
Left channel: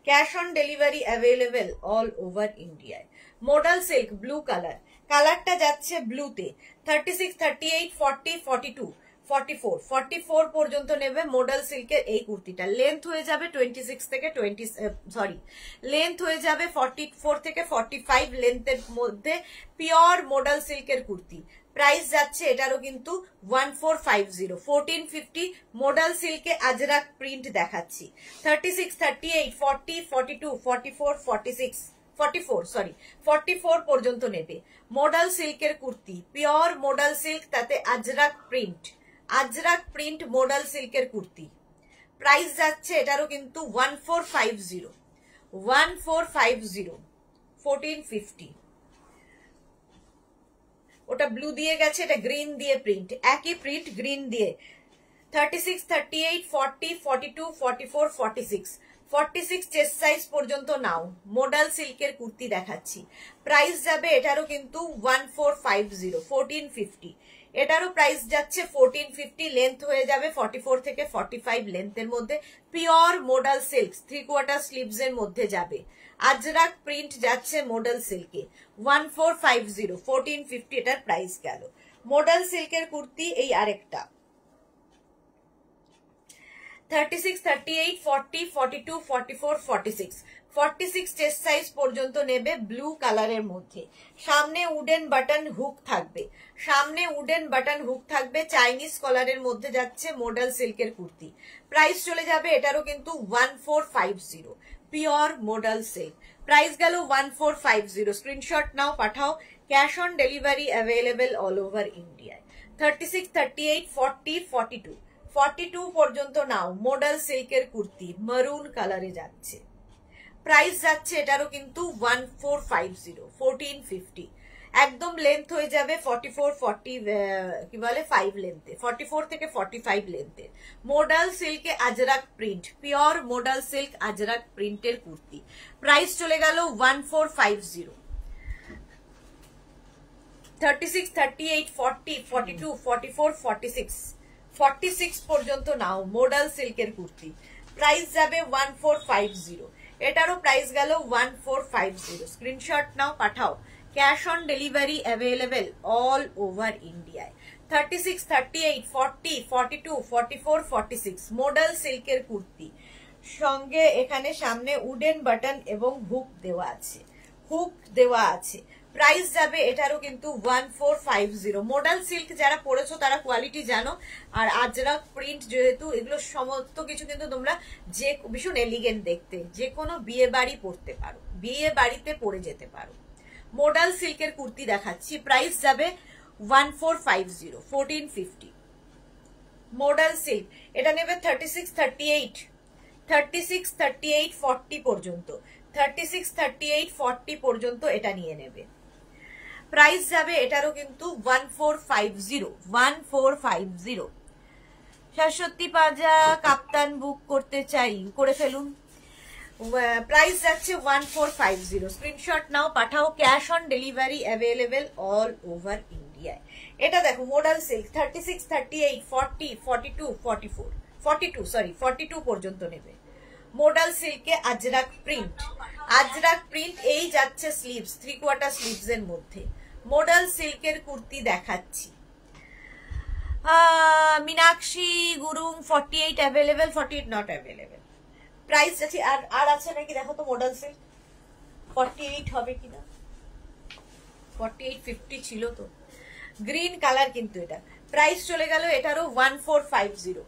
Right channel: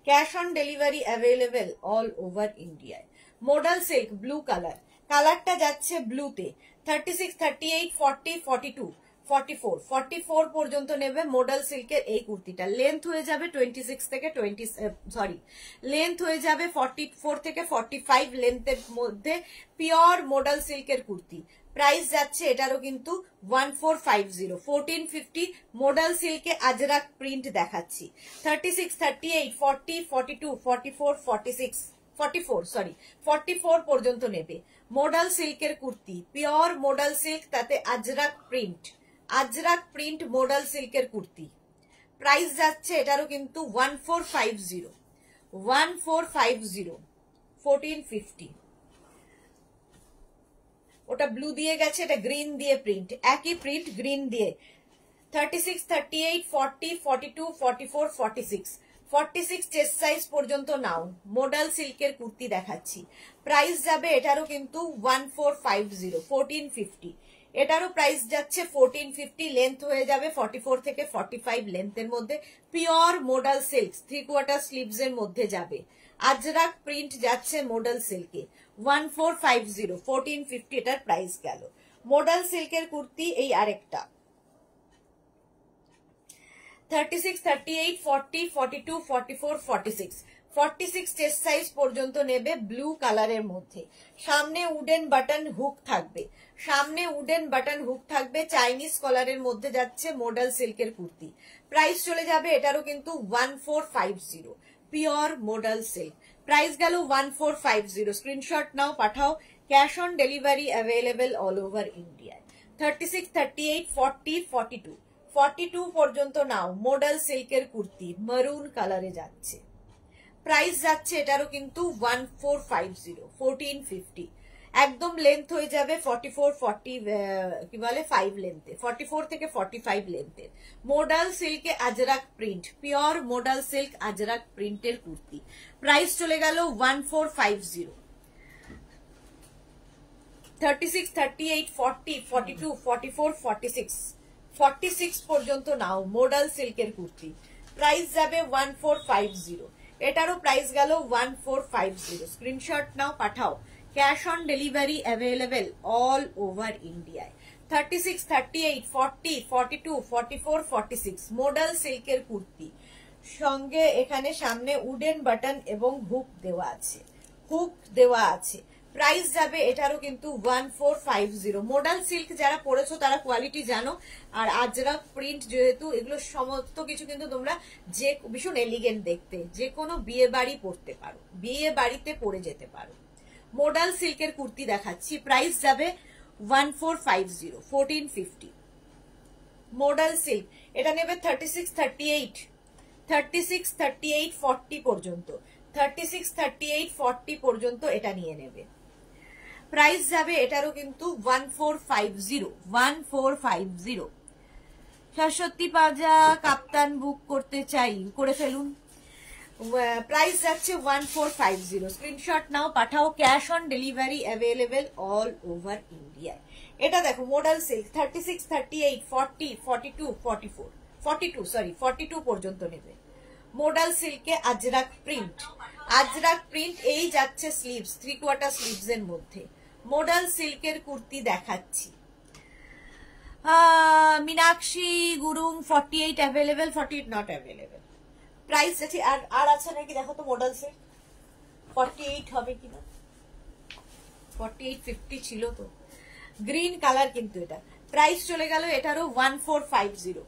Cash on delivery available all over ইন্ডিয়ায়। মডাল সিল্ক ব্লু কালার, কালারটা যাচ্ছে ব্লুতে। 36, 38, 40, 42, 44, 44 পর্যন্ত নেবে মডাল সিল্কের এই কুর্তিটা। লেন্থ হয়ে যাবে 26 থেকে লেন্থ হয়ে যাবে 44 থেকে 45 লেন্থের মধ্যে। পিওর মডাল সিল্কের কুর্তি। প্রাইস যাচ্ছে এটারও কিন্তু 1450, 1450 মডাল সিল্কে আজরাক প্রিন্ট দেখাচ্ছি। 36, 38, 40, 42, 44, 46, 44 পর্যন্ত নেবে। মডাল সিল্কের কুর্তি, পিওর মডাল সিল্ক, তাতে আজরাক প্রিন্ট মডাল সিল্কের কুর্তি। প্রাইস যাচ্ছে এটারও কিন্তু 1450, 1450। ওটা ব্লু দিয়ে গেছে, এটা গ্রিন দিয়ে প্রিন্ট, একই প্রিন্ট গ্রিন দিয়ে। 36, 38, 40, 42, 44, 46, 46 চেস্ট সাইজ পর্যন্ত নাও। মডাল সিল্কের কুর্তি দেখাচ্ছি। প্রাইস যাবে এটারও কিন্তু 1450, 1450। এটারও প্রাইস যাচ্ছে 1450, লেন্থ হয়ে যাবে 44 থেকে 45 লেন্থের মধ্যে। পিওর মডাল সিল্ক, 3/4 স্লিভস এর মধ্যে যাবে। আজরাক প্রিন্ট যাচ্ছে মডাল সিল্কে 1450, 1450 এটার প্রাইস গেল। মডাল সিল্কের কুর্তি এই আরেকটা 36, 38, 40, 42, 44, 46, 46 চেস্ট সাইজ পর্যন্ত নেবে, ব্লু কালারের মধ্যে। সামনে উডেন বাটন হুক থাকবে, চাইনিজ কলারের মধ্যে যাচ্ছে মডাল সিল্কের কুর্তি। প্রাইস চলে যাবে এটারও কিন্তু 1450, পিওর মডাল সিল্ক। প্রাইস গেল 1450। স্ক্রিনশট নাও, পাঠাও। Cash on delivery available all over ইন্ডিয়ায়। 36, 38, 40, 42, 42 পর্যন্ত নাও। মডাল সিল্কের কুর্তি মারুন কালারে যাচ্ছে। প্রাইস যাচ্ছে এটারও কিন্তু 1450, 1450। একদম লেন্থ হয়ে যাবে 44, 40 কি বলে 5 লেন্থে, 44 থেকে 45 লেন্থে। মডাল সিল্কে Ajrak print, pure modal silk Ajrak প্রিন্টের কুর্তি। প্রাইস চলে গেল 1450। 36, 38, 40, 42, 44, 46, 46 পর্যন্ত নাও। মডাল সিল্কের কুর্তি। প্রাইস যাবে 1450। এটারও প্রাইস গেল 1450। স্ক্রিনশট নাও, পাঠাও। Cash on delivery available all over ইন্ডিয়ায়। 36, 38, 40, 42, 44, 46 মডাল সিল্কের কুর্তি। সঙ্গে এখানে সামনে উডেন বাটন এবং হুক দেওয়া আছে। প্রাইস যাবে এটারও কিন্তু 1450। মডাল সিল্ক যারা পড়েছো তারা কোয়ালিটি জানো। আর আজরাক প্রিন্ট যেহেতু, এগুলো সমস্ত কিছু কিন্তু তোমরা যে ভীষণ এলিগেন্ট দেখতে, যে কোনো বিয়ে বাড়ি পরতে পারো, বিয়ে বাড়িতে পরে যেতে পারো। মডাল সিল্কের কুর্তি দেখাচ্ছি। প্রাইস যাবে 1450, 1450। মডাল সিল্ক এটা নেবে 36, 38, 40 পর্যন্ত। 36, 38, 40 পর্যন্ত এটা নিয়ে নেবে। প্রাইস যাবে এটারও কিন্তু 1450, 1450। শাশ্বতী পাজা কাপ্তান বুক করতে চাই, করে ফেলুন। প্রাইস যাচ্ছে 1450। স্ক্রিনশট নাও, পাঠাও। Cash on delivery available all over ইন্ডিয়ায়। এটা দেখো মডাল সিল্ক 36, 38, 40, 42, 44, 42 পর্যন্ত নেবে। মডাল সিল্কে আজরাক প্রিন্ট এই যাচ্ছে স্লিভস, 3/4 স্লিভস এর মধ্যে। মডাল সিল্কের কুর্তি দেখাচ্ছি। Meenakshi Gurung 48 available, 48 not available. Price আছে আর আছে নাকি দেখো তো। মডাল সিল্ক 48 হবে কিনা, 48, 50 ছিল তো। গ্রিন কালার কিন্তু এটা। প্রাইস চলে গেল এটারও 1450,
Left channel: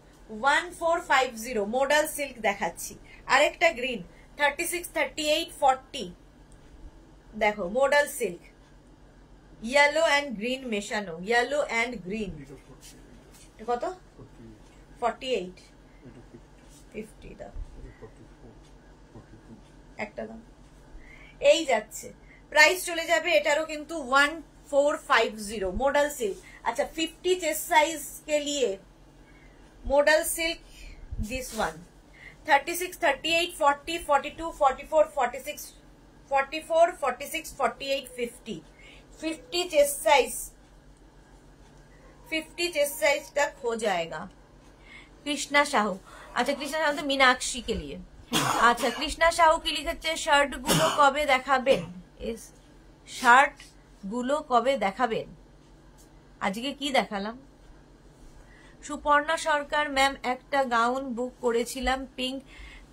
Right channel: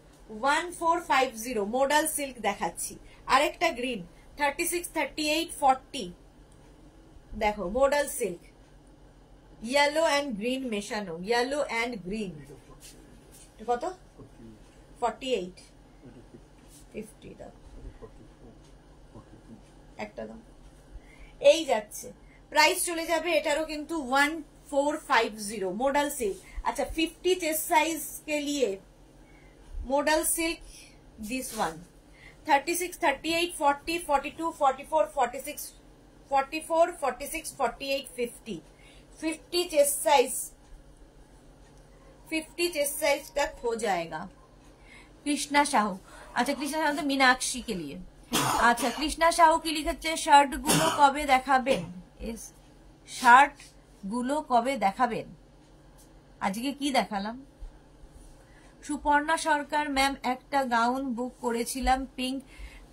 1450 মডাল সিল্ক দেখাচ্ছি। আরেকটা গ্রিন 36, 38, 40 দেখো modal silk, yellow and green মেশানো, ইয়েলো অ্যান্ড গ্রিন। কত? 48, 50 দাও, একটা দাও। এই যাচ্ছে। প্রাইস চলে যাবে এটারও কিন্তু 1450 মডাল সিল্ক। अच्छा 50 चेस्ट साइज के लिए model silk this one 36, 38, 40, 42, 44, 46, 44, 46, 48, 50 chest size तक हो जाएगा। कृष्णा साहू, अच्छा कृष्णा साहू तो मीनाक्षी के लिए। আচ্ছা কৃষ্ণা সাহু কি লিখেছে, শার্ট গুলো কবে দেখাবেন? শার্ট গুলো কবে দেখাবেন? আজকে কি দেখালাম? সুপর্ণা সরকার ম্যাম একটা গাউন বুক করেছিলাম পিঙ্ক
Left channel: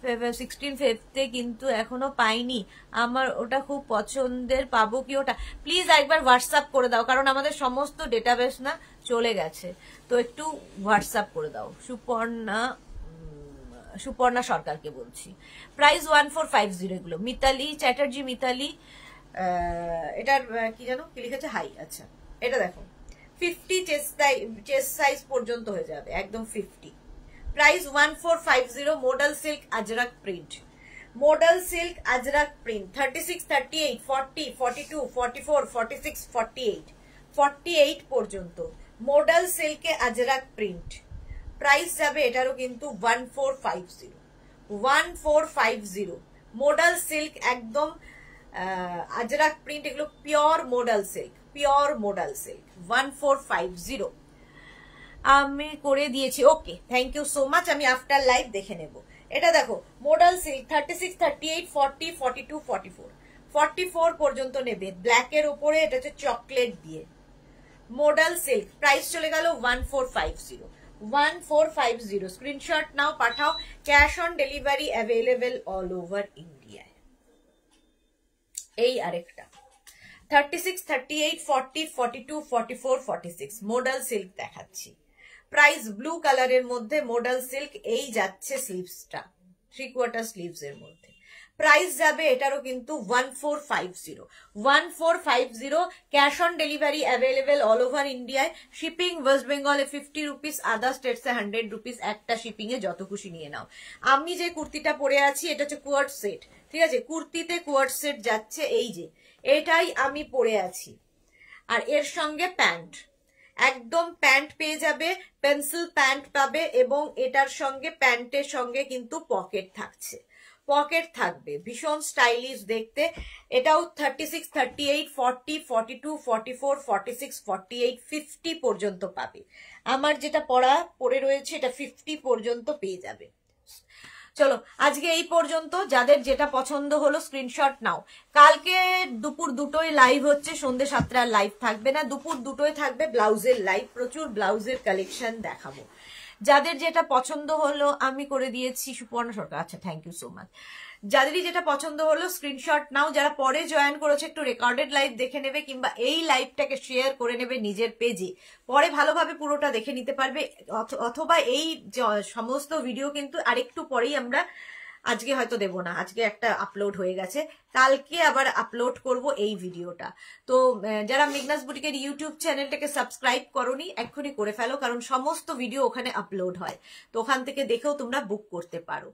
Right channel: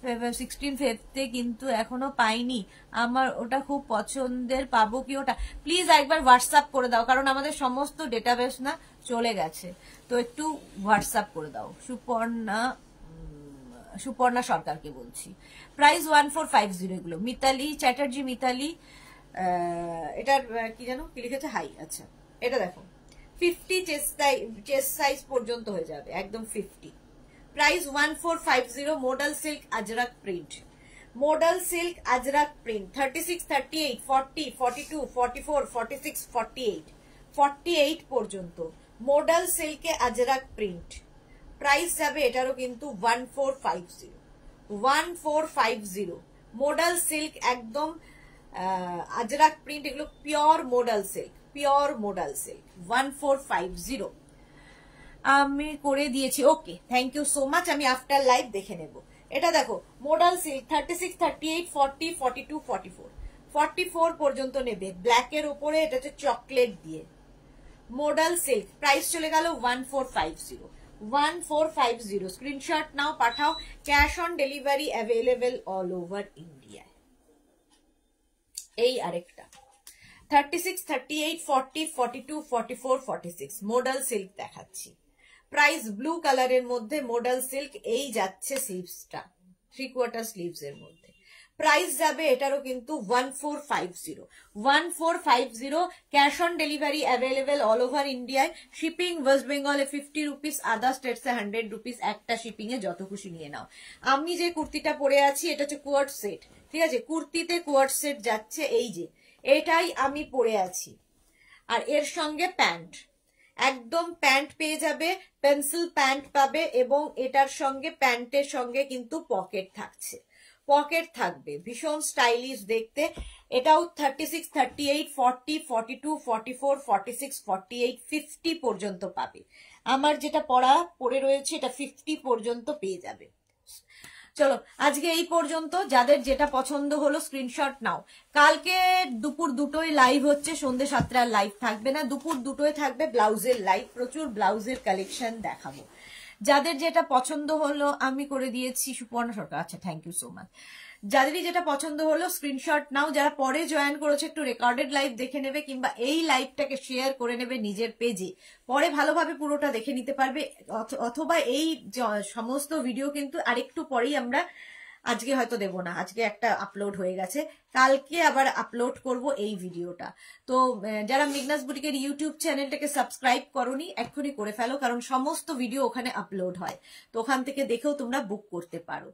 16 ফেব্রুয়ারিতে কিন্তু এখনো পাইনি, আমার ওটা খুব পছন্দের, পাবো কি ওটা? প্লিজ একবার হোয়াটসঅ্যাপ করে দাও, কারণ আমাদের সমস্ত ডেটাবেস না চলে গেছে, তো একটু হোয়াটসঅ্যাপ করে দাও। সুপর্ণা সরকারকে বলছি। প্রাইস 1450 এগুলো। মিতালি চ্যাটার্জি, মিতালি এটার কি জানো কি লিখেছে, হাই। আচ্ছা এটা দেখো 50 চেস্ট সাইজ পর্যন্ত হয়ে যাবে, একদম 50। Price 1450। Model silk Ajrak print, model silk Ajrak print 36, 38, 40, 42, 44, 46, 48, 48 পর্যন্ত মডেল সিল্কে আজরাক প্রিন্ট। প্রাইস যাবে এটারও কিন্তু 1450, 1450। মডেল সিল্ক একদম আজরাক প্রিন্ট, এগুলো pure model silk, pure model silk 1450 আমি করে দিয়েছি। ওকে, থ্যাংক ইউ সো মাচ। আমি আফটার লাইভ দেখে নেব। এটা দেখো মডেল সিল্ক 36, 38, 40, 42, 44, 44 পর্যন্ত নেবে। ব্ল্যাকের উপরে এটা হচ্ছে চকলেট দিয়ে মডেল সিল্ক। প্রাইস চলে গেল 1450, 1450। স্ক্রিনশট নাও, পাঠাও। Cash on delivery available all over ইন্ডিয়ায়। এই আরেকটা 36, 38, 40, 42, 44, 46 মডেল সিল্ক দেখাচ্ছি। প্রাইস ব্লু কালারের মধ্যে মডেল সিল্ক, এই যাচ্ছে স্লিভসটা 3/4 স্লিভস এর মধ্যে। প্রাইস যাবে এটারও কিন্তু 1450, 1450। Cash on delivery available all over ইন্ডিয়ায়। শিপিং ওয়েস্ট বেঙ্গলে 50 রুপিস, আদার স্টেটসে 100 রুপিস। একটা শিপিং এ যত খুশি নিয়ে নাও। আমি যে কুর্তিটা পরে আছি এটা হচ্ছে কোয়ার্ড সেট, ঠিক আছে? কুর্তিতে কোয়ার্ড সেট যাচ্ছে, এই যে এটাই আমি পরে আছি। আর এর সঙ্গে প্যান্ট, একদম প্যান্ট পেয়ে যাবে, পেন্সিল প্যান্ট পাবে, এবং এটার সঙ্গে প্যান্টের সঙ্গে কিন্তু পকেট থাকছে, পকেট থাকবে, ভীষণ স্টাইলিশ দেখতে। এটাও 36, 38, 40, 42, 44, 46, 48, 50 পর্যন্ত পাবে। আমার যেটা পরে রয়েছে এটা 50 পর্যন্ত পেয়ে যাবে। চলো আজকে এই পর্যন্ত। যাদের যেটা পছন্দ হলো স্ক্রিনশট নাও। কালকে দুপুর 2টোয় লাইভ হচ্ছে, সন্ধ্যে 7টার লাইভ থাকবে না, দুপুর 2টোয় থাকবে ব্লাউজের লাইভ। প্রচুর ব্লাউজের কালেকশন দেখাবো। যাদের যেটা পছন্দ হলো আমি করে দিয়েছি। সুপর্ণা সরকার, আচ্ছা থ্যাংক ইউ সো মাচ। যাদেরই যেটা পছন্দ হলো স্ক্রিনশট নাও। যারা পরে জয়েন করেছে একটু রেকর্ডেড লাইভ দেখে নেবে, কিংবা এই লাইভটাকে শেয়ার করে নেবে নিজের পেজে, পরে ভালোভাবে পুরোটা দেখে নিতে পারবে। অথবা এই সমস্ত ভিডিও কিন্তু আরেকটু পরেই আমরা, আজকে হয়তো দেব না, আজকে একটা আপলোড হয়ে গেছে, কালকে আবার আপলোড করব এই ভিডিওটা। তো যারা মেঘনাস বুটিকের ইউটিউব চ্যানেলটাকে সাবস্ক্রাইব করোনি এক্ষুনি করে ফেলো, কারণ সমস্ত ভিডিও ওখানে আপলোড হয়, তো ওখান থেকে দেখেও তোমরা বুক করতে পারো।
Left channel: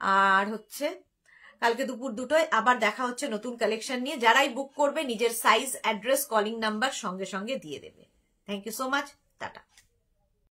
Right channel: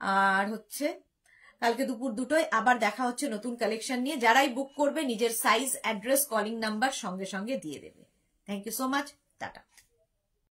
আর হচ্ছে কালকে দুপুর 2টোয় আবার দেখা হচ্ছে নতুন কালেকশন নিয়ে। যারাই বুক করবে নিজের সাইজ, অ্যাড্রেস, কলিং নাম্বার সঙ্গে সঙ্গে দিয়ে দেবে। Thank you so much, tata.